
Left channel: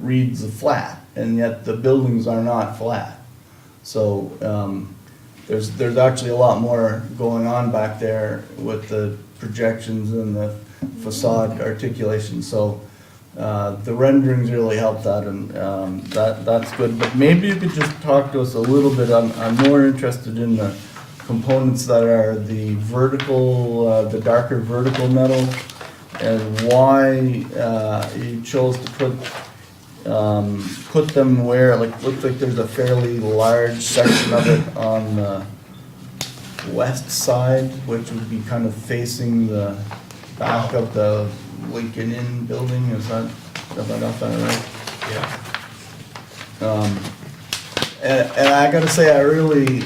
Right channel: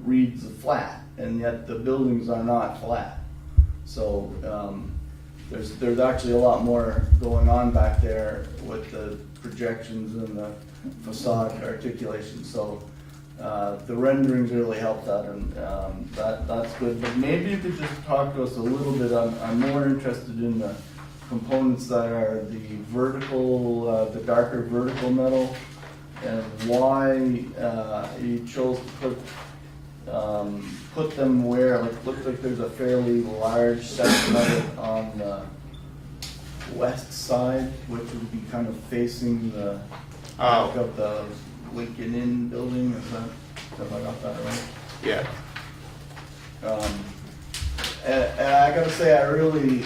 reads flat. and yet the buildings are not flat. So, there's actually a lot more going on back there with the projections and the facade articulation, so, the renderings really help that, and, that's good. But maybe you could just talk to us a little bit, I'm more interested in the components that are the vertical, the darker vertical metal, and why, you chose to put them where, like, looks like there's a fairly large section of it on the west side, which would be kind of facing the back of the Lincoln Inn building, have I got that right? Yeah. And I gotta say, I really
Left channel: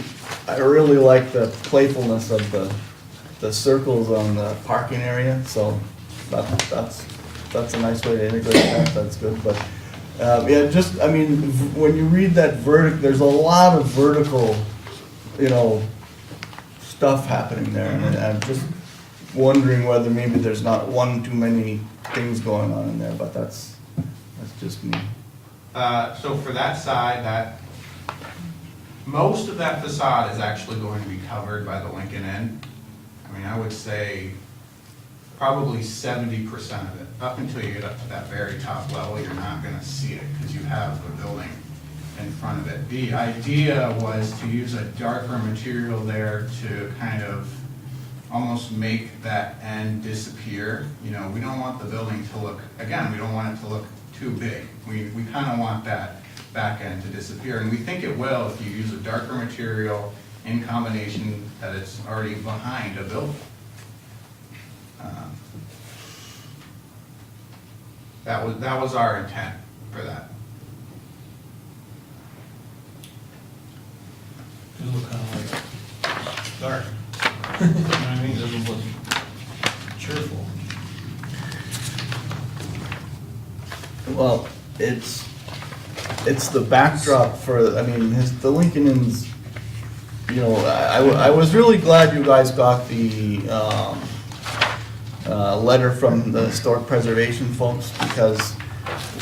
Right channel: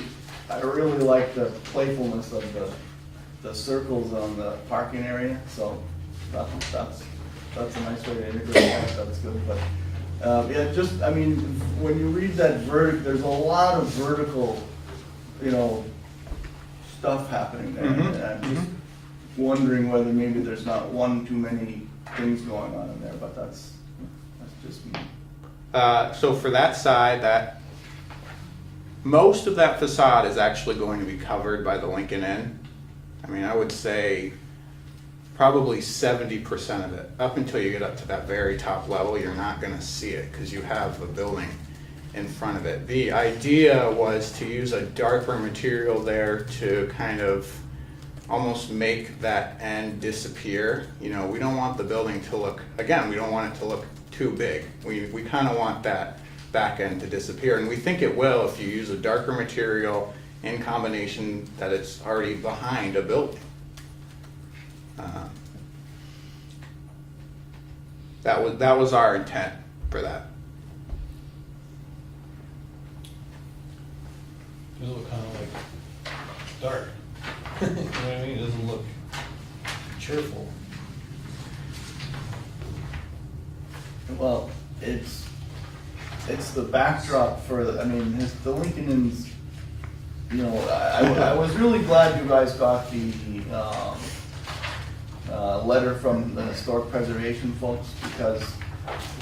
like the playfulness of the circles on the parking area, so that's a nice way to integrate that, that's good, but, yeah, just, I mean, when you read that there's a lot of vertical, you know, stuff happening there, and I'm just wondering whether maybe there's not one too many things going on in there, but that's just me. So for that side, most of that facade is actually going to be covered by the Lincoln Inn. I mean, I would say probably 70% of it. Up until you get up to that very top level, you're not gonna see it because you have the building in front of it. The idea was to use a darker material there to kind of almost make that end disappear. You know, we don't want the building to look, again, we don't want it to look too big. We kind of want that back end to disappear, and we think it will if you use a darker material in combination that it's already behind a building. That was our intent for that. This will kind of like dark. You know what I mean? This will look cheerful. Well, it's the backdrop for, I mean, the Lincoln Inn's, you know, I was really glad you guys got the, letter from the historic preservation folks, because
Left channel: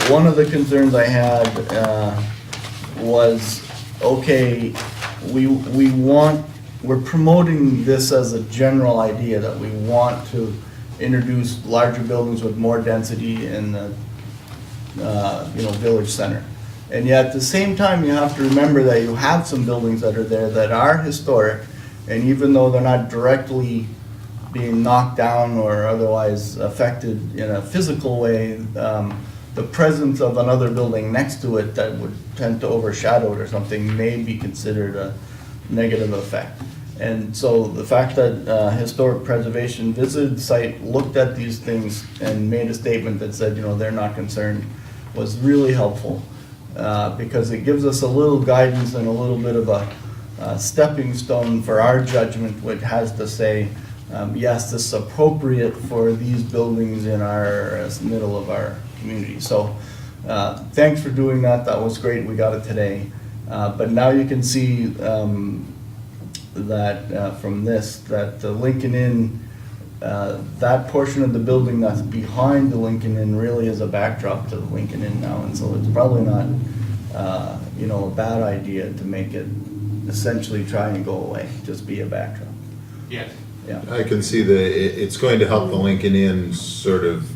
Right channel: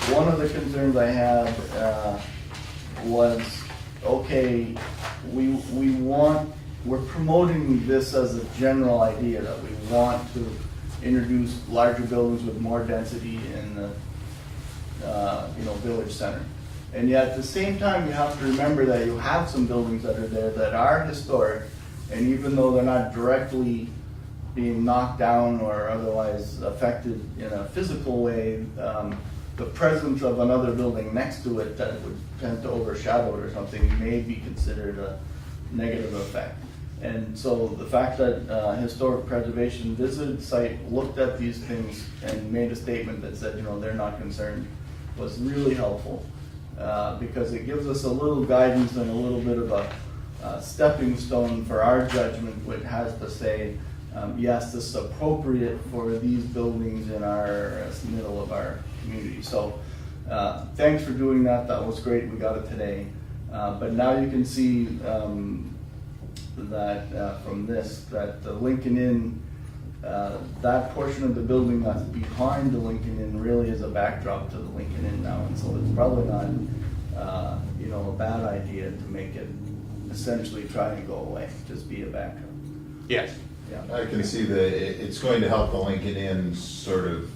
one of the concerns I had, was, okay, we're promoting this as a general idea that we want to introduce larger buildings with more density in the, you know, village center. And yet at the same time, you have to remember that you have some buildings that are there that are historic, and even though they're not directly being knocked down or otherwise affected in a physical way, the presence of another building next to it that would tend to overshadow it or something may be considered a negative effect. And so the fact that historic preservation visited the site, looked at these things, and made a statement that said, you know, they're not concerned, was really helpful. Because it gives us a little guidance and a little bit of a stepping stone for our judgment, which has to say, yes, this is appropriate for these buildings in as the middle of our community. So thanks for doing that. That was great. We got it today. But now you can see that from this, that the Lincoln Inn, that portion of the building that's behind the Lincoln Inn really is a backdrop to the Lincoln Inn now. And so it's probably not, you know, a bad idea to make it essentially try and go away, just be a backdrop. Yes. Yeah. I can see that it's going to help the Lincoln Inn sort of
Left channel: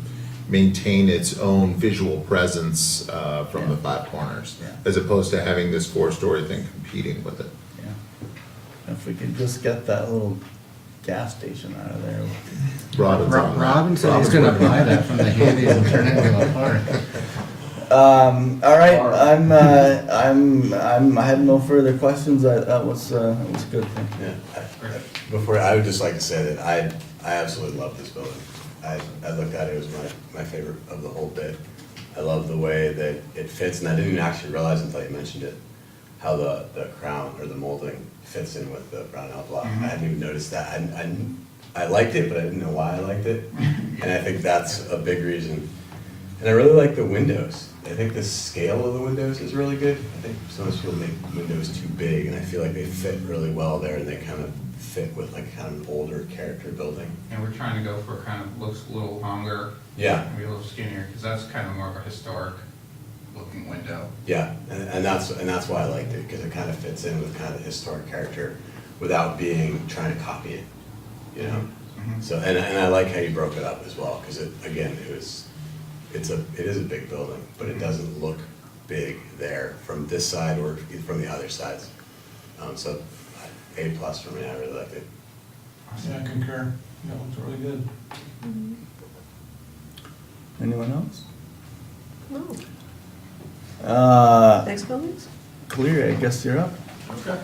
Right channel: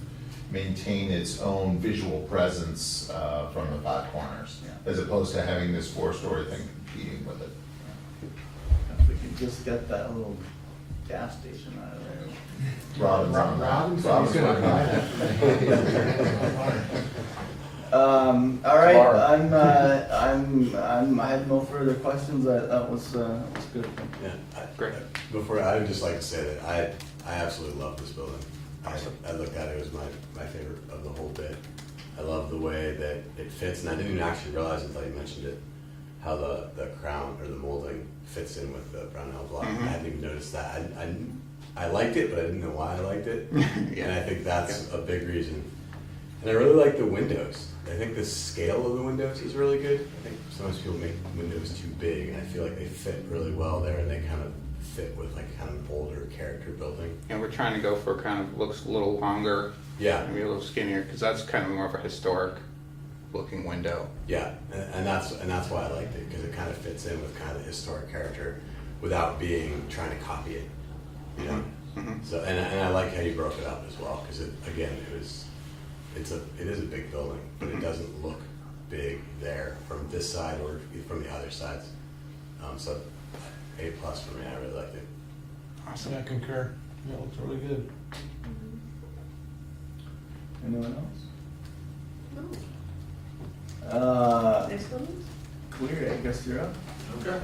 maintain its own visual presence from the five corners, Yeah. as opposed to having this four-story thing competing with it. Yeah. If we could just get that little gas station out of there. Robin said he's gonna buy that from the Handy and turn it into a park. All right, I have no further questions. That was good. Great. Before, I would just like to say that I absolutely love this building. I looked at it, it was my favorite of the whole bit. I love the way that it fits, and I didn't even actually realize until you mentioned it, how the crown or the molding fits in with the Brownell block. I hadn't even noticed that. I liked it, but I didn't know why I liked it. And I think that's a big reason. And I really like the windows. I think the scale of the windows is really good. I think some people make windows too big, and I feel like they fit really well there, and they kind of fit with like kind of an older character building. And we're trying to go for kind of looks a little longer, Yeah. maybe a little skinnier, because that's kind of more of a historic looking window. Yeah, and that's why I liked it, because it kind of fits in with kind of the historic character without trying to copy it, you know? Mhm. So, and I like how you broke it up as well, because it is a big building, but it doesn't look big there from this side or from the other sides. So, A+ for me, I really liked it. Yeah, I concur. Yeah, it looks really good. Anyone else? No. Next buildings? Clear, I guess you're up. Okay.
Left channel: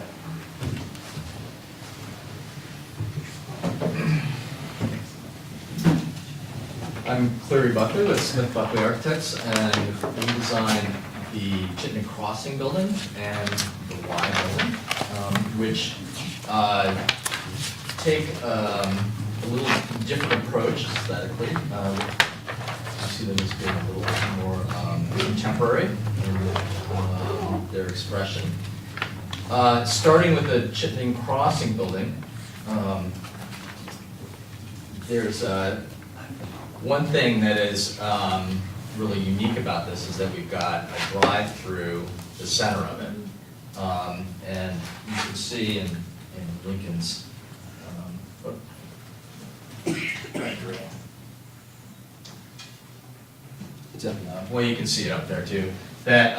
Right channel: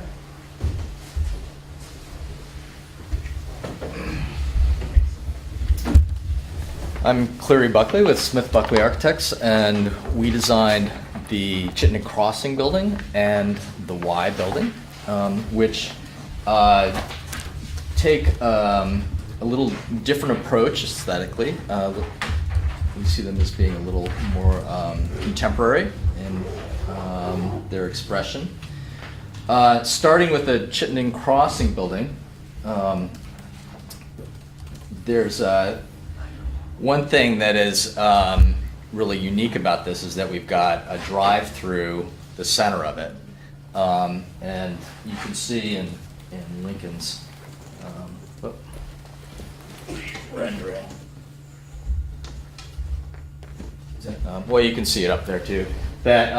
I'm Cleary Buckley with Smith Buckley Architects, and we designed the Chittenden Crossing building and the Y building, which take a little different approach aesthetically. You see them as being a little more contemporary in their expression. Starting with the Chittenden Crossing building, there's one thing that is really unique about this is that we've got a drive-through the center of it. And you can see in Lincoln's rendering. Well, you can see it up there too, that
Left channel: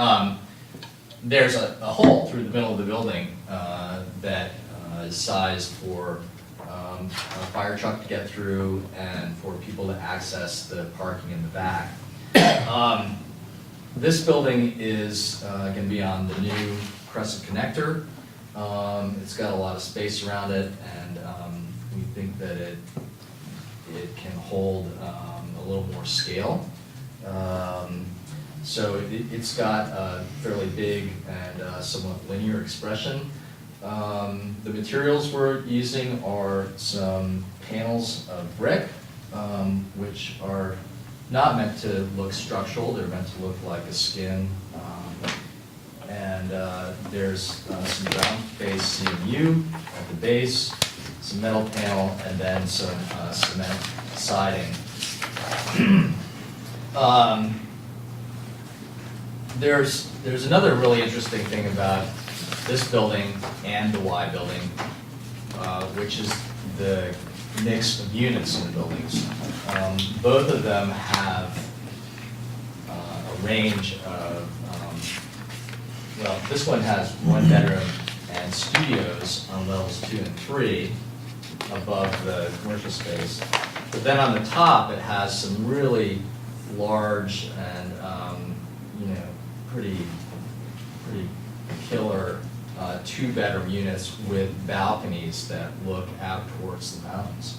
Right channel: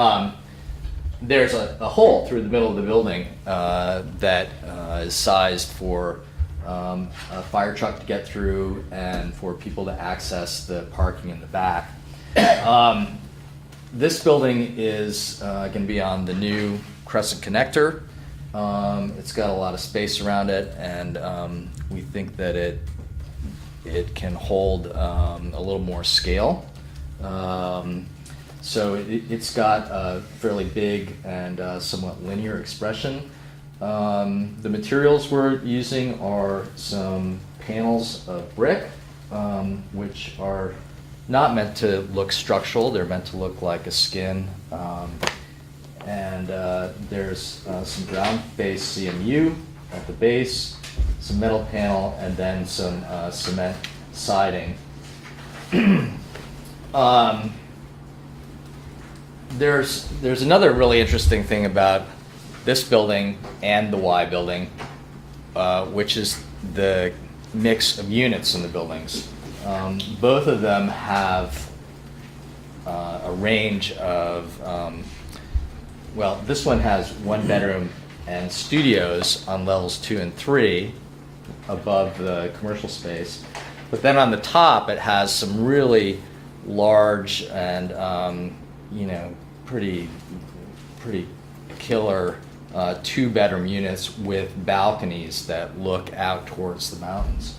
there's a hole through the middle of the building that is sized for a fire truck to get through and for people to access the parking in the back. This building is going to be on the new Crescent Connector. It's got a lot of space around it, and we think that it can hold a little more scale. So it's got a fairly big and somewhat linear expression. The materials we're using are some panels of brick, which are not meant to look structural, they're meant to look like a skin. And there's some ground-based CMU at the base, some metal panel, and then some cement siding. There's another really interesting thing about this building and the Y building, which is the mix of units in the buildings. Both of them have a range of, well, this one has one bedroom and studios on levels 2 and 3 above the commercial space. But then on the top, it has some really large and, pretty killer 2-bedroom units with balconies that look out towards the mountains,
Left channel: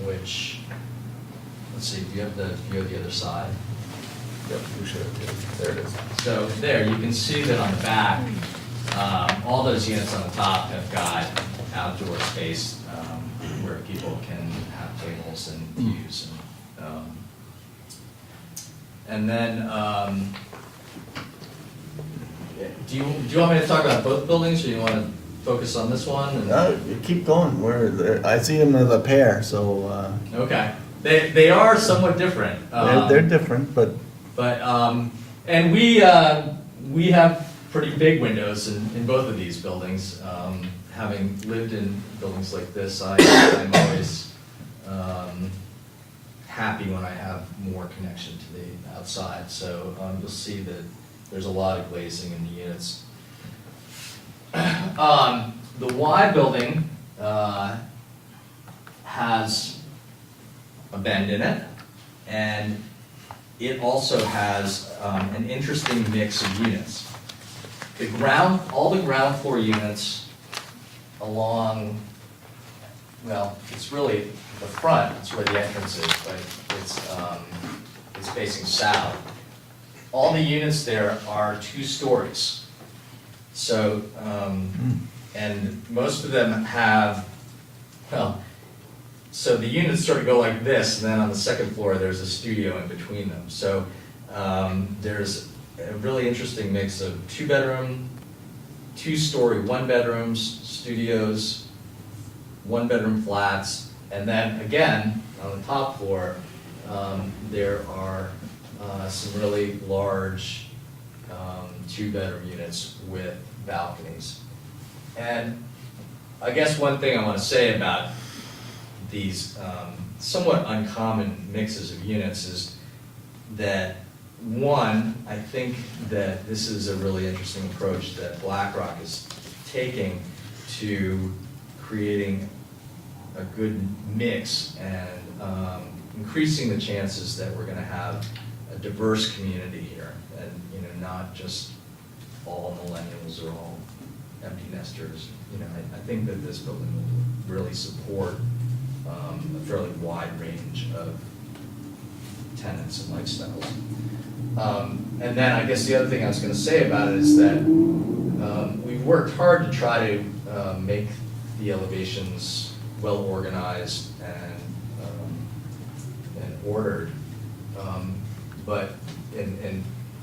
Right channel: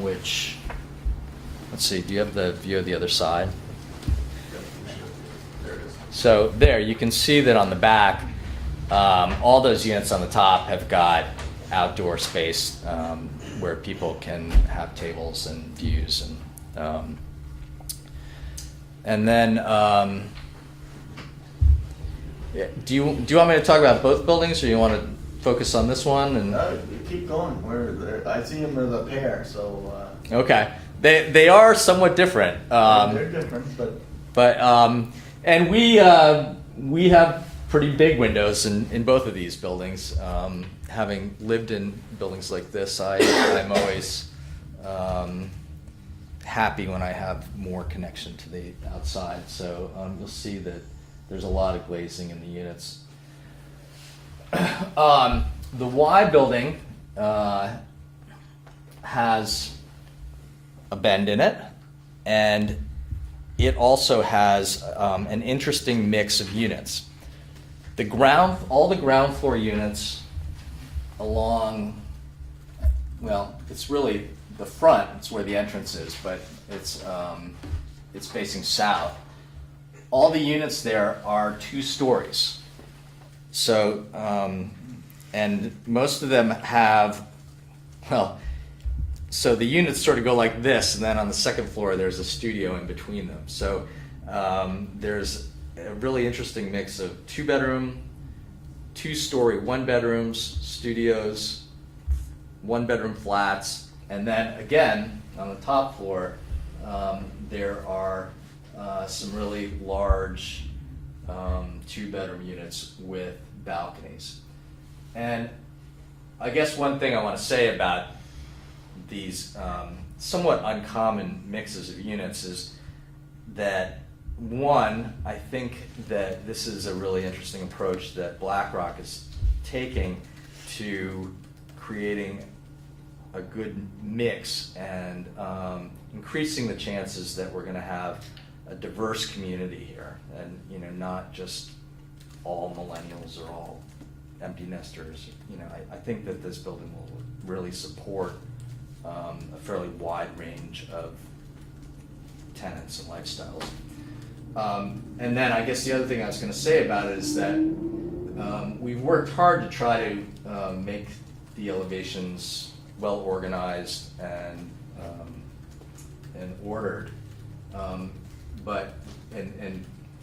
which, let's see, do you have the view of the other side? Yep, we should have, there it is. So there, you can see that on the back, all those units on the top have got outdoor space where people can have tables and views. And then, do you want me to talk about both buildings, or you want to focus on this one? And You keep going, I see them as a pair, so, okay, they are somewhat different. they're different, but. And we have pretty big windows in both of these buildings. Having lived in buildings like this, I'm always happy when I have more connection to the outside. So you'll see that there's a lot of glazing in the units. The Y building has a bend in it, and it also has an interesting mix of units. All the ground floor units along, well, it's really the front, it's where the entrance is, but it's facing south. All the units there are 2 stories. So, and most of them have, well, so the units sort of go like this, and then on the second floor there's a studio in between them. So there's a really interesting mix of 2-bedroom, 2-story 1-bedrooms, studios, 1-bedroom flats, and then again on the top floor there are some really large two-bedroom units with balconies. And I guess one thing I want to say about these somewhat uncommon mixes of units is that, one, I think that this is a really interesting approach that BlackRock is taking to creating a good mix and increasing the chances that we're going to have a diverse community here, and not just all millennials or all empty nesters. I think that this building will really support a fairly wide range of tenants and lifestyles. And then I guess the other thing I was going to say about it is that we've worked hard to try to make the elevations well organized and ordered, but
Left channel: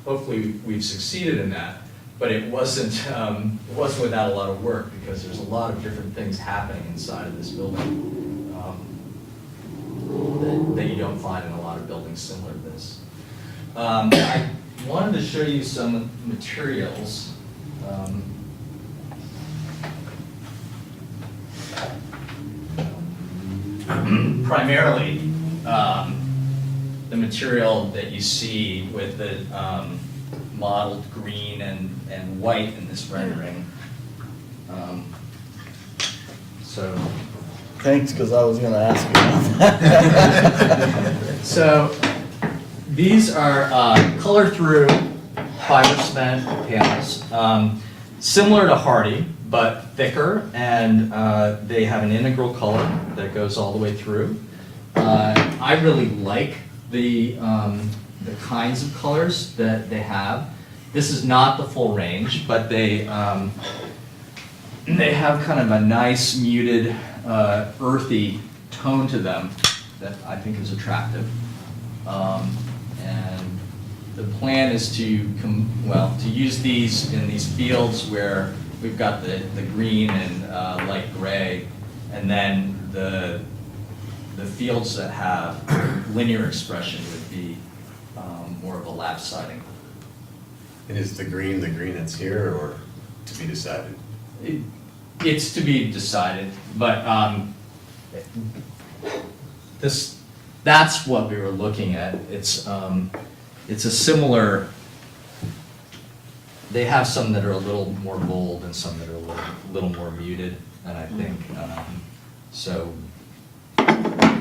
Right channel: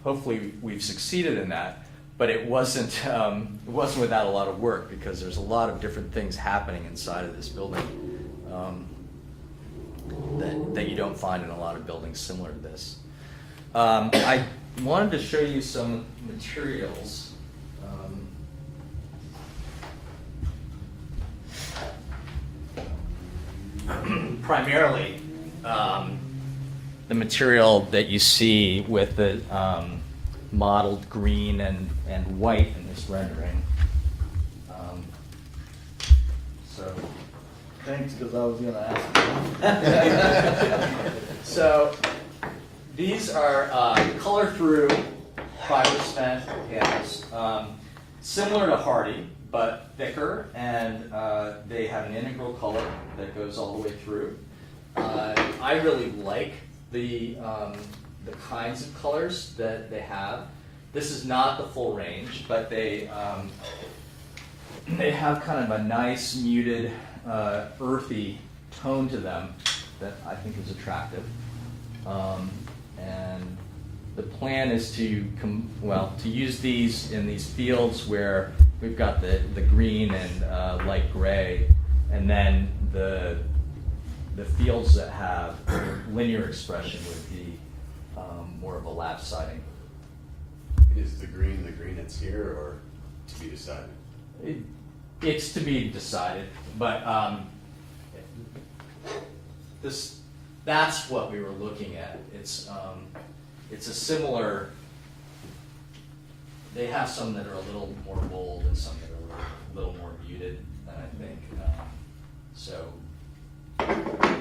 hopefully we've succeeded in that. But it wasn't without a lot of work, because there's a lot of different things happening inside of this building that you don't find in a lot of buildings similar to this. I wanted to show you some materials. Primarily, the material that you see with the mottled green and white in this rendering. So. Thanks, because I was gonna ask you about that. So these are color-through fiber cement panels, similar to Hardy, but thicker, and they have an integral color that goes all the way through. I really like the kinds of colors that they have. This is not the full range, but they have kind of a nice muted, earthy tone to them that I think is attractive. And the plan is to use these in these fields where we've got the green and light gray, and then the fields that have linear expression would be more of a lap siding. And is the green that's here, or to be decided? It's to be decided, but that's what we were looking at. It's a similar. They have some that are a little more bold and some that are a little more muted, and I think so.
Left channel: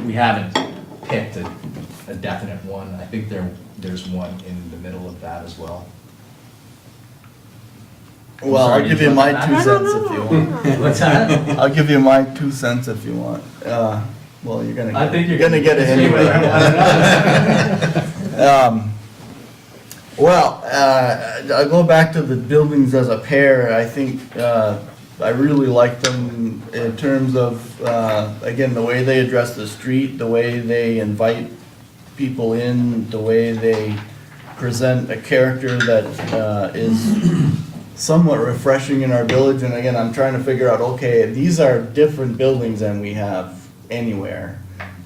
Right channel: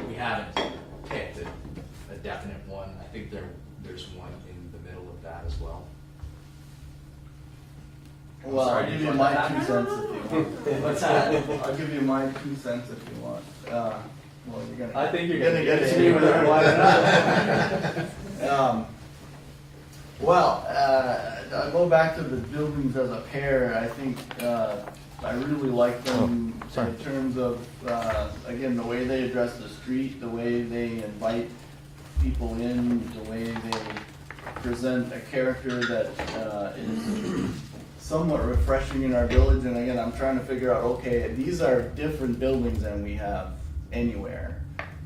We haven't picked a definite one. I think there's one in the middle of that as well. Well, sorry, I'll give you did my you 2 want cents if you want. What's that? I'll give you my 2 cents if you want. Well, you're gonna. I think you're gonna get it anyway. I'll go back to the buildings as a pair. I think I really like them in terms of, again, the way they address the street, the way they invite people in, the way they present a character that is somewhat refreshing in our village. And again, I'm trying to figure out, okay, these are different buildings than we have anywhere.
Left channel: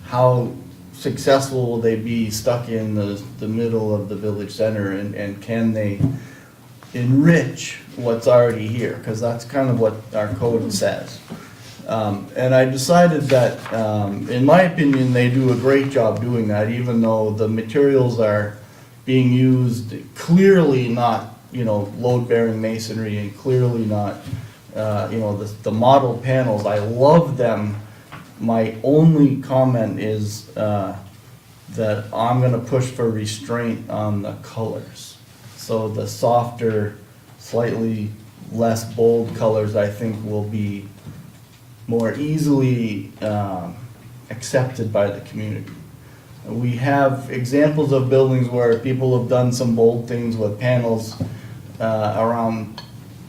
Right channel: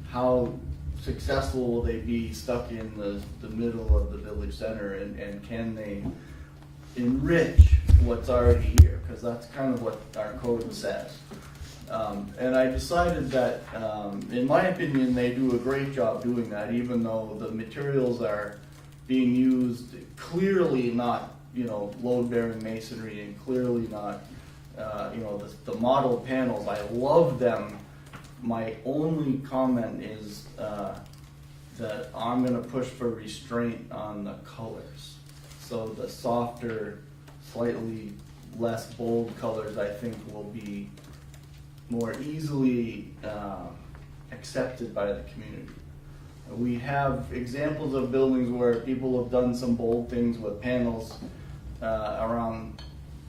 How successful will they be stuck in the middle of the village center, and can they enrich what's already here? Because that's kind of what our code says. And I decided that, in my opinion, they do a great job doing that, even though the materials are being used clearly not, load-bearing masonry, and clearly not, the model panels. I love them. My only comment is that I'm gonna push for restraint on the colors. So the softer, slightly less bold colors, I think, will be more easily accepted by the community. We have examples of buildings where people have done some bold things with panels around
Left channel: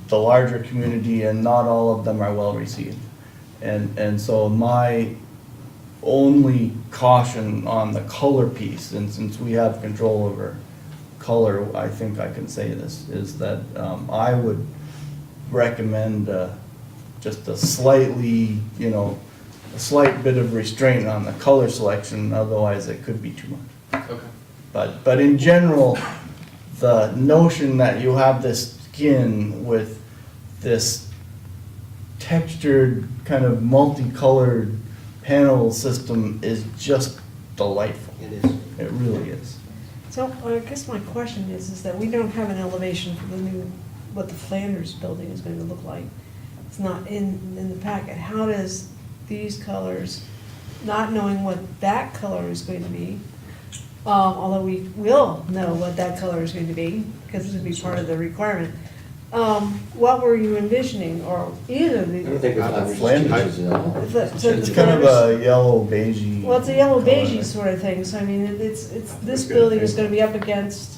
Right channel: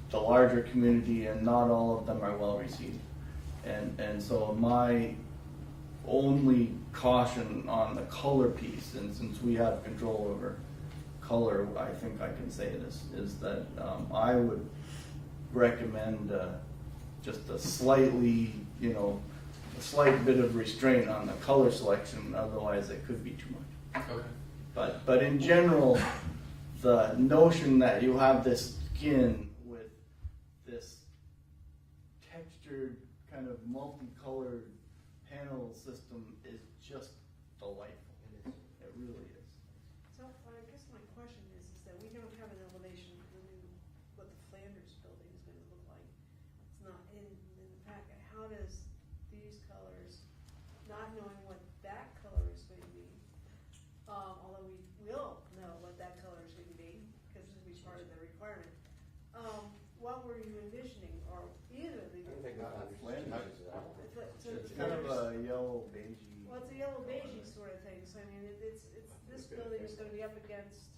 the larger community, and not all of them are well received. And so my only caution on the color piece, and since we have control over color, I think I can say this, is that I would recommend just a slightly, a slight bit of restraint on the color selection, otherwise it could be too much. Okay. But in general, the notion that you have this skin with this textured, kind of multicolored panel system is just delightful. It is. It really is. So I guess my question is that we don't have an elevation for the new, what the Flanders building is going to look like. It's not in the packet. How does these colors, not knowing what that color is going to be, although we will know what that color is going to be, because it's going to be part of the requirement, what were you envisioning, or either I don't the, think Flanders. Flanders changes at all. so It's the kind of Flanders? a yellow beigey. Well, it's a yellow color. beigey sort of thing, so I mean, it's, this building is gonna be up against.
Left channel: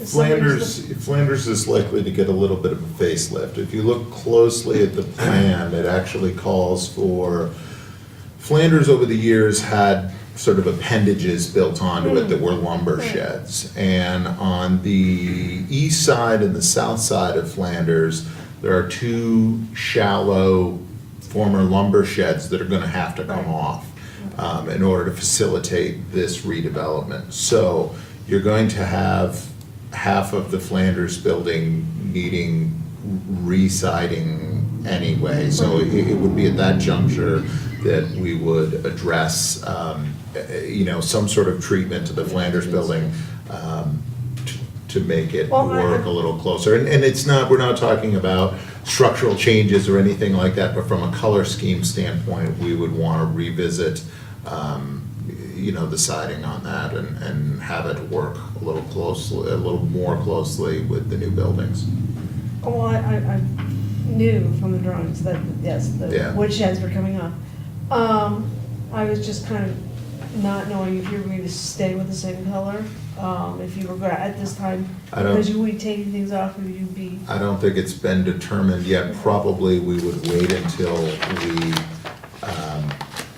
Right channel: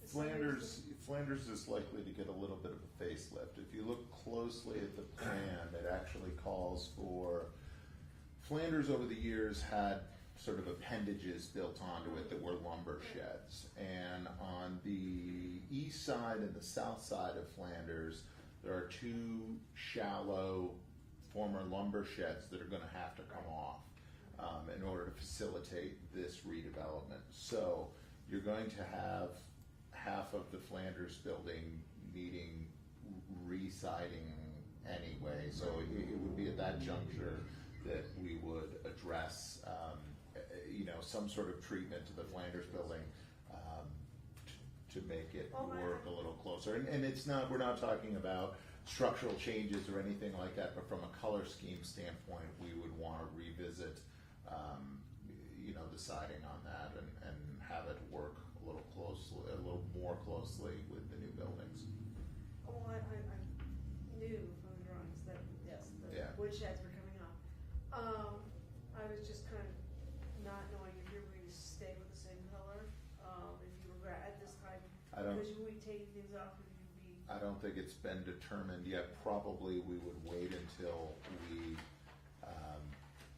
if somebody's Flanders is likely to get a little bit of a facelift. If you look closely at the plan, it actually calls for, Flanders over the years had sort of appendages built onto it that were lumber sheds. And on the east side and the south side of Flanders, there are two shallow former lumber sheds that are gonna have to come off in order to facilitate this redevelopment. So you're going to have half of the Flanders building needing re-siding anyway. So it would be at that juncture that we would address, some sort of treatment to the Flanders building to make it Well, work a little closer. And it's not, we're not talking about structural changes or anything like that, but from a color scheme standpoint, we would want to revisit, the siding on that and have it work a little more closely with the new buildings. Well, I knew from the drawings that, yes, the Yeah. wood sheds were coming up. I was just kind of not knowing if you were going to stay with the same color, if you were going, at this time, I don't- because you would be taking things off, or you'd be, I don't think it's been determined yet. Probably we would wait until we,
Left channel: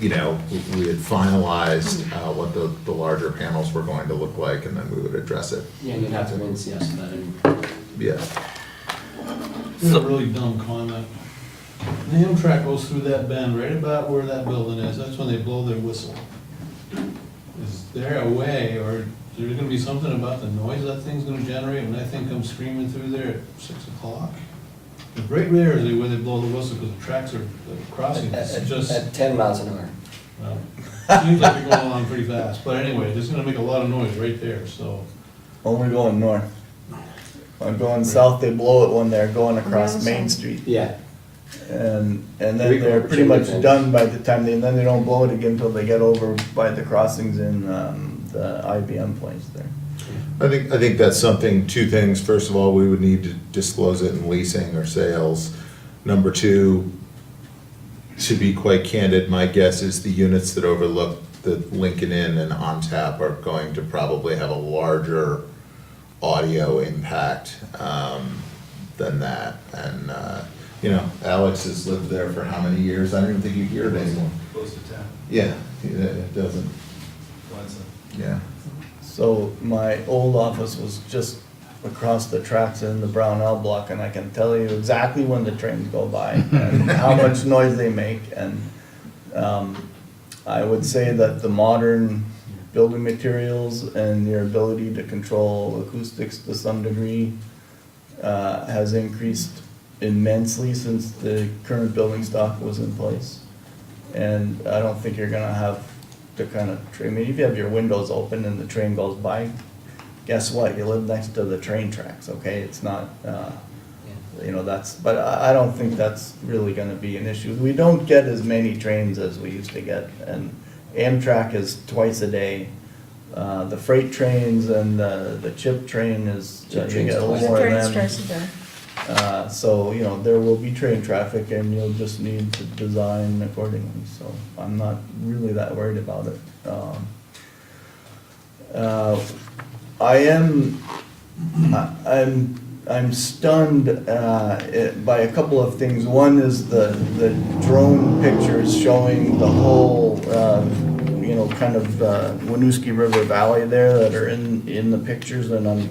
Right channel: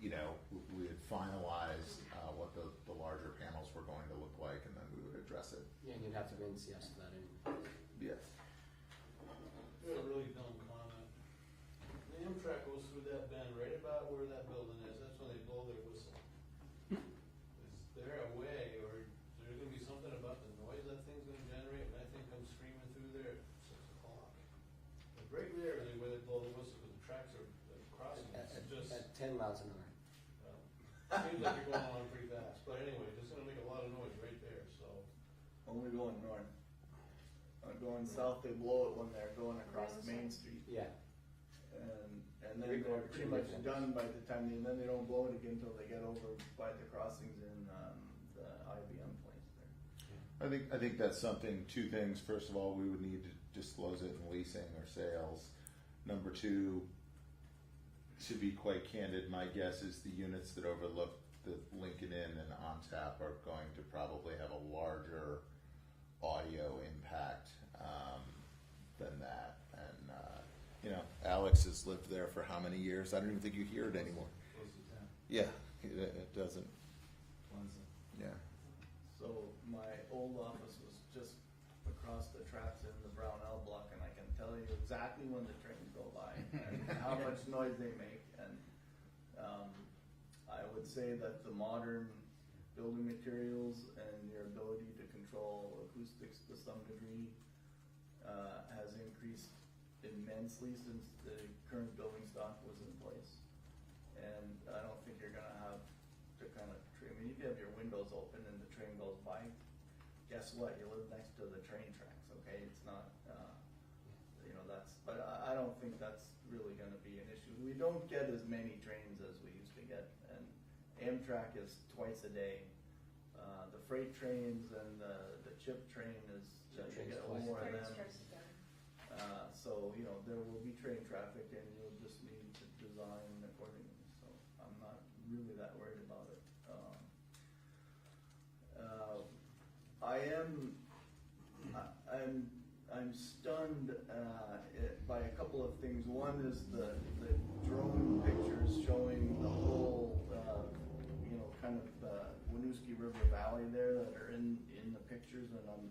we had finalized what the larger panels were going to look like, and then we would address it. Yeah, you'd have to wait and see us that anyway. Yeah. It's a really dumb comment. The Amtrak goes through that bend right about where that building is, that's when they blow their whistle. Is there a way, or is there gonna be something about the noise that thing's gonna generate when I think I'm screaming through there at 6 o'clock? The right there is where they blow the whistle, because the tracks are, the crossing, it's just, At 10 miles an hour. well, seems like they're going along pretty fast, but anyway, it's gonna make a lot of noise right there, so. Only going north. When going south, they blow it when they're going On the across other Main side. Street. Yeah. And We then go they're over pretty much Chimney done by the time and then they don't blow it again until they get over by the crossings in, the IBM place there. I think that's something, two things. First of all, we would need to disclose it in leasing or sales. Number two, to be quite candid, my guess is the units that overlook the Lincoln Inn and On Tap are going to probably have a larger audio impact than that. And, Alex has lived there for how many years? I don't even think you hear it anymore. Close to 10. Yeah, it doesn't, yeah. So my old office was just across the tracks in the Brownell block, and I can tell you exactly when the trains go by and how much noise they make. And I would say that the modern building materials and your ability to control acoustics to some degree has increased immensely since the current building stock was in place. And I don't think you're gonna have the kind of, I mean, if you have your windows open and the train goes by, guess what? You live next to the train tracks, okay? It's not, but I don't think that's really gonna be an issue. We don't get as many trains as we used to get, and Amtrak is twice a day. The freight trains and the chip train is, you Chip get a train's little twice. more train of them. strikes again. So, there will be train traffic and you'll just need to design accordingly, so I'm not really that worried about it. I'm stunned by a couple of things. One is the drone pictures showing the whole, kind of Winooski River Valley there that are in the pictures, and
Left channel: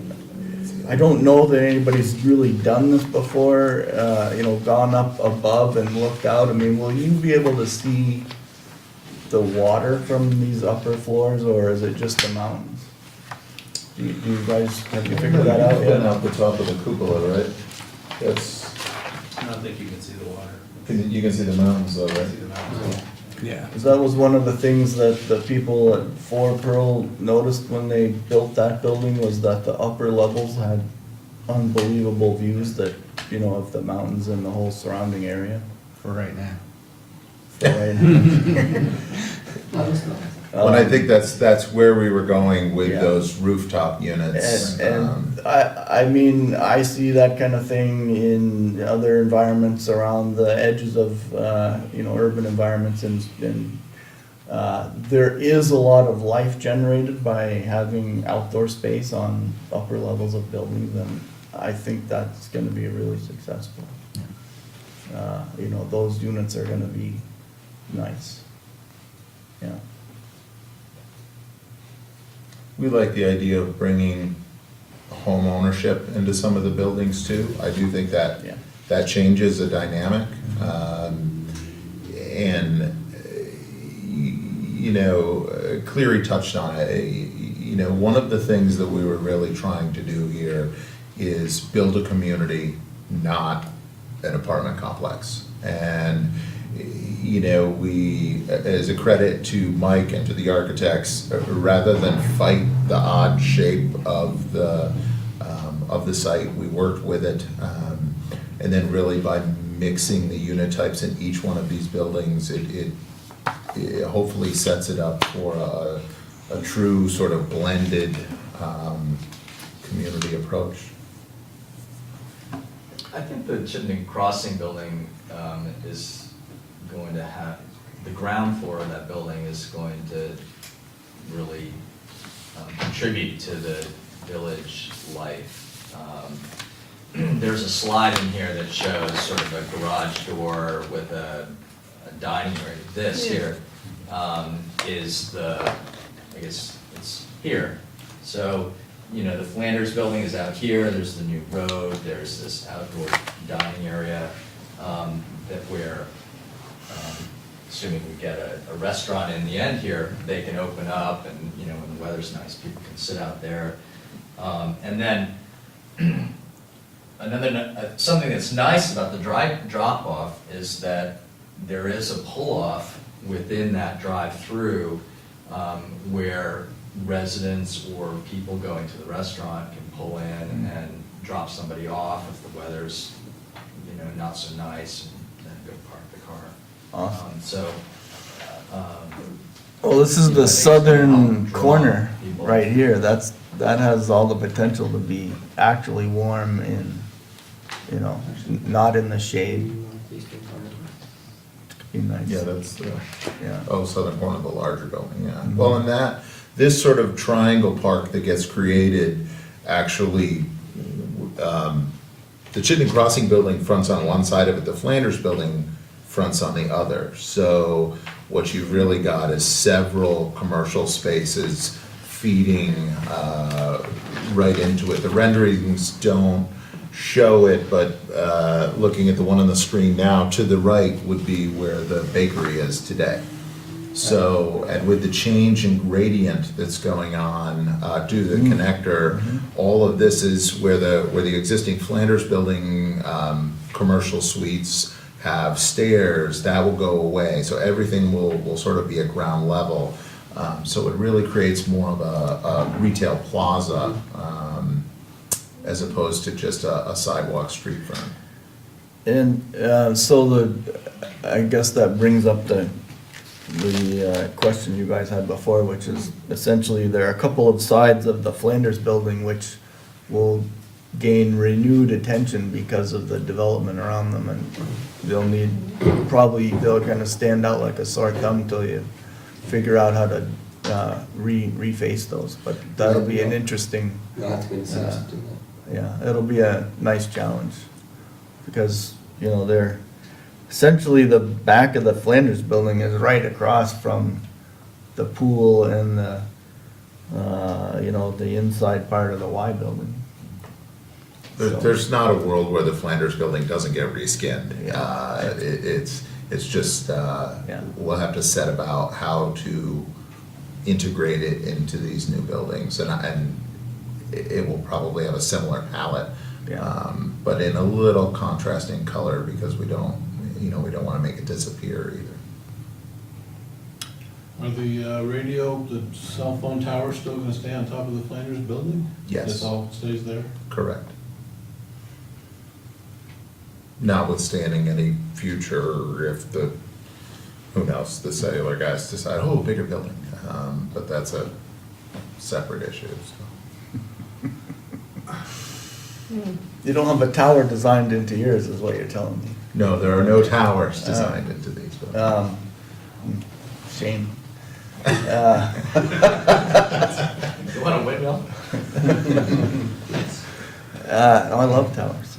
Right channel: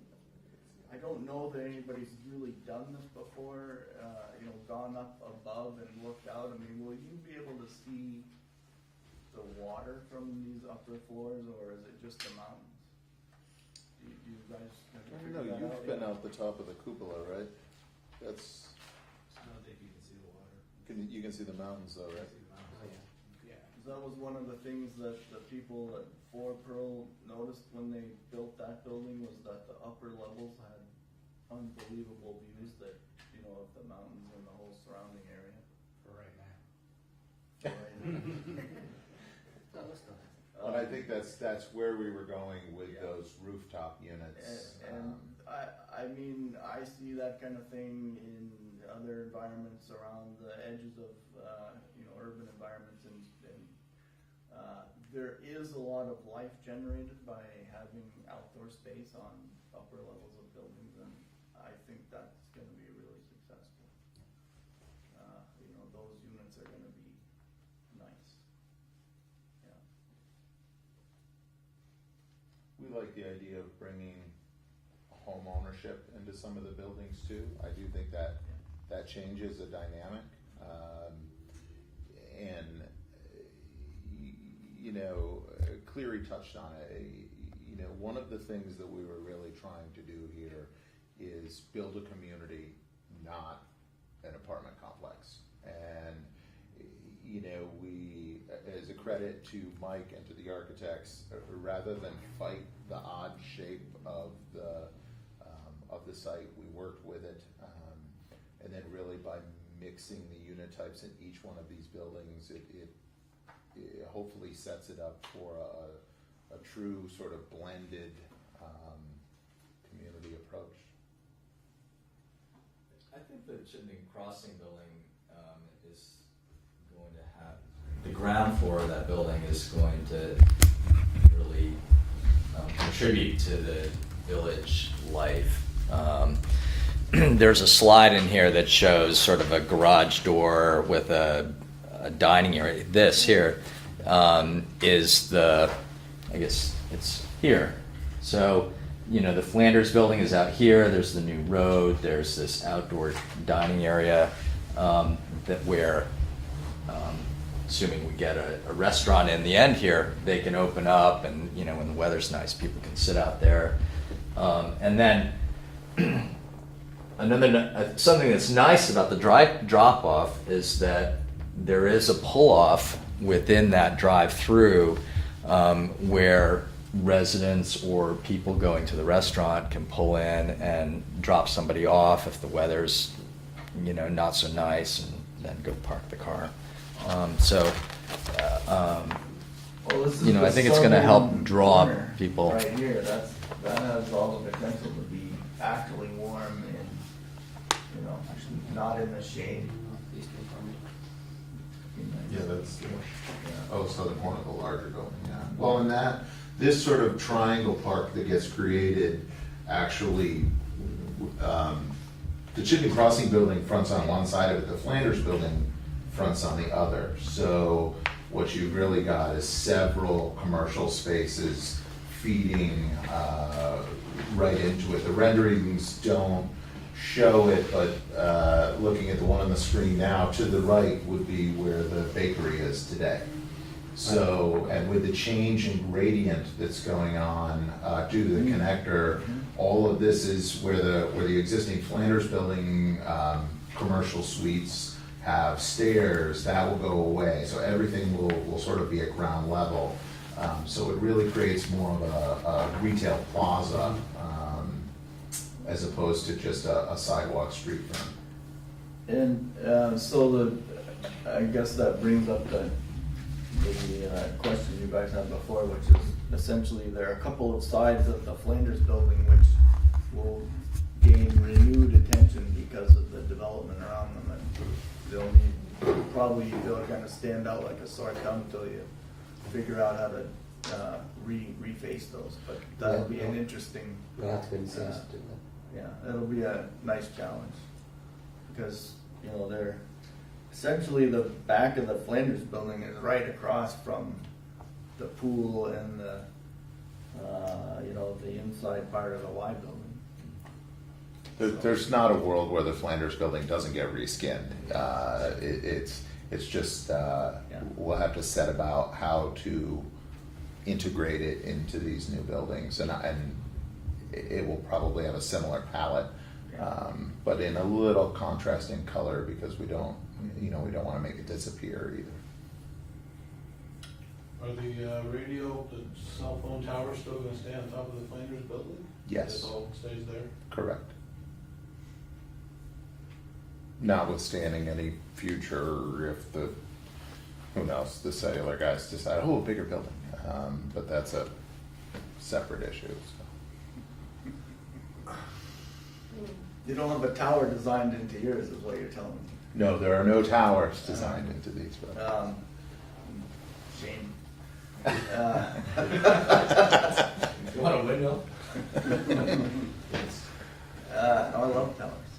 I don't know that anybody's really done this before, gone up above and looked out. I mean, will you be able to see the water from these upper floors, or is it just the mountains? Do you guys, have you figured that out Putting yet? out the top of the cupola, right? That's, I don't think you can see the water. you can see the mountains though, right? See the mountains. Yeah. 'Cause that was one of the things that the people at Four Pearl noticed when they built that building, was that the upper levels had unbelievable views that, you know, of the mountains and the whole surrounding area. For right now. Right. Well, I think that's where we were going with Yeah. those rooftop units. And I mean, I see that kind of thing in other environments around the edges of, you know, urban environments, and there is a lot of life generated by having outdoor space on upper levels of buildings, and I think that's gonna be really successful. You know, those units are gonna be nice, yeah. We like the idea of bringing home ownership into some of the buildings too. I do think that Yeah. that changes the dynamic. And, you know, Cleary touched on it. You know, one of the things that we were really trying to do here is build a community, not an apartment complex. And, you know, we, as a credit to Mike and to the architects, rather than fight the odd shape of the site, we worked with it. And then really by mixing the unit types in each one of these buildings, it hopefully sets it up for a true sort of blended community approach. I think the Chittenden Crossing building is going to have, the ground floor of that building is going to really contribute to the village life. There's a slide in here that shows sort of a garage door with a dining area. This here is the, I guess it's here. So, you know, the Flanders building is out here, there's the new road, there's this outdoor dining area that where, assuming we get a restaurant in the end here, they can open up and, you know, when the weather's nice, people can sit out there. And then something that's nice about the drop-off is that there is a pull-off within that drive-through where residents or people going to the restaurant can pull in and drop somebody off if the weather's, you know, not so nice, and then go park the car. Well, this is You know, the I think it's gonna help southern draw corner, people. right here, that has all the potential to be actually warm in, you know, not in the shade. Be nice. Yeah, that's the, Yeah. southern corner of the larger building, yeah. Well, and this sort of triangle park that gets created, actually, the Chittenden Crossing building fronts on one side of it, the Flanders building fronts on the other. So what you've really got is several commercial spaces feeding right into it. The renderings don't show it, but looking at the one on the screen now, to the right would be where the bakery is today. So, and with the change in gradient that's going on due to the connector, all of this is where the existing Flanders building commercial suites have stairs, that will go away. So everything will sort of be at ground level. So it really creates more of a retail plaza as opposed to just a sidewalk street front. And so I guess that brings up the question you guys had before, which is essentially there are a couple of sides of the Flanders building which will gain renewed attention because of the development around them, and they'll kind of stand out like a sore thumb till you figure out how to reface those, but that'll be an interesting, You'll have to be incentive to do that. yeah, it'll be a nice challenge, because, you know, they're, essentially the back of the Flanders building is right across from the pool and the, you know, the inside part of the Y building. There's not a world where the Flanders building doesn't get reskinned. Yeah. It's just, Yeah. we'll have to set about how to integrate it into these new buildings. And it will probably have a similar palette. Yeah. But in a little contrasting color, because we don't wanna make it disappear either. Are the radio, the cell phone tower still gonna stay on top of the Flanders building? Yes. This all stays there? Correct. Notwithstanding any future, if who knows, the cellular guys decide, oh, bigger building, but that's a separate issue, so. You don't have a tower designed into yours, is what you're telling me. No, there are no towers designed into these buildings. Shame. You want a windmill? I love towers.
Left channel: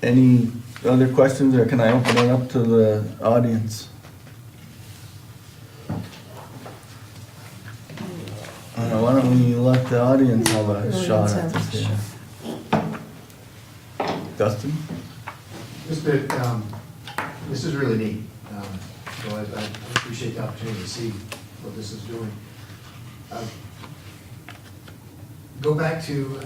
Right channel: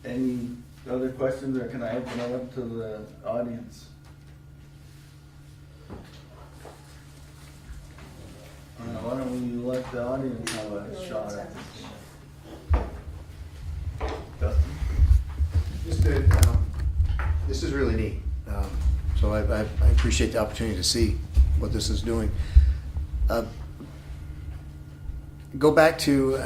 Any other questions, or can I open it up to the audience? Why don't we let the audience have a shot at this here? Dustin? Just that, this is really neat, so I appreciate the opportunity to see what this is doing. Go back to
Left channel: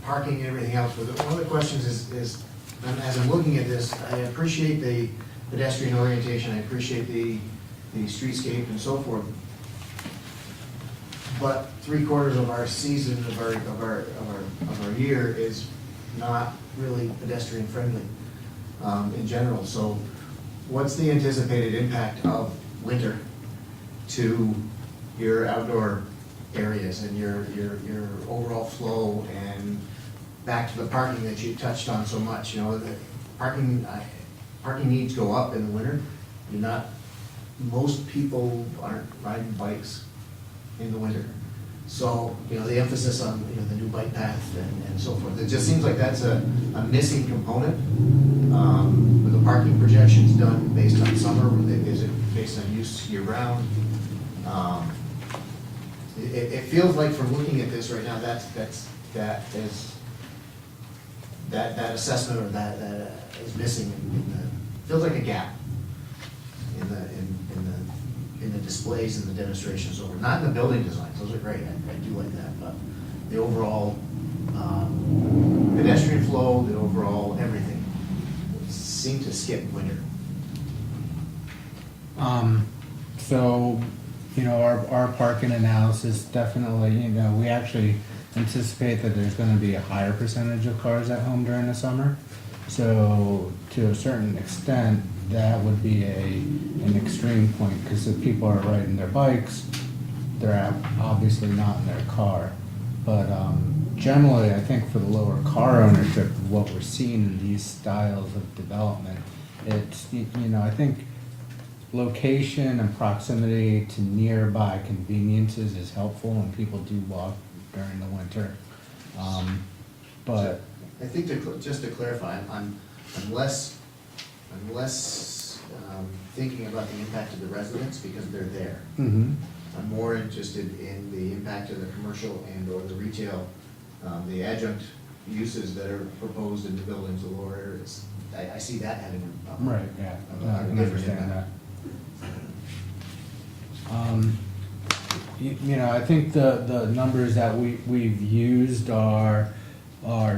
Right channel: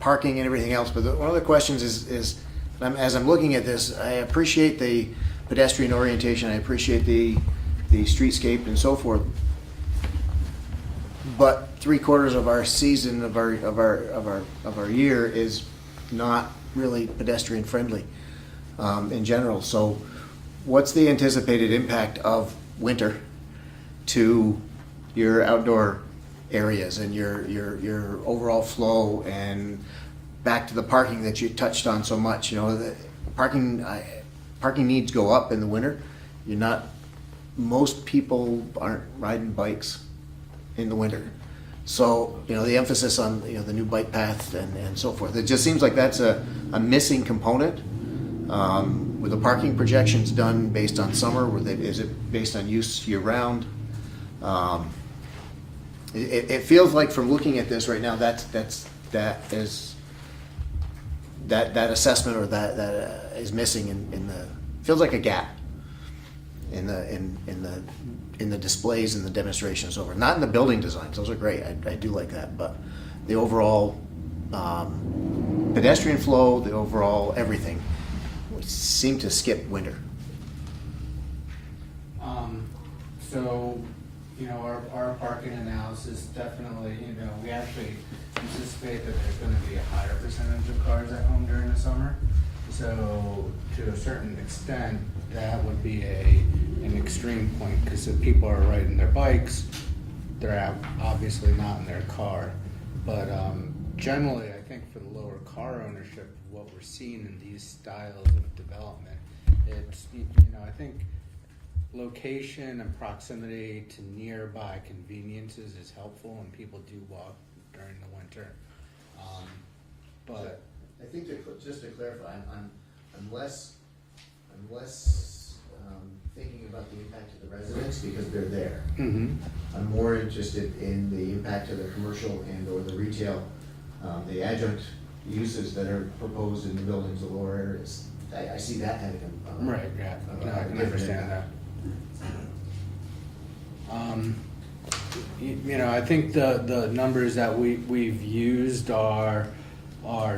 parking and everything else, but one of the questions is, as I'm looking at this, I appreciate the pedestrian orientation, I appreciate the streetscape and so forth, but 3/4 of our season, of our year is not really pedestrian friendly in general. So what's the anticipated impact of winter to your outdoor areas and your overall flow, and back to the parking that you touched on so much? The parking needs go up in the winter. Most people aren't riding bikes in the winter. So, the emphasis on, the new bike path and so forth, it just seems like that's a missing component. Were the parking projections done based on summer? Is it based on use year round? It feels like, from looking at this right now, that assessment, or that is missing in the, feels like a gap in the displays and the demonstrations over. Not in the building designs, those are great, I do like that, but the overall pedestrian flow, the overall everything seemed to skip winter. So, our parking analysis definitely, we actually anticipate that there's gonna be a higher percentage of cars at home during the summer. So, to a certain extent, that would be an extreme point, because if people are riding their bikes, they're obviously not in their car. But generally, I think for the lower car ownership, what we're seeing in these styles of development, it's, I think location and proximity to nearby conveniences is helpful when people do walk during the winter. But I think just to clarify, I'm less thinking about the impact of the residents, because they're there. mhm. I'm more interested in the impact of the commercial and or the retail, the adjunct uses that are proposed in the buildings, the lower areas. I see that having a Right, yeah, a no, I can different understand impact. that. I think the numbers that we've used are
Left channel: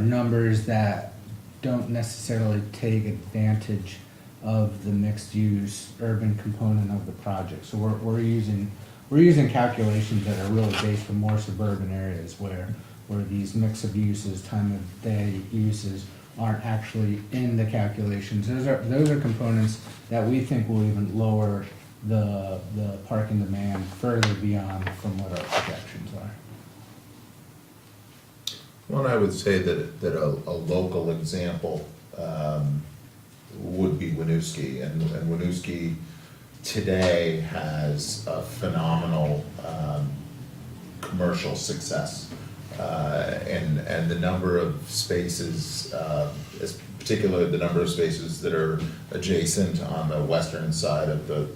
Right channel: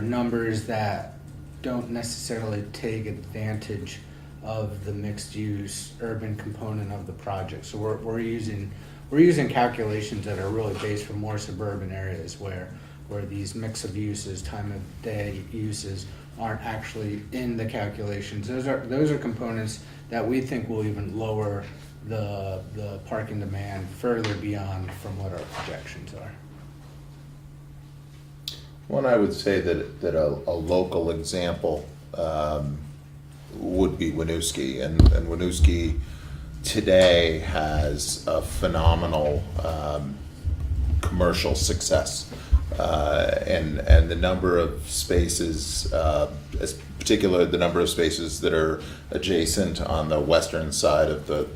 numbers that don't necessarily take advantage of the mixed-use urban component of the project. So we're using calculations that are really based for more suburban areas where these mix of uses, time of day uses aren't actually in the calculations. Those are components that we think will even lower the parking demand further beyond from what our projections are. One, I would say that a local example would be Winooski, and Winooski today has a phenomenal commercial success, and the number of spaces, particularly the number of spaces that are adjacent on the western side of the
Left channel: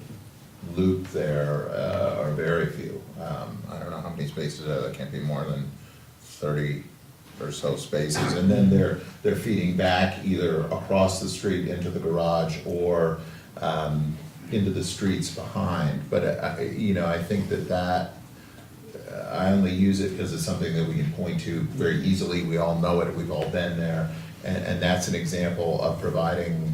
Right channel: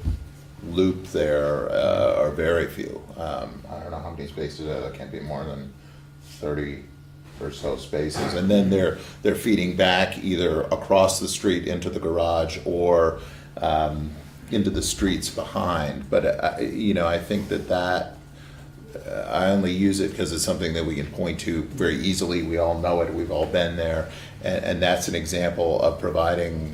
loop there are very few. I don't know how many spaces are there, can't be more than 30 or so spaces, and then they're feeding back either across the street into the garage or into the streets behind. But I think that I only use it because it's something that we can point to very easily. We all know it, we've all been there. And that's an example of providing,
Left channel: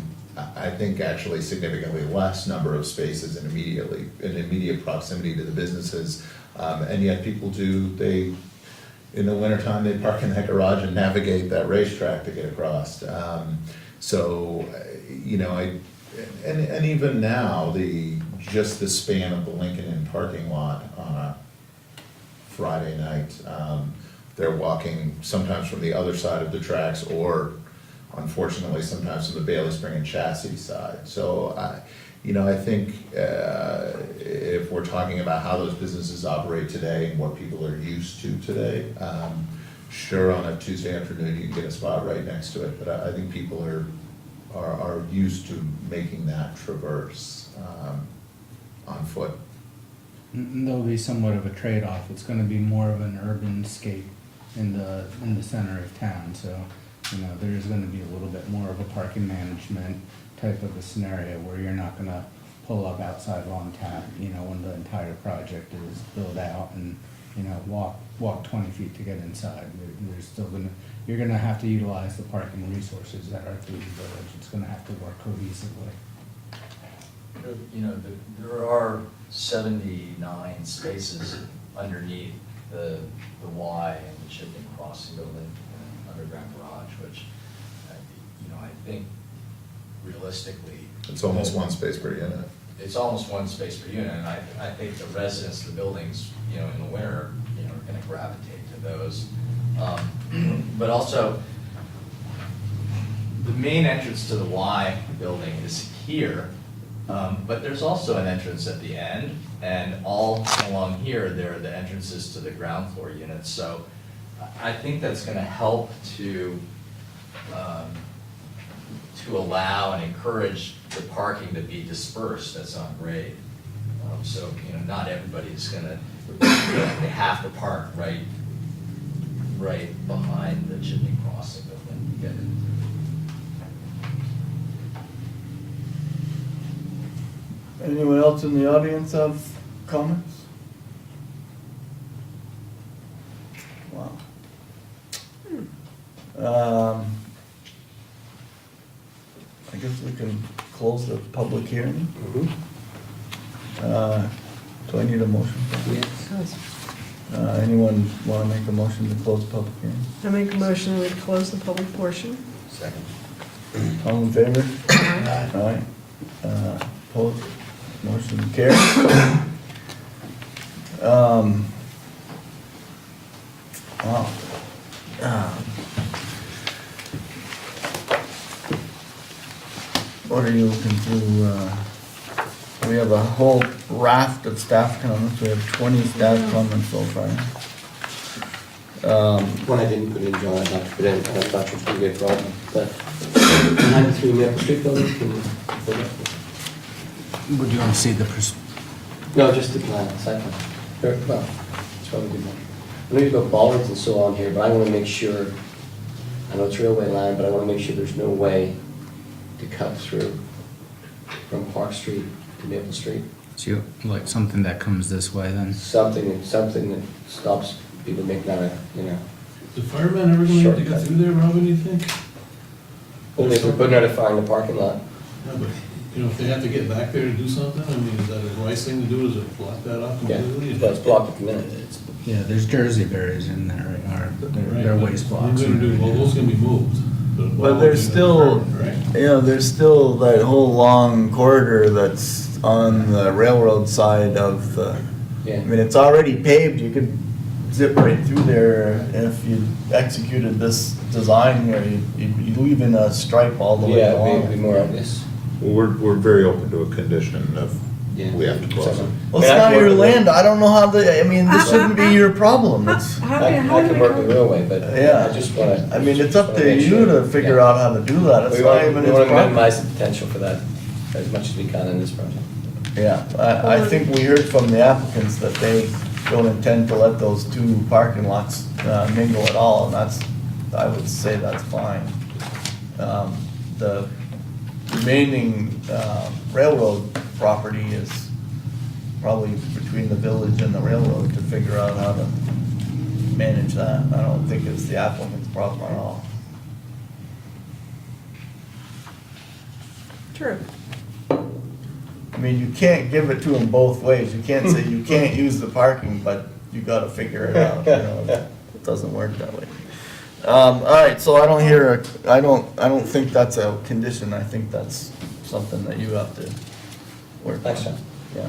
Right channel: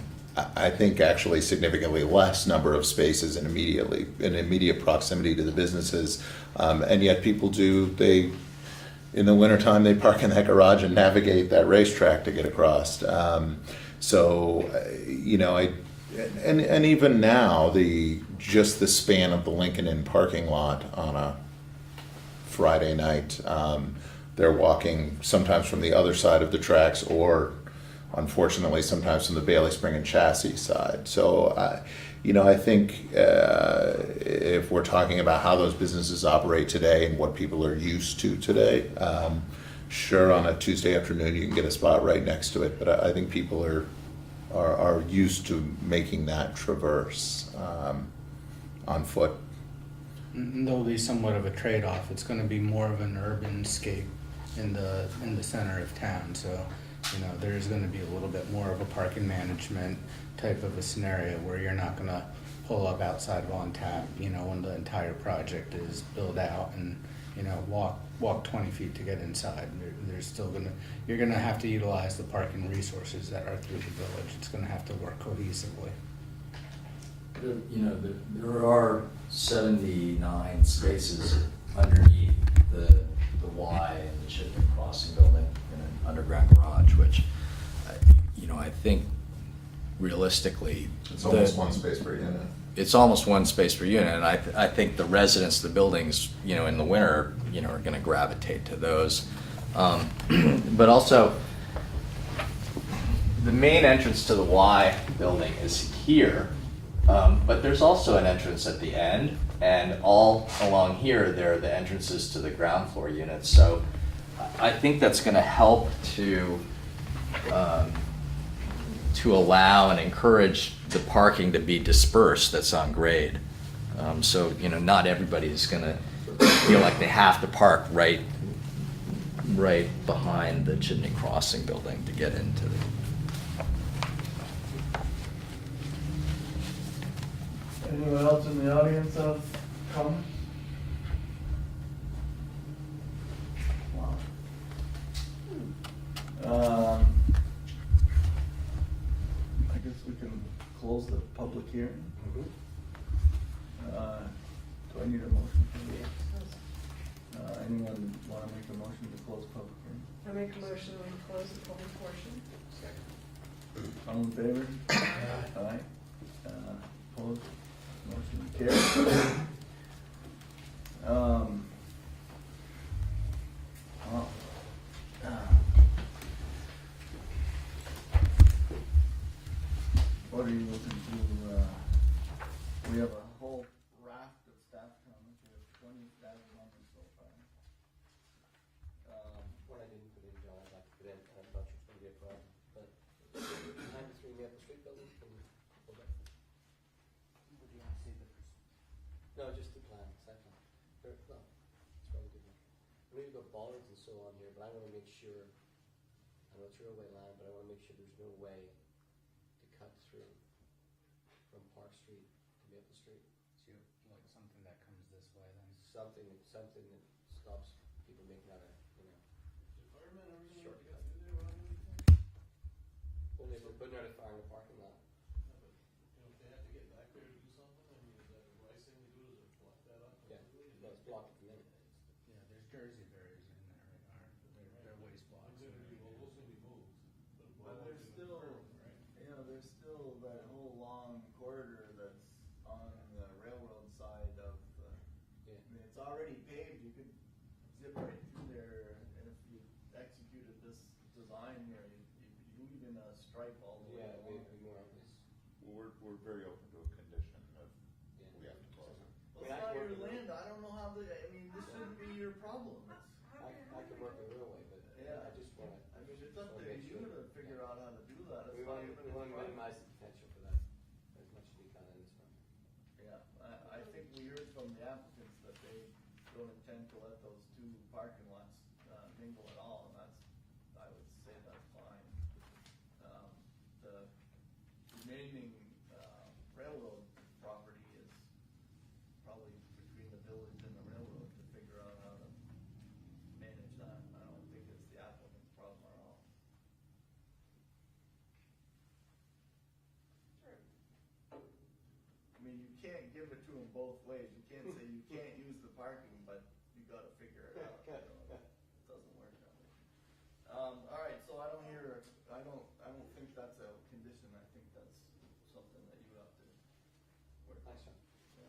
I think, actually significantly less number of spaces in immediate proximity to the businesses. And yet people in the wintertime, they park in that garage and navigate that racetrack to get across. And even now, just the span of the Lincoln Inn parking lot on a Friday night, they're walking sometimes from the other side of the tracks, or unfortunately, sometimes from the Bailey Spring and Chassis side. So, I think if we're talking about how those businesses operate today and what people are used to today, sure, on a Tuesday afternoon, you can get a spot right next to it, but I think people are used to making that traverse on foot. And there'll be somewhat of a trade-off. It's gonna be more of an urban scape in the center of town, so, there's gonna be a little bit more of a parking management type of a scenario where you're not gonna pull up outside of on tap, when the entire project is built out and, walk 20 feet to get inside. There's still you're gonna have to utilize the parking resources that are through the village. It's gonna have to work cohesively. There are 79 spaces underneath the Y and the shipping crossing building and an underground garage, which, I think realistically. It's almost one space per unit. It's almost one space per unit, and I think the residents of the buildings, in the winter, are gonna gravitate to those. But also, the main entrance to the Y building is here, but there's also an entrance at the end, and all along here, there are the entrances to the ground floor units. So I think that's gonna help to allow and encourage the parking to be dispersed that's on grade. So, not everybody's gonna feel like they have to park right behind the chimney crossing building to get into it. Anyone else in the audience have comments? Wow. I guess we can close the public hearing. Do I need a motion? Anyone want to make a motion to close the public hearing? I make a motion to close the public portion. Second. All in favor? Aye. Opposed? Motion carries. Wow. What are you looking through? We have a whole raft of staff comments. We have 20 staff comments so far. One I didn't put in, John, I'd like to put in, and I'm not sure it's gonna be a problem, but 93 Maple Street building, can you put it? Would you wanna see the No, just the plan, site plan. Well, it's probably good enough. I know you've got bollards and so on here, but I wanna make sure, I know it's railway line, but I wanna make sure there's no way to cut through from Park Street to Maple Street. So you, like something that comes this way then? Something that stops people making that, The firemen ever gonna have to get Shortcut. through there, Robin, you think? only if we're putting out a fire in the parking lot. No, but, if they have to get back there to do something, I mean, is that a wise thing to do, is it block that off Yeah, completely? but it's blocked at the minute. Yeah, there's Jersey berries in there, or Right, they're but waste what blocks. are you gonna do? Well, those can be moved. but Well, why there's would you still, have to burn, right? there's still that whole long corridor that's on the railroad side of the, Yeah. I mean, it's already paved, you could zip right through there if you executed this design where you leave in a stripe all the way Yeah, it'd be along. more obvious. We're very open to a condition of, Yeah. we have to close it. Well, it's not your land, I don't know how I mean, this shouldn't be your problem, it's, How I do can work with railway, but Yeah. I just wanna. I mean, it's up wanna to make you sure. to figure Yeah. out how to do that, it's We not want, even we his want to problem. minimize the potential for that as much as we can in this project. Yeah, I think we heard from the applicants that they don't intend to let those two parking lots mingle at all, and I would say that's fine. The remaining railroad property is probably between the village and the railroad to figure out how to manage that. I don't think it's the applicant's problem at all. True. I mean, you can't give it to them both ways. You can't say you can't use the parking, but you gotta figure it out, you know? It doesn't work that way. All right, so I don't think that's a condition. I think that's something that you have to work on. Thanks, John. Yeah.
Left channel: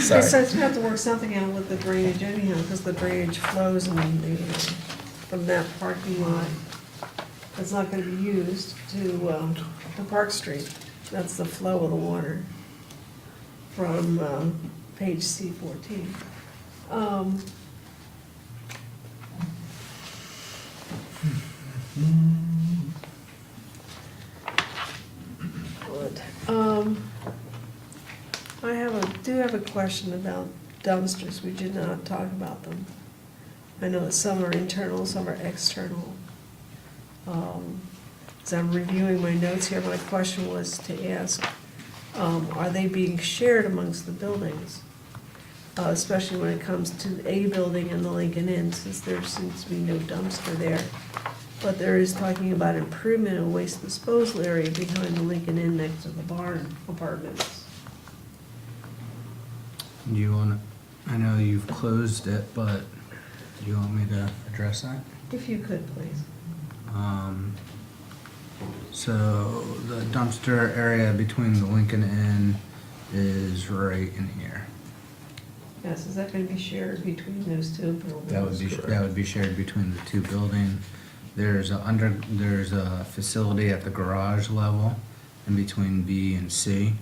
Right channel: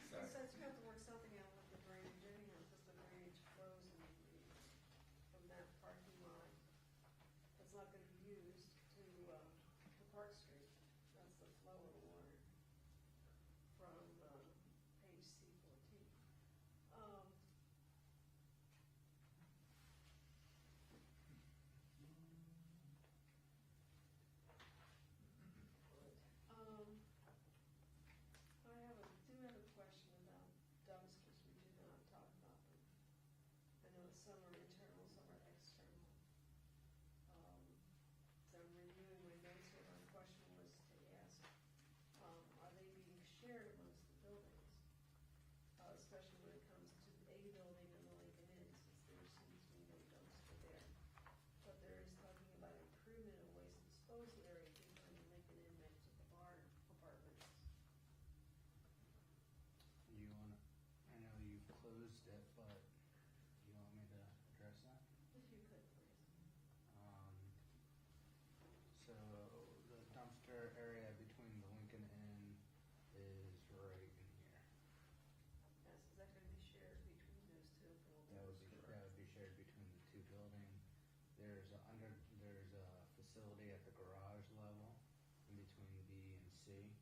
So Sorry. you have to work something out with the drainage anyhow, because the drainage flows from that parking lot. It's not gonna be used to Park Street. That's the flow of the water from page C14. Good. Do have a question about dumpsters. We did not talk about them. I know that some are internal, some are external. As I'm reviewing my notes here, my question was to ask, are they being shared amongst the buildings? Especially when it comes to A building and the Lincoln Inn, since there seems to be no dumpster there. But there is talking about improvement of waste disposal area behind the Lincoln Inn next to the barn apartments. Do you wanna, I know you've closed it, but do you want me to address that? If you could, please. So the dumpster area between the Lincoln Inn is right in here. Yes, is that gonna be shared between those two buildings? That would be shared between the two buildings. There's a facility at the garage level in between B and C.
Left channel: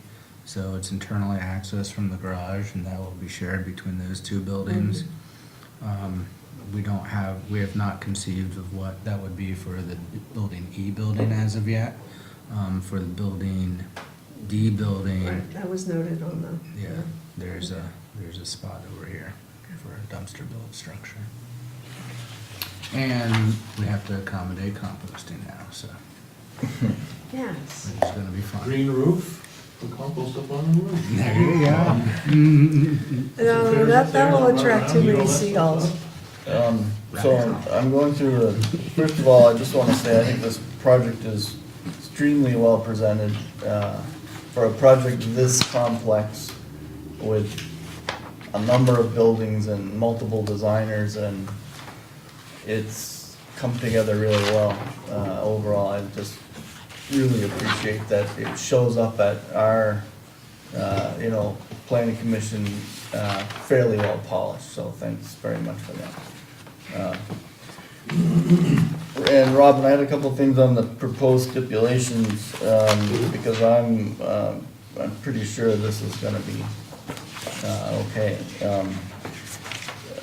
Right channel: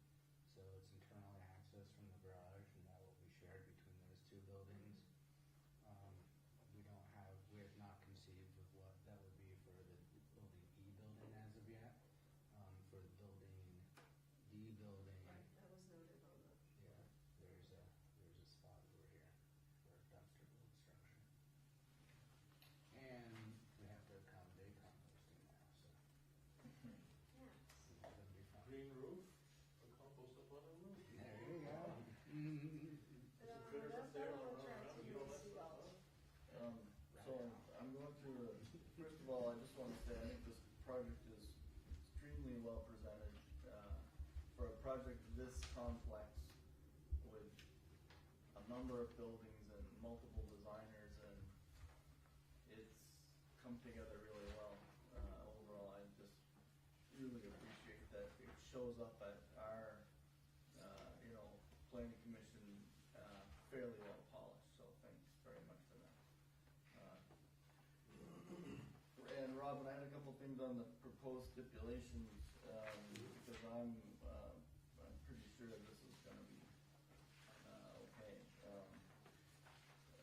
So it's internally accessed from the garage, and that will be shared between those two buildings. We have not conceived of what that would be for the building E building as of yet. For the building D building, Right, that was noted on the. yeah, there's a spot over here for a dumpster built structure. And we have to accommodate composting now, so Yes. it's gonna be fun. Green roof, put compost up on the roof. There you go. No, that will attract too many seagulls. So I'm going through, first of all, I just wanna say, I think this project is extremely well presented, for a project this complex with a number of buildings and multiple designers, and it's come together really well. Overall, I just really appreciate that it shows up at our, planning commission, fairly well polished, so thanks very much for that. And Robin, I had a couple things on the proposed stipulations, because I'm pretty sure this is gonna be, okay.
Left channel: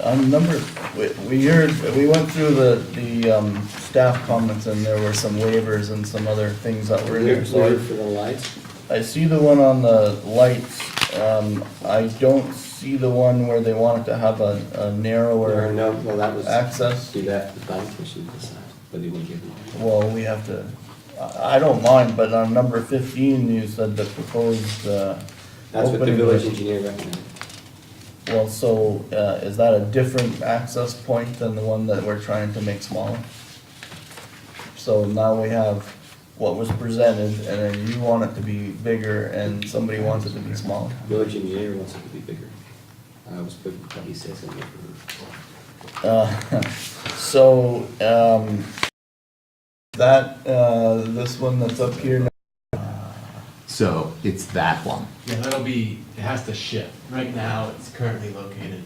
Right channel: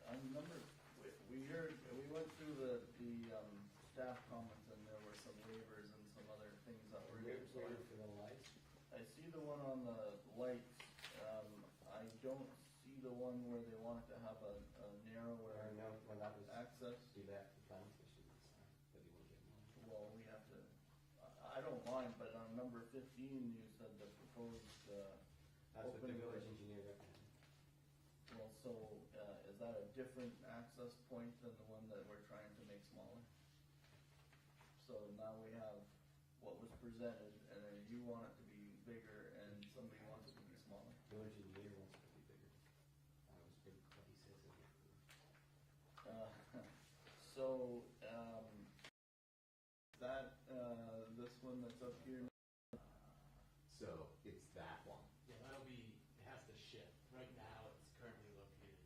On we went through the staff comments, and there were some waivers and some other things that were in there, so Waiver for the lights? I see the one on the lights. I don't see the one where they wanted to have a narrower No, well, that was, access. do that, the planning commission decide whether you want to give them. Well, we have to, I don't mind, but on number 15, you said the proposed, That's what the opening village was- engineer recommended. Well, so, is that a different access point than the one that we're trying to make smaller? So now we have what was presented, and then you want it to be bigger, and somebody wants it to be smaller. Village engineer wants it to be bigger. I was putting what he says in there. So, this one that's up here now. So it's that one. Yeah, it has to shift. Right now, it's currently located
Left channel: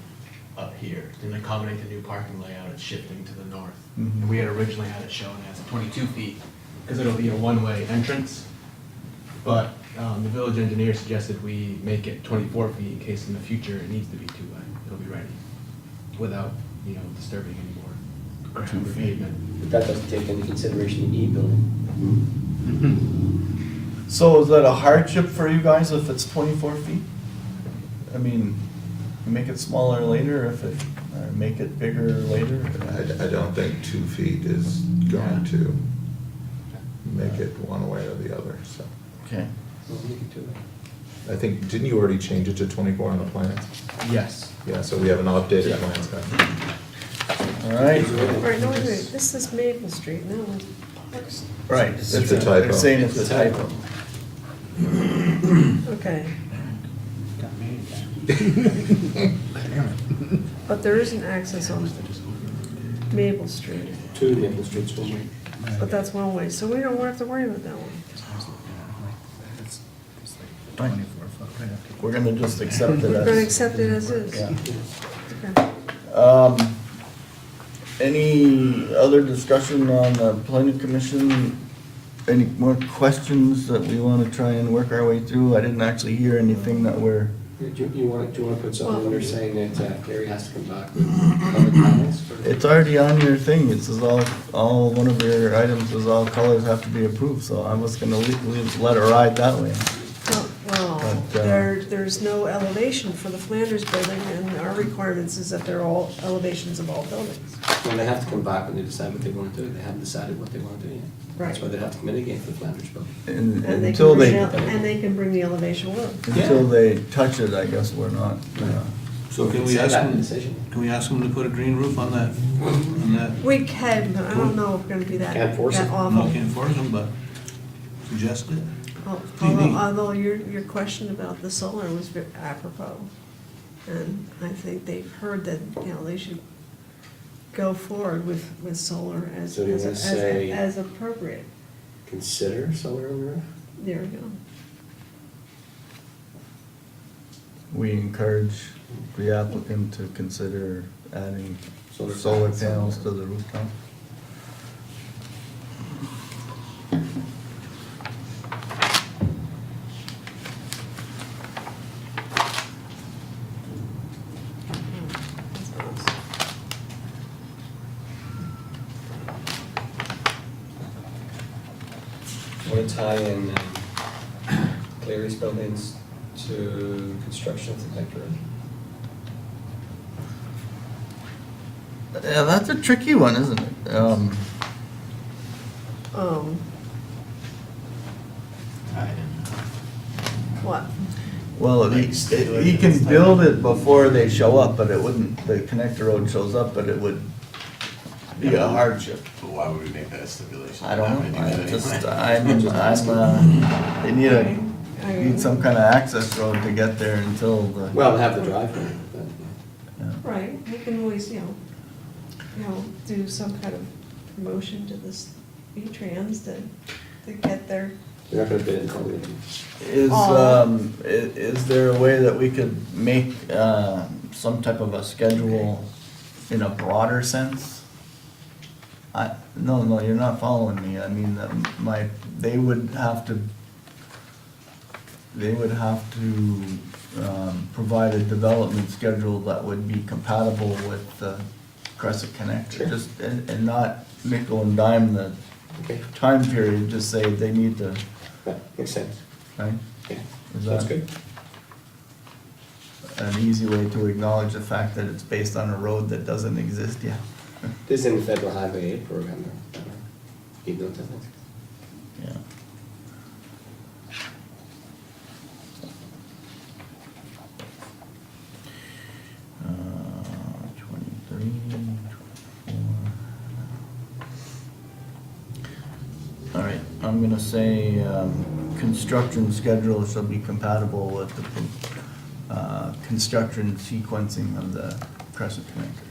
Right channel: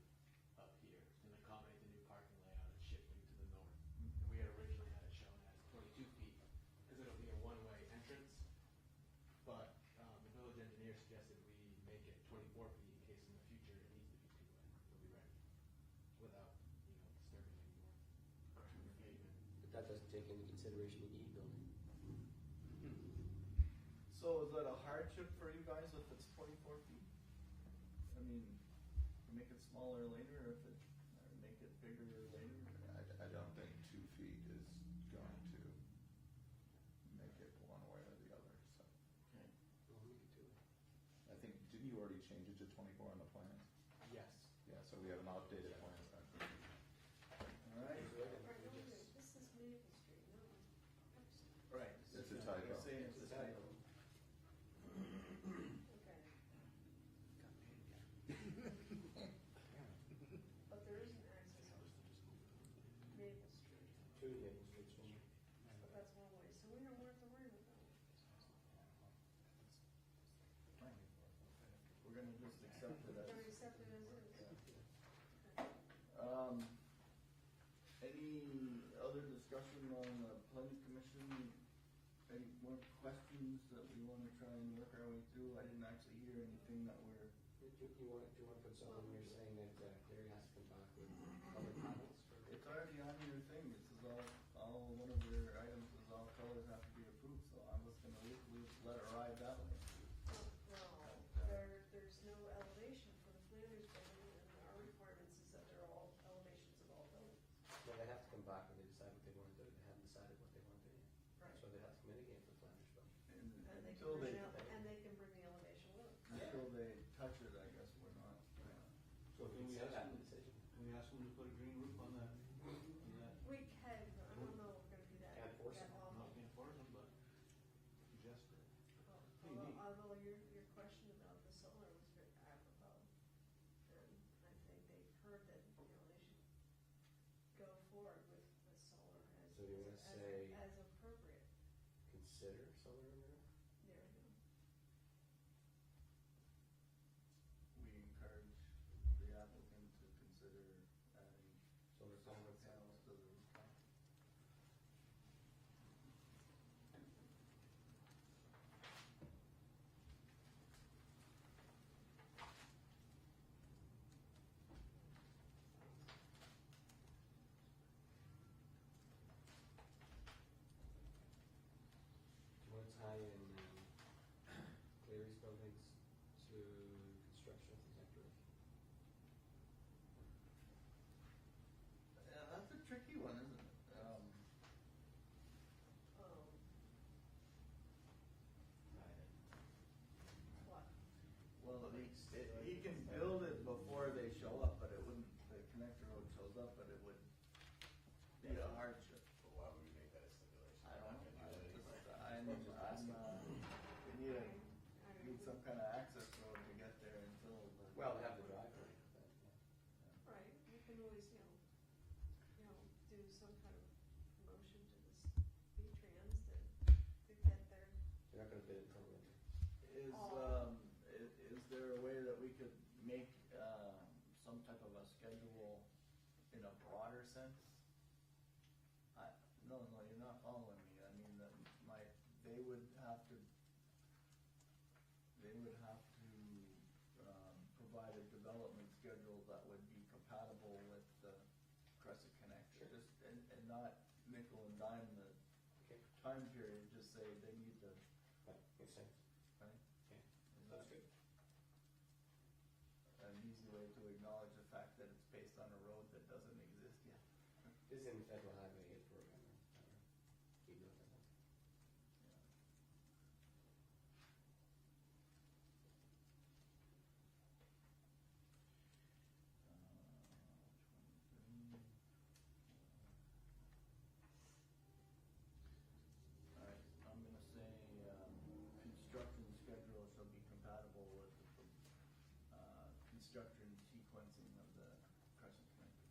up here. To accommodate the new parking layout, it's shifting to the north. Mhm. And we had originally had it shown as 22 feet, because it'll be a one-way entrance. But the village engineer suggested we make it 24 feet in case in the future it needs to be two-way. It'll be ready, without, disturbing any more ground or pavement. But that doesn't take into consideration the E building. So is that a hardship for you guys if it's 24 feet? I mean, you make it smaller later or make it bigger later? I don't think 2 feet is going to make it one way or the other, so. Okay. Well, we can do it. I think, didn't you already change it to 24 on the plans? Yes. Yeah, so we have an updated plans copy. All right, Right, no, wait, this is Maple Street, no, it's Parks. right. It's That's a it. typo. They're saying it's a typo. Okay, Got me again. but there is an access on Maple Street, Two Maple Street's one way. but that's one way, so we don't have to worry about that one. Right. We're gonna just accept it We're gonna as. accept it as is. Yeah. Okay. Any other discussion on the planning commission? Any more questions that we wanna try and work our way through? I didn't actually hear anything that we're, Do you want to put something in there saying that Gary has to come back with color comments? it's already on your thing. It says all, one of your items is all colors have to be approved, so I was gonna let it ride that way. Well, But, there's no elevation for the Flanders building, and our requirements is that they're all elevations of all buildings. Well, they have to come back when they decide what they want to do. They haven't decided what they want to do yet. That's why Right. they have to come in again for the Flanders building. And And they until can bring they, el- and they can bring the elevation with them. until they touch it, I guess we're not, So can we Say ask that in the them, decision. can we ask them to put a green roof on that? We can, but I don't know if it's gonna be that, Can't force that it. awful. No, can't force them, but suggest it. Although your question about the solar was apropos. And I think they've heard that, you know, they should go forward with solar as, So do you as, wanna as say- as appropriate. Consider solar on the roof? There we go. we encourage the applicant to consider adding Solar solar panels. panels to the rooftop. That's awesome. Want to tie in Clary's buildings to construction of the Vector? Yeah, that's a tricky one, isn't it? What? Well, he can build it before they show up, but it wouldn't, the connector road shows up, but it would be a hardship. But why would we make that a stipulation? I don't We're know, not gonna I do just, that anyway. they need some kind of access road to get there until the. Well, they have the driveway, but, Yeah. Right, we can always, you know, do some kind of promotion to this V-Trans to get their, you're not gonna bid until we. Is there a way that we could make, some type of a schedule in a broader sense? No, you're not following me, I mean, they would have to provide a development schedule that would be compatible with the Crescent Connector, Sure. just, and not nickel and dime the Okay, time period, just say they need to, that makes sense. right? Yeah, Is that's that good. an easy way to acknowledge the fact that it's based on a road that doesn't exist yet? This is in the Federal Highway 8 program, though. Keep note of that. Yeah. Uh, 23, 24. All right, I'm gonna say, construction schedule shall be compatible with the, construction sequencing of the Crescent Connector.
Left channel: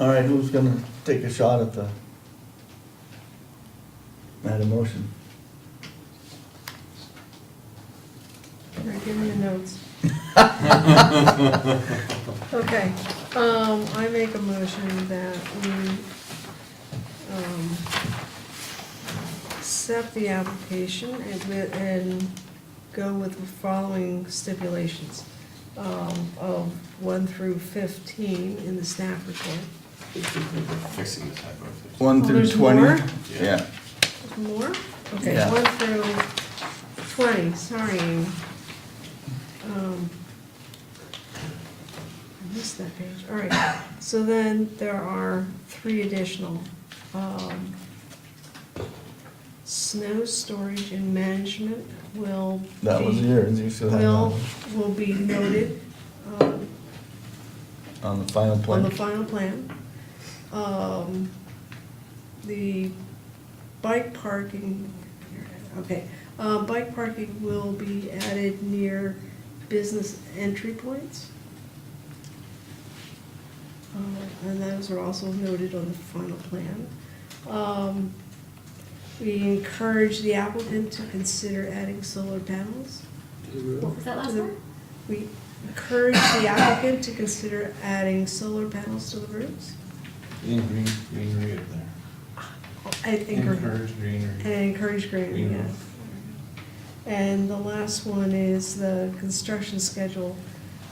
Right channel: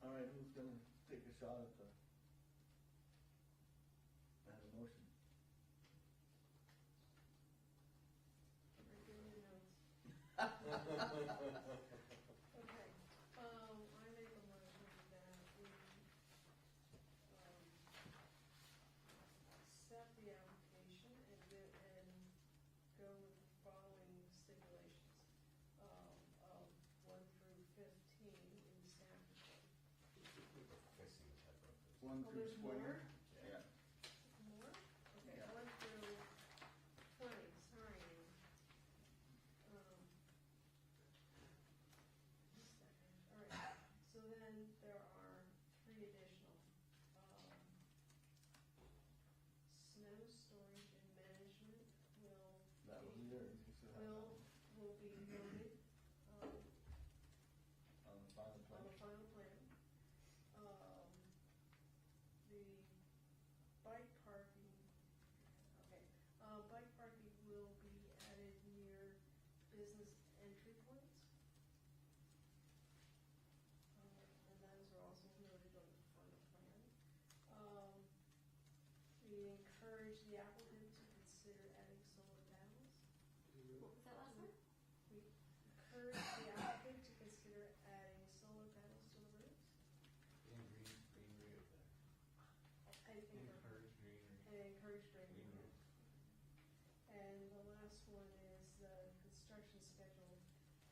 All right, who's gonna take a shot at that motion? here, give me the notes. Okay, I make a motion that we, accept the application and go with the following stipulations, of 1 through 15 in the staff report. Fixing the typo. One Oh, through there's 20? more? Yeah. There's couple more? Okay, Yeah. 1 through 20, sorry. I missed that page, all right. So then there are 3 additional. Snow storage and management will That was be, yours, you still have that will be noted, on the final on plan. the final plan. The bike parking, okay, bike parking will be added near business entry points. And those are also noted on the final plan. We encourage the applicant to consider adding solar panels. What was that last to the- part? We encourage the applicant to consider adding solar panels to the roofs. Greenery up there. I encourage, Encourage greenery. and encourage greenery, Green yes. roof. And the last one is the construction schedule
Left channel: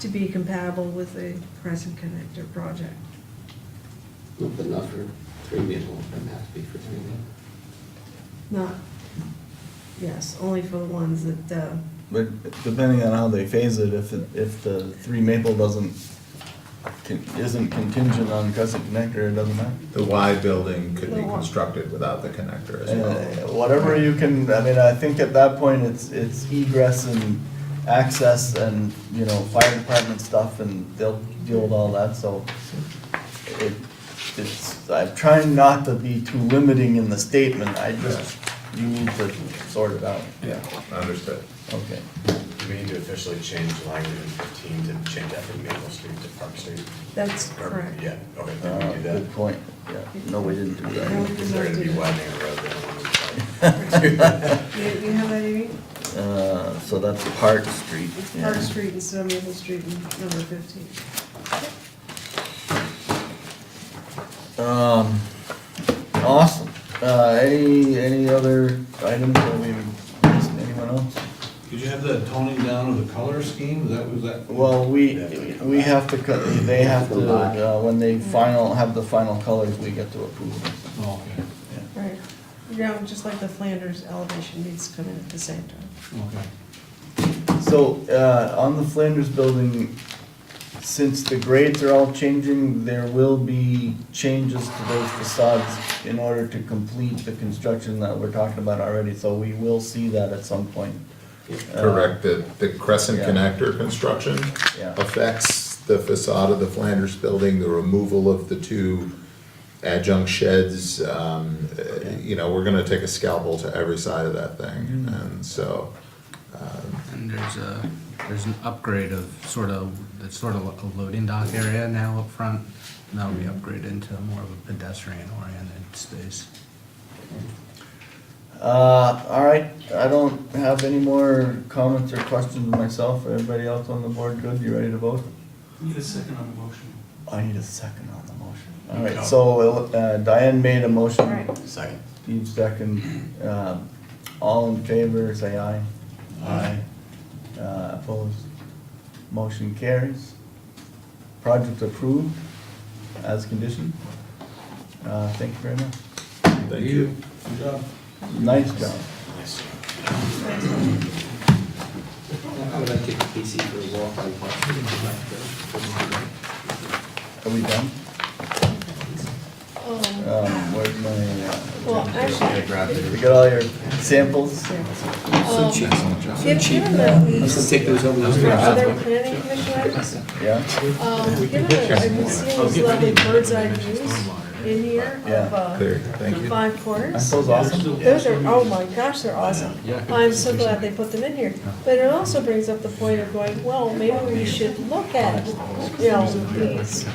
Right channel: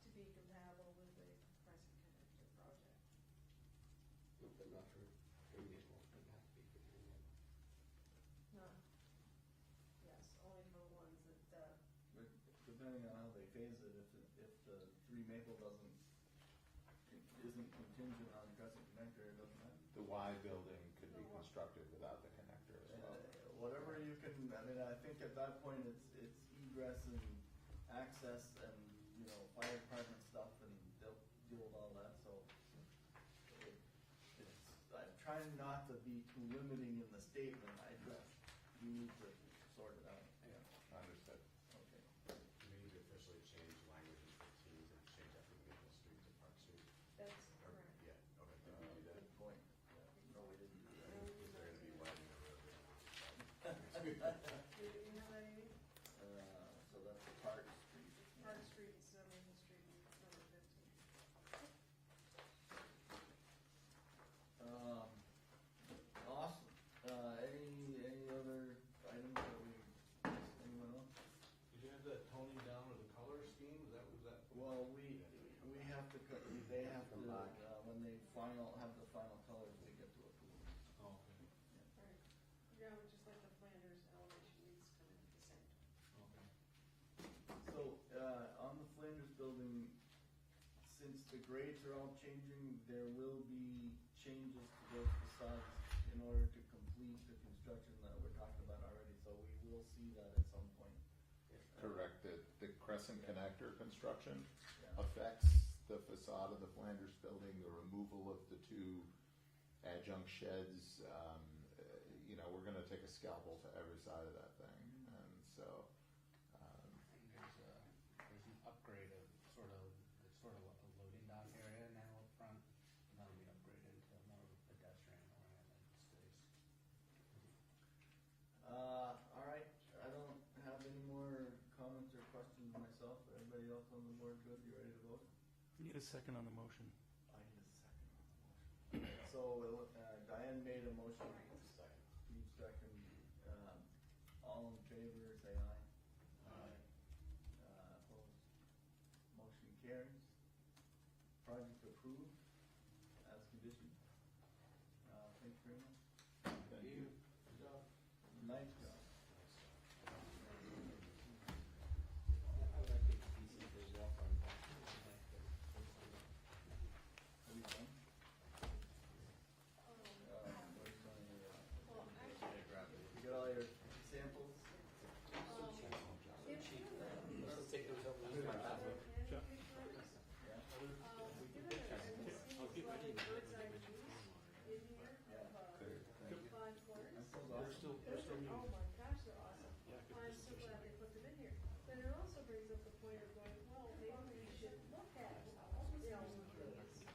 to be compatible with the Crescent Connector project. Not good enough for 3 maple, it doesn't have to be for 3 maple. Not, yes, only for the ones that, But depending on how they phase it, if the 3 maple isn't contingent on Crescent Connector, it doesn't matter. The Y building could be The Y. constructed without the connector as well. Whatever you can, I mean, I think at that point, it's egress and access and, you know, fire department stuff, and they'll deal with all that, so I'm trying not to be too limiting in the statement, you need to sort it out. Yeah, understood. Okay. Do we need to officially change language in 15 to change that from Maple Street to Park Street? that's Or- correct. Yeah, okay, did we do that? Good point, yeah, no, we didn't do No, that. we did Is there not gonna do be that. widening a road there? You have that, Amy? So that's Park Street. It's Park Street instead of Maple Street in number 15. Awesome. Any other items that we missed, anyone else? Did you have that toning down of the color scheme? Was that? Well, we have to, they have to, when they have the final colors, we get to approve them. Oh, okay, Right. Yeah, just like the Flanders elevation needs to come in at the same time. okay. So, on the Flanders building, since the grades are all changing, there will be changes to those facades in order to complete the construction that we're talking about already, so we will see that at some point. Correct, the Crescent yeah. Connector construction Yeah. affects the facade of the Flanders building, the removal of the 2 adjunct sheds. You know, we're gonna take a scalpel to every side of that thing, and so, And there's an upgrade of it's sort of a loading dock area now up front. And that'll be upgraded into more of a pedestrian oriented space. All right, I don't have any more comments or questions myself. Everybody else on the board good? You ready to vote? Need a second on the motion. I need a second on the motion. All right, so Diane made a motion. Right. Second. Steve second. All in favor, say aye. Aye. Opposed? Motion carries. Project approved as conditioned. Thank you very much. thank you. Good job. Nice job. Nice. I would like to take the PC for a walk on Park Street. Are we done? Where's Well, my, actually, you got all your samples? given that we Let's just take those over. Let's for go. other planning commission items, Yeah? given that I've been seeing these lovely bird's eye views in here Yeah. of, Clear, thank the you. 5 Aren't corners. those awesome? Those are, oh my gosh, they're awesome. I'm so glad they put them in here. But it also brings up the point of going, well, maybe we should look at, you know, these,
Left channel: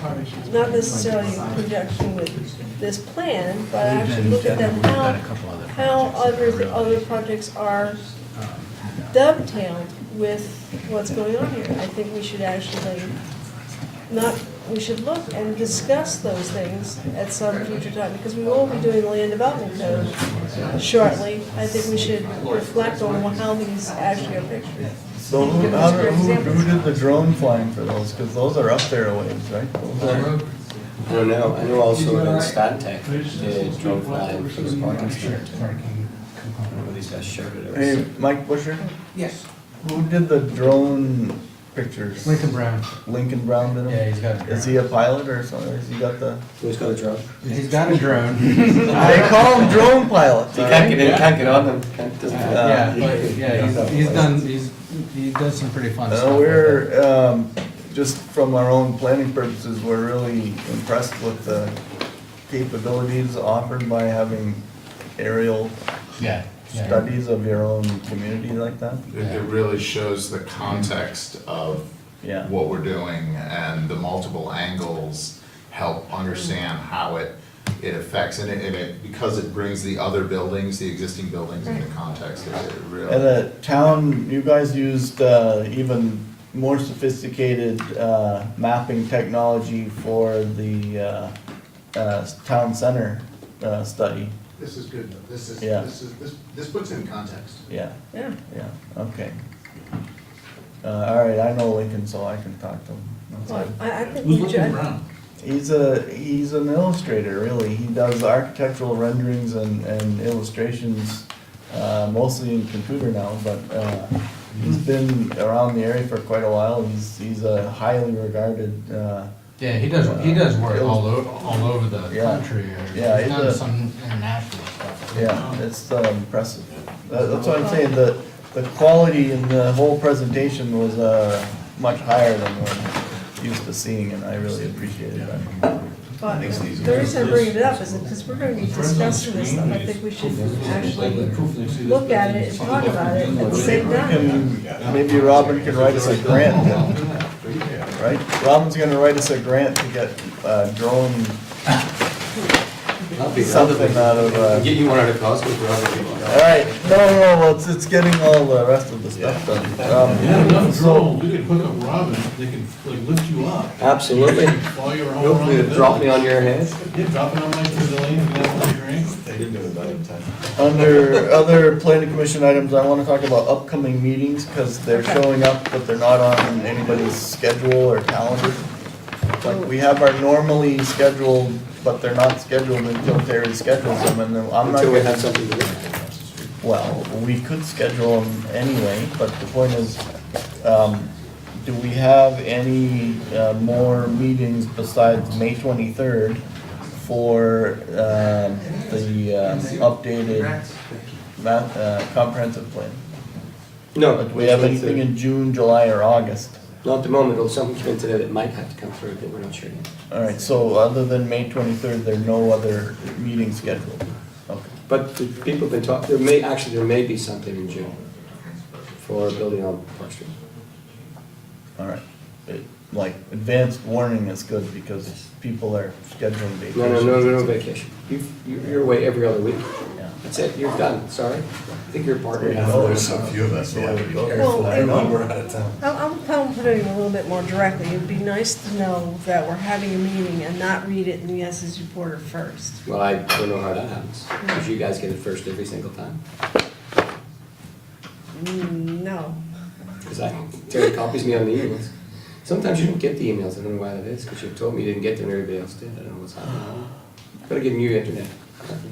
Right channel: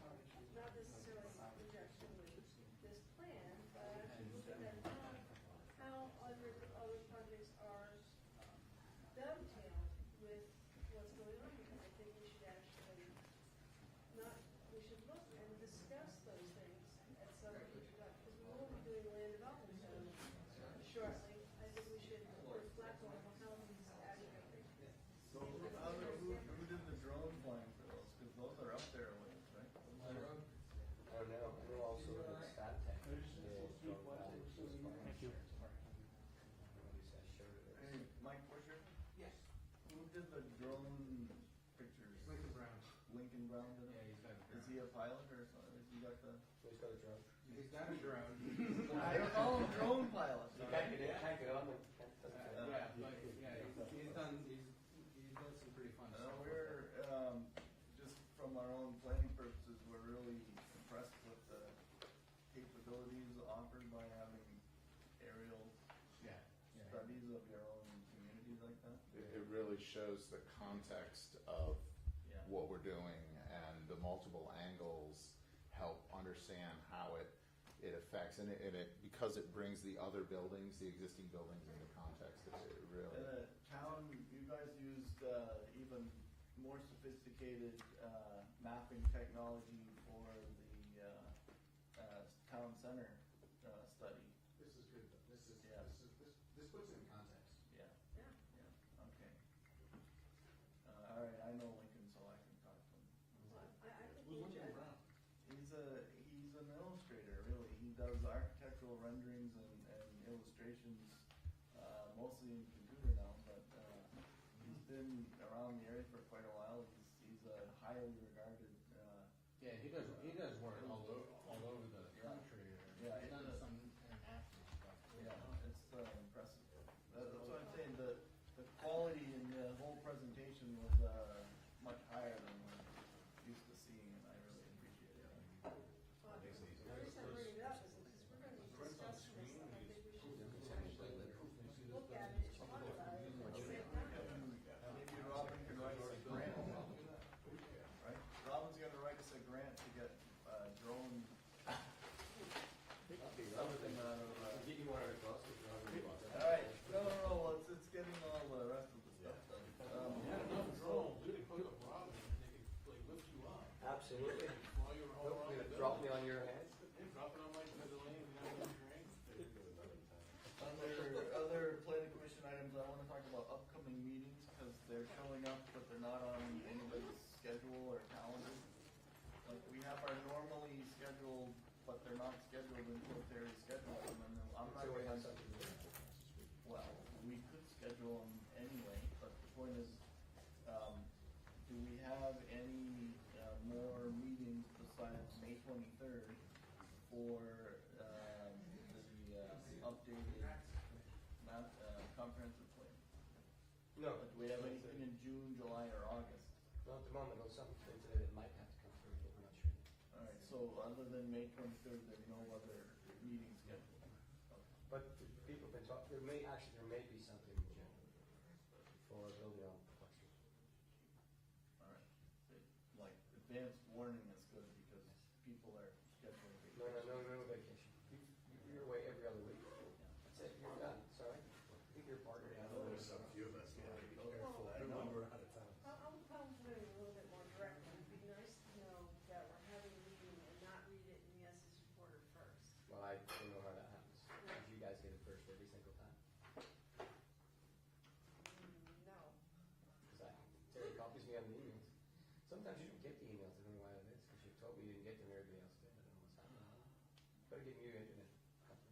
not necessarily in conjunction with this plan, but actually look at them, how other projects are dovetailed with what's going on here. I think we should actually we should look and discuss those things at some future time, because we will be doing the land development code shortly. I think we should reflect on how these actually are pictured. So who did the drone flying for those? Cause those are up there a ways, right? Those are- I don't know, I know also in Stantec, the drone flying for the parking structure. these guys shared it. Hey, Mike Busher, Yes. who did the drone pictures? Lincoln Brown. Lincoln Brown did them? Yeah, he's got a drone. Is he a pilot or something? Has he got the? Who's got a drone? He's got a drone. They call them drone pilots, You all can't right? get in, can't get on them, doesn't. Yeah, but, yeah, he does some pretty fun stuff. with it. We're, just from our own planning purposes, we're really impressed with the capabilities offered by having aerial Yeah. yeah. studies of your own community like that. It really shows the context of Yeah. what we're doing, and the multiple angles help understand how it affects, and it, because it brings the other buildings, the existing buildings into context, it really. And the town, you guys used, even more sophisticated, mapping technology for the, town center, study. This is good, though. Yeah. This puts it in context. Yeah, Yeah. yeah, okay. All right, I know Lincoln, so I can talk to him. That's Well, good. I think Who's we looking should, around? He's an illustrator, really. He does architectural renderings and illustrations, mostly in computer now, but, he's been around the area for quite a while. He's a highly regarded, Yeah, he does work all over the Yeah. country. Yeah, He's he's done a- some international stuff. yeah, it's impressive. That's what I'm saying, the quality in the whole presentation was, much higher than we're used to seeing, and I really appreciated that. but the reason I bring it up is because we're gonna be discussing this stuff, I think we should actually look at it and talk about it at the same time. Maybe Robin can write us a grant then, right? Robin's gonna write us a grant to get, drone something out of, Get you one out of Costco for other people. all right, no, it's getting all the rest of the stuff done. Yeah, enough drones, we could hook up Robin, they can like lift you up Absolutely. while you're all around Hopefully the it'll drop me building. on your head. Yeah, drop it on my pavilion, you can have a drink. Under other planning commission items, I wanna talk about upcoming meetings, cause they're showing up, but they're not on anybody's schedule or calendar. Like, we have our normally scheduled, but they're not scheduled until Terry schedules them, and then I'm not Until we gonna. have something to do. Well, we could schedule them anyway, but the point is, do we have any, more meetings besides May 23rd for, the, updated comprehensive plan? No. Do we have anything in June, July, or August? Not at the moment, it'll something come in today that might have to come through, but we're not sure yet. All right, so other than May 23rd, there are no other meetings scheduled? Okay. But the people have been talking, there may be something in June for building on Park Street. All right. Like, advanced warning is good because people are scheduling vacations. No vacation. You're away every other week. Yeah. That's it, you're done, sorry. I think you're partner. Yeah. There's so few of us, we have to be Well, careful. I and- know we're out of town. I'm putting it a little bit more directly, it'd be nice to know that we're having a meeting and not read it in the Essex Reporter first. Well, I don't know how that happens, because you guys get it first every single time. No. Because Terry copies me on the emails. Sometimes you don't get the emails, I don't know why that is, because you've told me you didn't get them and everybody else did, I don't know what's happening. Gotta get new internet.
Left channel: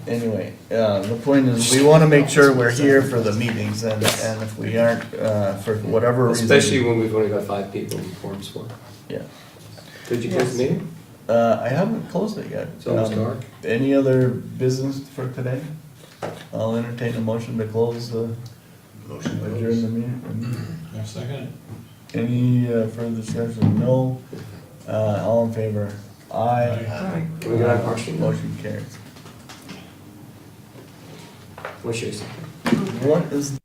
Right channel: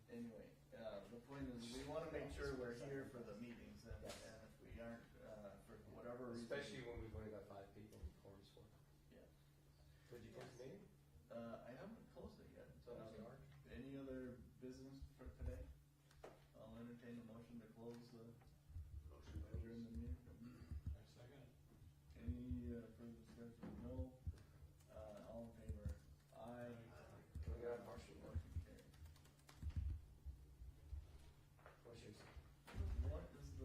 Anyway, the point is, we wanna make sure we're here for the meetings, and if we aren't, for whatever reason. Especially when we've only got 5 people in forums for. Yeah. Did you close the meeting? I haven't closed it yet. It's almost dark. Any other business for today? I'll entertain a motion to close the, adjourn the meeting. Yeah, second. Any further discussion? No. All in favor? Aye. Can we get on Park Street? Motion carries. We'll show you something. What is